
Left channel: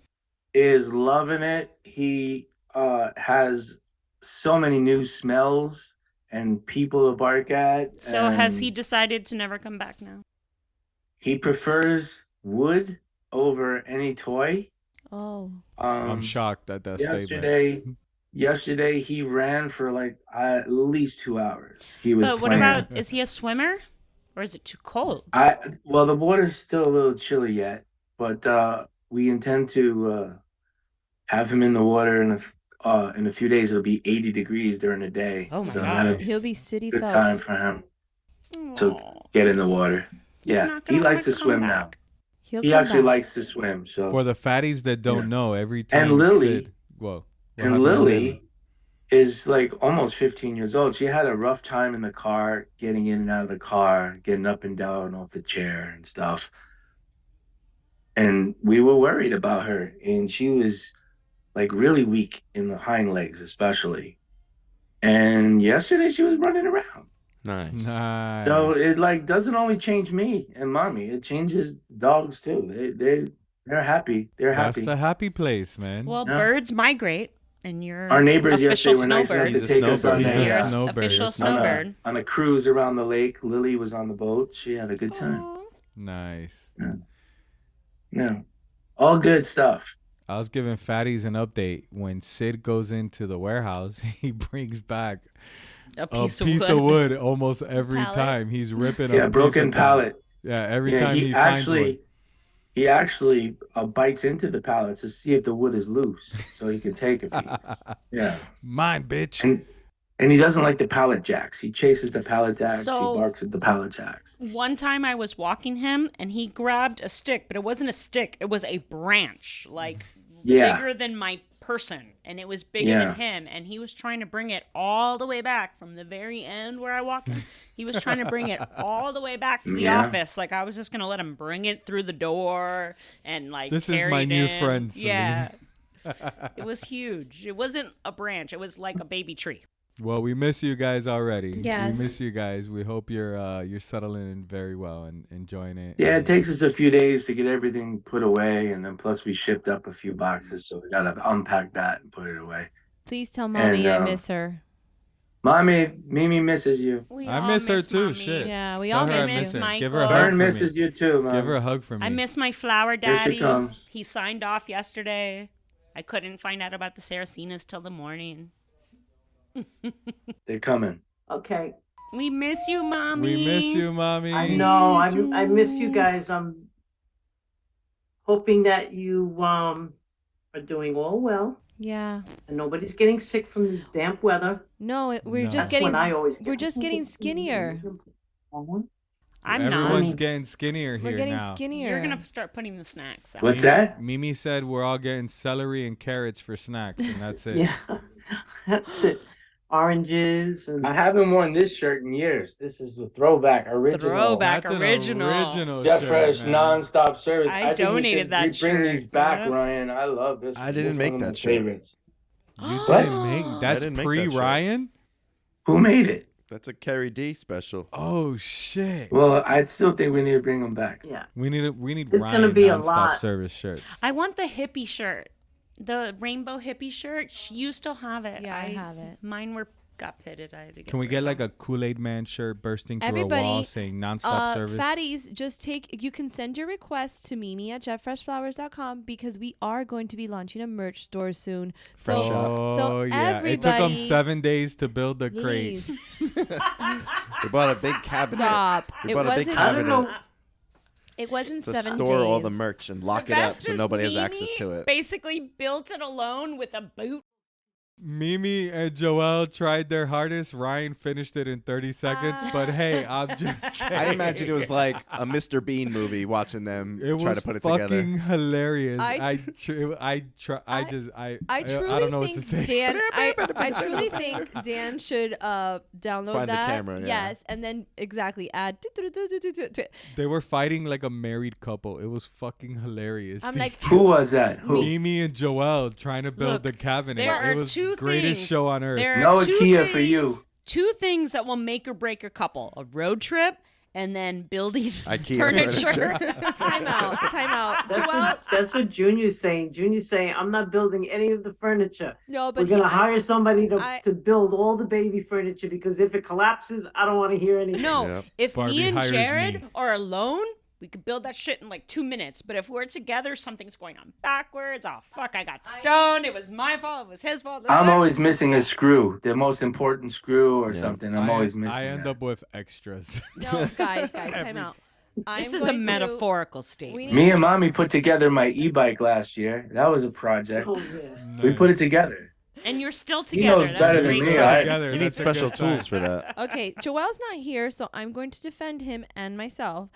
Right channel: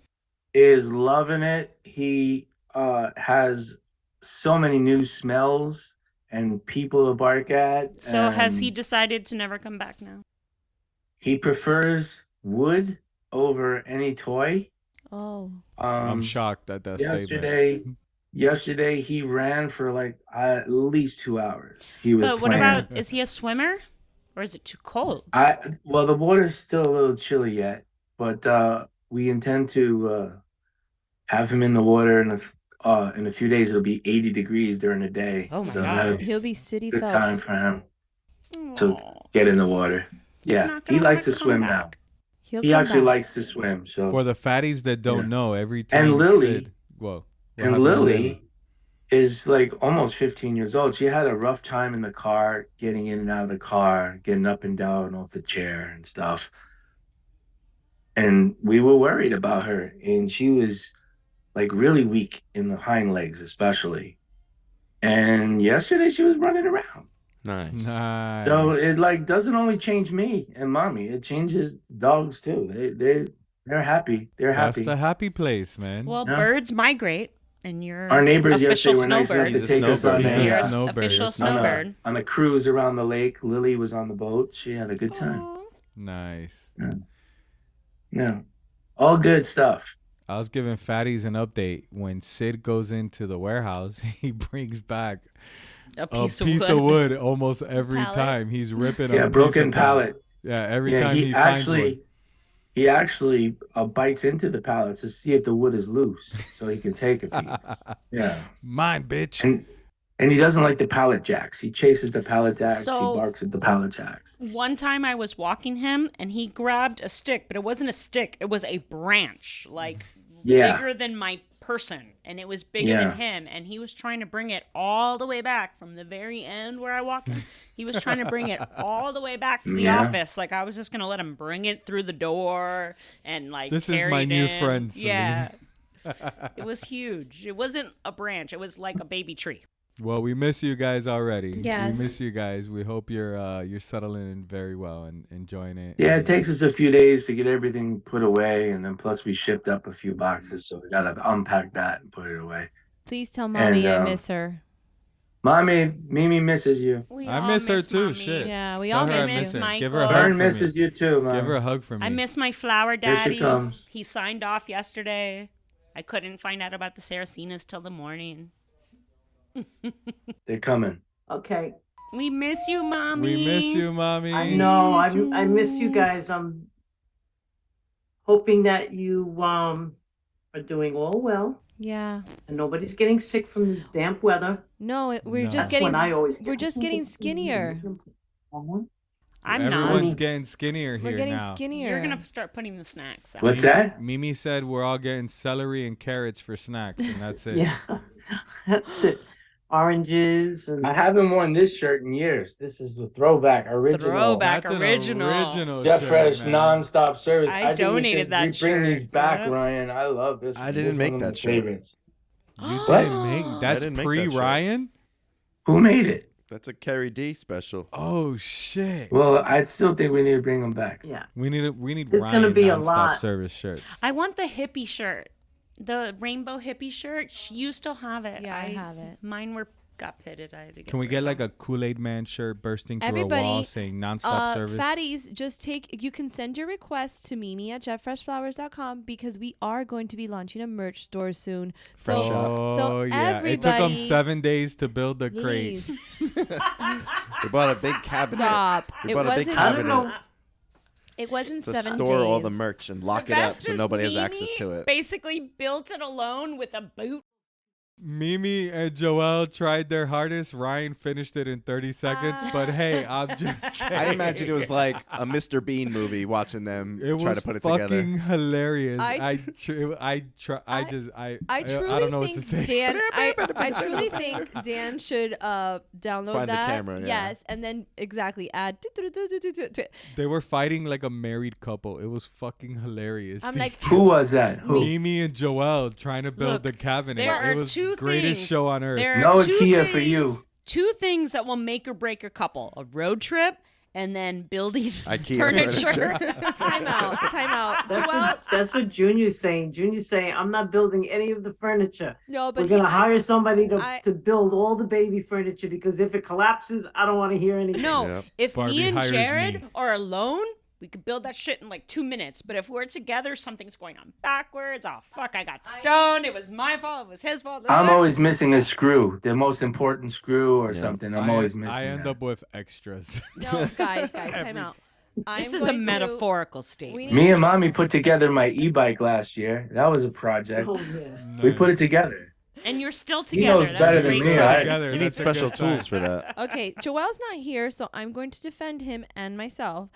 Is loving it. He has so many new smells and people to bark at. So has he decided to never come back now? He prefers wood over any toy. Oh. I'm shocked at that statement. Yesterday he ran for like at least 2 hours. He was. But what about? Is he a swimmer, or is it too cold? Well, the water's still a little chilly yet, but we intend to have him in the water in a few days. It'll be 80 degrees during the day. Oh my God! He'll be city good Phelps. Time for him to get in the water. He likes to swim now. He actually likes to swim. So for the fatties that don't know, every time and Lily, Sid, and Lily is like almost 15 years old. She had a rough time in the car, getting in and out of the car, getting up and down off the chair and stuff. And we were worried about her, and she was like really weak in the hind legs, especially. And yesterday she was running around. Nice. So it like doesn't only change me and mommy; it changes dogs too. They're happy. That's the happy place, man. Well, birds migrate, and you're our neighbors official yesterday snowbird. He's a snowbird. He's a snowbird. Official snowbird. On a cruise around the lake. Lily was on the boat. She had a good time. Aww. Nice. Yeah. All good stuff. I was giving fatties an update. When Sid goes into the warehouse, he brings back a piece of wood almost every time. He's ripping a broken pallet. Yeah, every time he finds one. He actually bites into the pallets to see if the wood is loose so he can take a piece. Yeah. Mine, bitch. And he doesn't like the pallet jacks. He chases the pallet jacks. He barks at the pallet jacks. One time I was walking him and he grabbed a stick, but it wasn't a stick. It was a branch, like bigger than my person. And it was bigger than him. And he was trying to bring it all the way back from the very end where I walked him. He was trying to bring it all the way back to the office. Like I was just going to let him bring it through the door and like this is my new friend. Celine. Yeah. It was huge. It wasn't a branch. It was like a baby tree. Well, we miss you guys already. Yes. We miss you guys. We hope you're settling in very well and enjoying it. Yeah, it takes us a few days to get everything put away, and then plus we shipped up a few boxes, so we gotta unpack that and put it away. Please tell mommy I miss her. Mommy, Mimi misses you. I miss her too. Mommy. Shit. Yeah, we all miss you. Give her a hug for me. Misses you too, Mom. Give her a hug for me. I miss my flower daddy. Here she comes. He signed off yesterday. I couldn't find out about the Saracenas till the morning. They're coming. Okay. We miss you, Mommy. We miss you, Mommy. I know. I miss you guys. I'm hoping that you are doing all well. Yeah. And nobody's getting sick from this damp weather. No, we're just getting skinnier. Everyone's getting skinnier here now. We're getting skinnier. You're gonna start putting the snacks out. What's that? Mimi said we're all getting celery and carrots for snacks, and that's it. Yeah, that's it. Oranges and I haven't worn this shirt in years. This is a throwback, original. That's original. An original Jeff shirt, Fresh man. non-stop service. I donated that shirt. Bring these back, Ryan. I love this. I didn't make that shirt. Favorites. You didn't make that's pre-Ryan? Who made it? That's a Carrie D special. Oh shit. Well, I still think we need to bring them back. Yeah. We need It's Ryan gonna be a nonstop lot. service shirts. I want the hippie shirt, the rainbow hippie shirt. You still have it. Yeah, I have it. Mine got pitted. I had to get Can we rid get of like them. a Kool-Aid Man shirt bursting through Everybody, a wall saying nonstop service? Fatties, you can send your request to Mimi at jefffreshflowers.com because we are going to be launching a merch store soon. So yeah, everybody, it took them 7 days to build the crate. We bought a big cabinet. Stop. We bought a big cabinet It wasn't to 7 store days. all the merch and lock it up so nobody has access to it. Basically built it alone with a boot Mimi and Joel tried their hardest. Ryan finished it in 30 seconds. But hey, I'm just saying. I imagine it was like a Mr. Bean movie watching them try to put it together. It was fucking hilarious. I don't know what to say. Dan, I truly think Dan should download Find that. the camera, yeah. Yes, and then add. They were fighting like a married couple. It was fucking hilarious. I'm like, who was that? Who? Mimi and Joel trying to build the cabinet. There it was two greatest things. show on earth. There no are IKEA for you. 2 things that will make or break a couple: a road trip and then building IKEA furniture. Time out. Joel, that's what Junior's saying. Junior's saying, I'm not building any of the furniture. No, but we're going to hire somebody to build all the baby furniture, because if it collapses, I don't want to hear anything. No, if Barbie me and hires Jared me. are alone, we could build that shit in like 2 minutes. But if we're together, something's going on backwards. Oh, fuck, I got stoned. It was my fault. It was his fault. I'm always missing a screw, the most important screw or something. I'm always missing I end that. up with extras. no, guys, time out. This is a metaphorical statement. Me and Mommy put together my e-bike last year. That was a project. Oh, yeah. We put it together. And you're still He together. knows That's better a than great me, sign. right? Together, You that's need a good special sign. tools for that. Okay, Joel's not here, so I'm going to defend him and myself.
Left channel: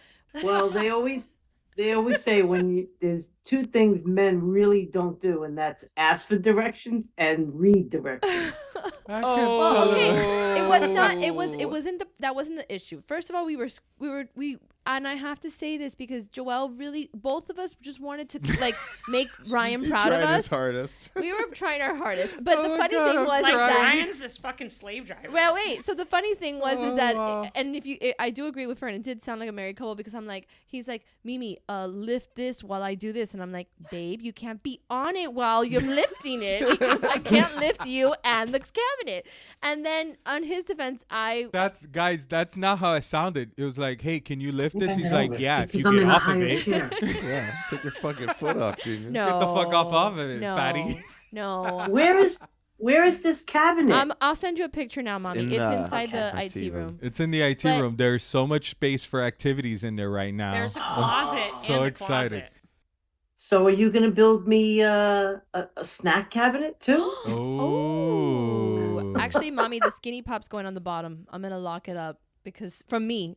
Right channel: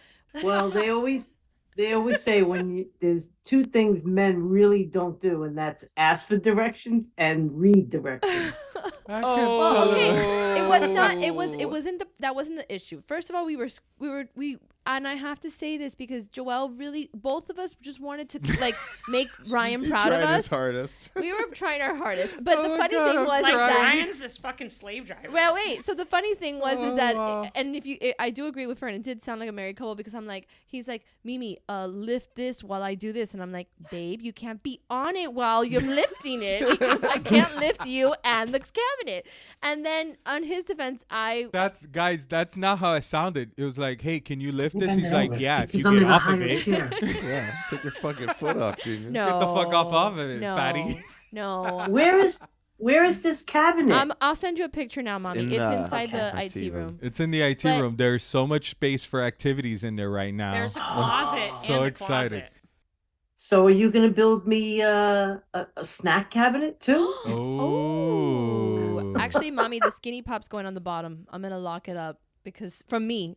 Well, they always say there's 2 things men really don't do, and that's ask for directions and read directions. Well, okay, it was not. It wasn't that wasn't the issue. First of all, we and I have to say this because Joel really, both of us just wanted to like make Ryan proud of us. His hardest. We were trying our hardest, but the funny God, thing was Like is that. Ryan's this fucking slave driver. Well, wait. So the funny thing was is that, and I do agree with Fern. It did sound like a married couple because I'm like, he's like, Mimi, lift this while I do this, and I'm like, babe, you can't be on it while you're lifting it because I can't lift you and the cabinet. And then on his defense, That's not how it sounded. It was like, hey, can you lift this? He's like, yeah, if you get off of it. Yeah, take your fucking foot off, Junior. No, Get the fuck off of it, no, fatty. No. Where is this cabinet? I'll send you a picture now, Mommy. It's inside the IT room. It's in the IT room. There's so much space for activities in there right now. There's a closet. I'm so and a excited. Closet. So are you going to build me a snack cabinet too? Oh. Actually, Mommy, the Skinny Pop's going on the bottom. I'm gonna lock it up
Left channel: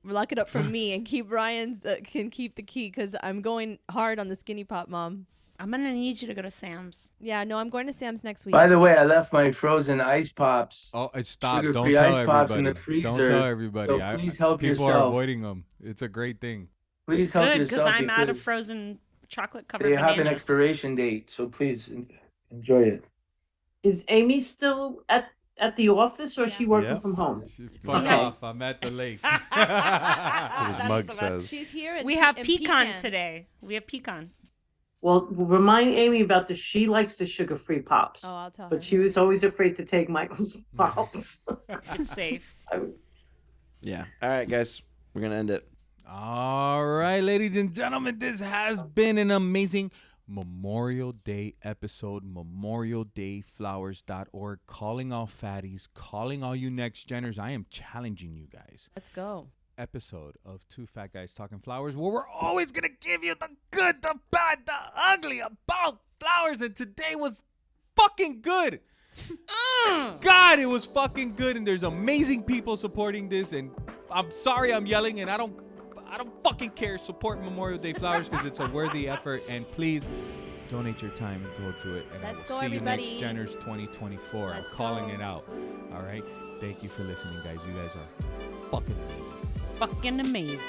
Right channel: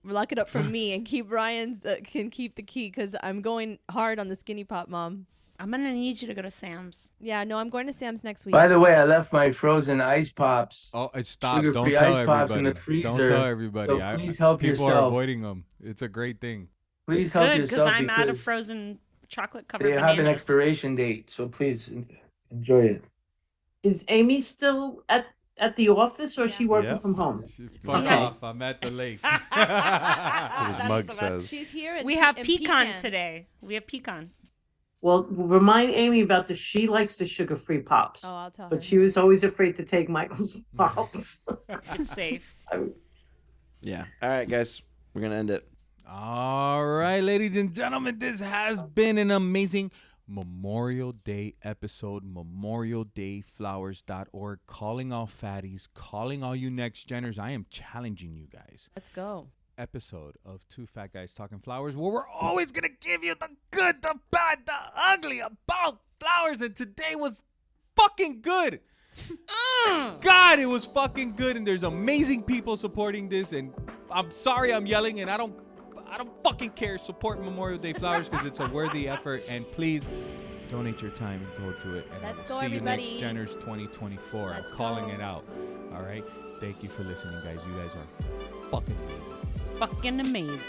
lock it up from me, and keep Ryan's can keep the key because I'm going hard on the Skinny Pop, Mom. I'm going to need you to go to Sam's. Yeah, no, I'm going to Sam's next week. By the way, I left my frozen ice pops. Oh, stop! Sugar-free Don't tell ice pops in everybody. the freezer. Don't tell everybody. So please help people yourself. are avoiding them. It's a great thing. Please help Good, yourself. because I'm out of frozen chocolate-covered They bananas. have an expiration date, so please enjoy it. Is Amy still at the office, or is she working Yep. from home? Fuck off! I'm at the lake. That's what his mug says. She's here. We have pecan today. We have pecan. Well, remind Amy about this. She likes the sugar-free pops. Oh, I'll tell her. But she was always afraid to take Michael's pops. It's safe. Yeah. All right, guys. We're going to end it. All right, ladies and gentlemen, this has been an amazing Memorial Day episode. memorialdayflowers.org. Calling all fatties, calling all you next geners. I am challenging you guys. Let's go. Episode of Two Fat Guys Talking Flowers, where we're always gonna give you the good, the bad, the ugly about flowers, and today was fucking good. God, it was fucking good, and there's amazing people supporting this, and I'm sorry I'm yelling, and I don't fucking care. Support Memorial Day Flowers because it's a worthy effort, and please donate your time and go to it. And Let's we'll go, see everybody. you next Geners 2024. Let's I'm calling go. it out. All right. Thank you for listening, guys. You guys are fucking amazing. Fucking amazing.